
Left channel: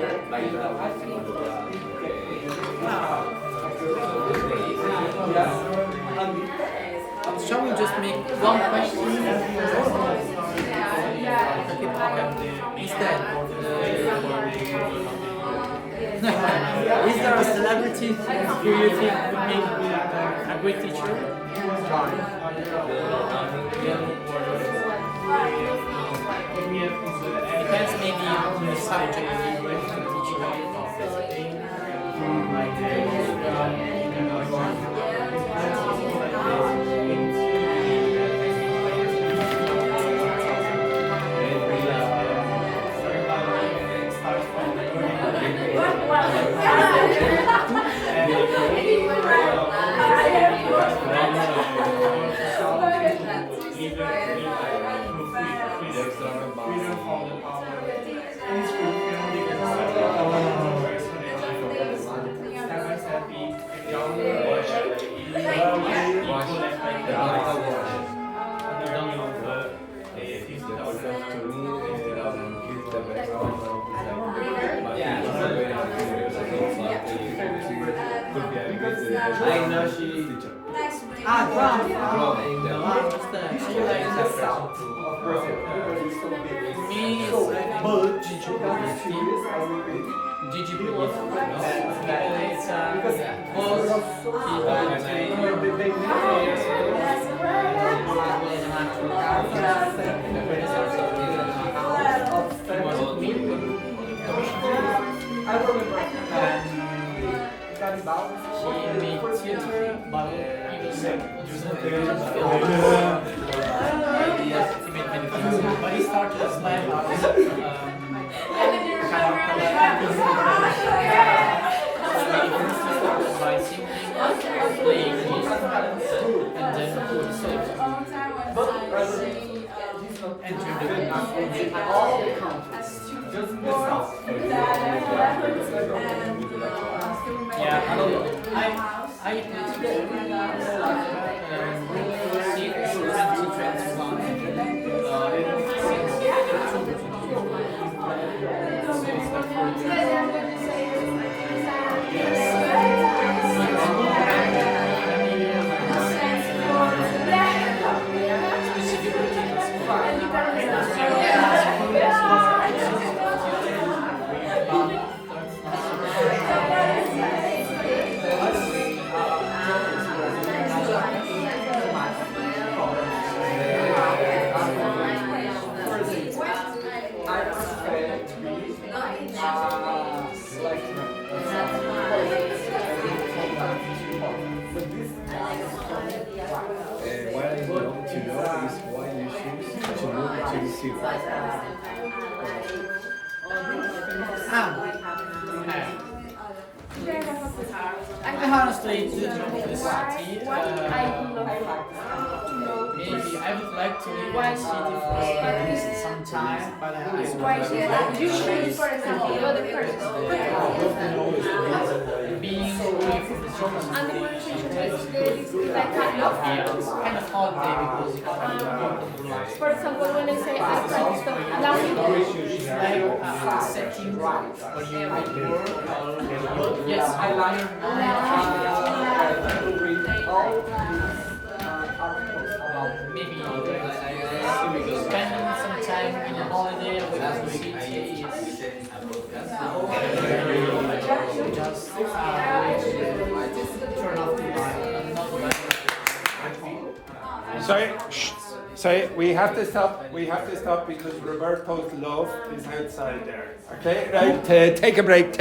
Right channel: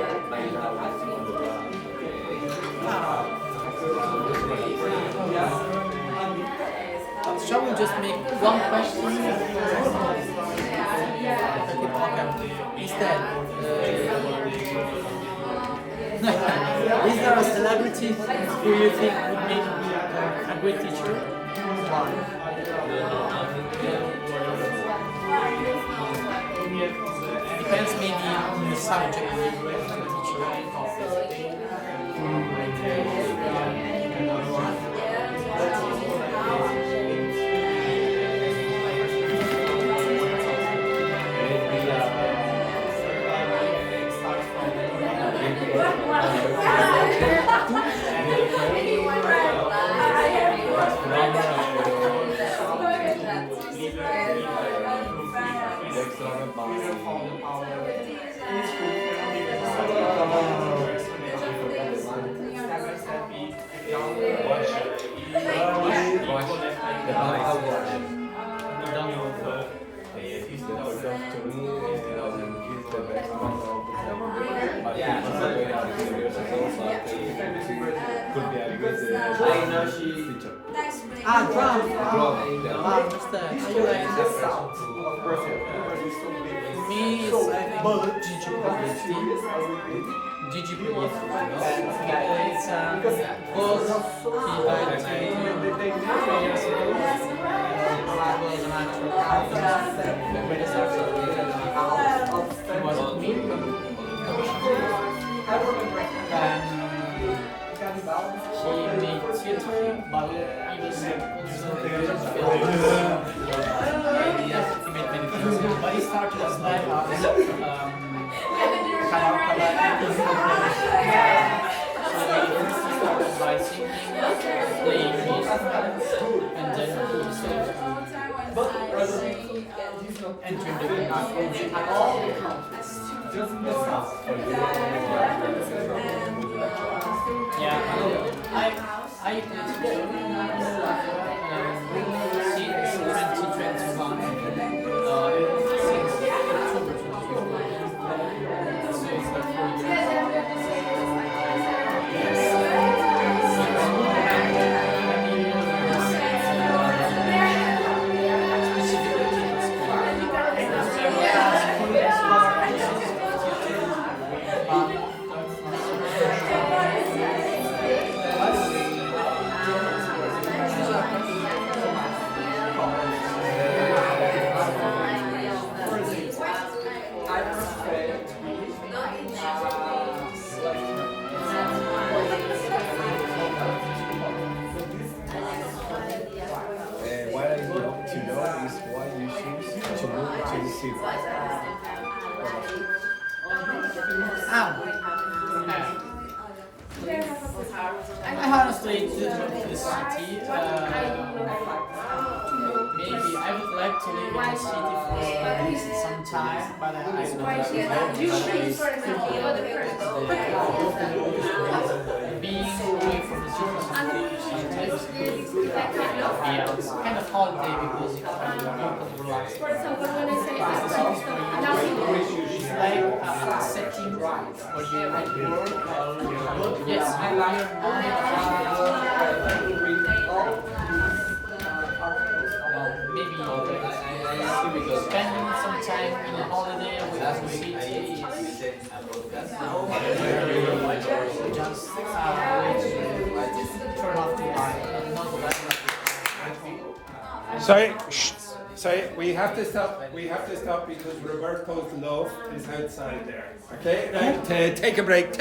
Shall we just make one question? Instead, is there a celebrity who you think would make a great teacher? Why? Depends maybe on the subject you're going to teach. made theater, but even also ideas. He made many things. But he started as live house. So he first started by singing, playing music, and then he started entering the music all countries. Just the south. Yeah, I played theater since 2021, since October 2021. So it's like 4 years. What I want to know is why you choose to move to the city. I honestly didn't move to the city. Maybe I would like to live in a city for some time, but I don't know. Being away from the city sometimes yeah, it's kind of holiday because you can relax. For example, when I say It's like a setting where you work, yes, your maybe spending some time in a holiday with the city is just turn off the light. Sorry, we have to stop. We have to stop because Roberto's love is outside there. Okay, right? Take a break.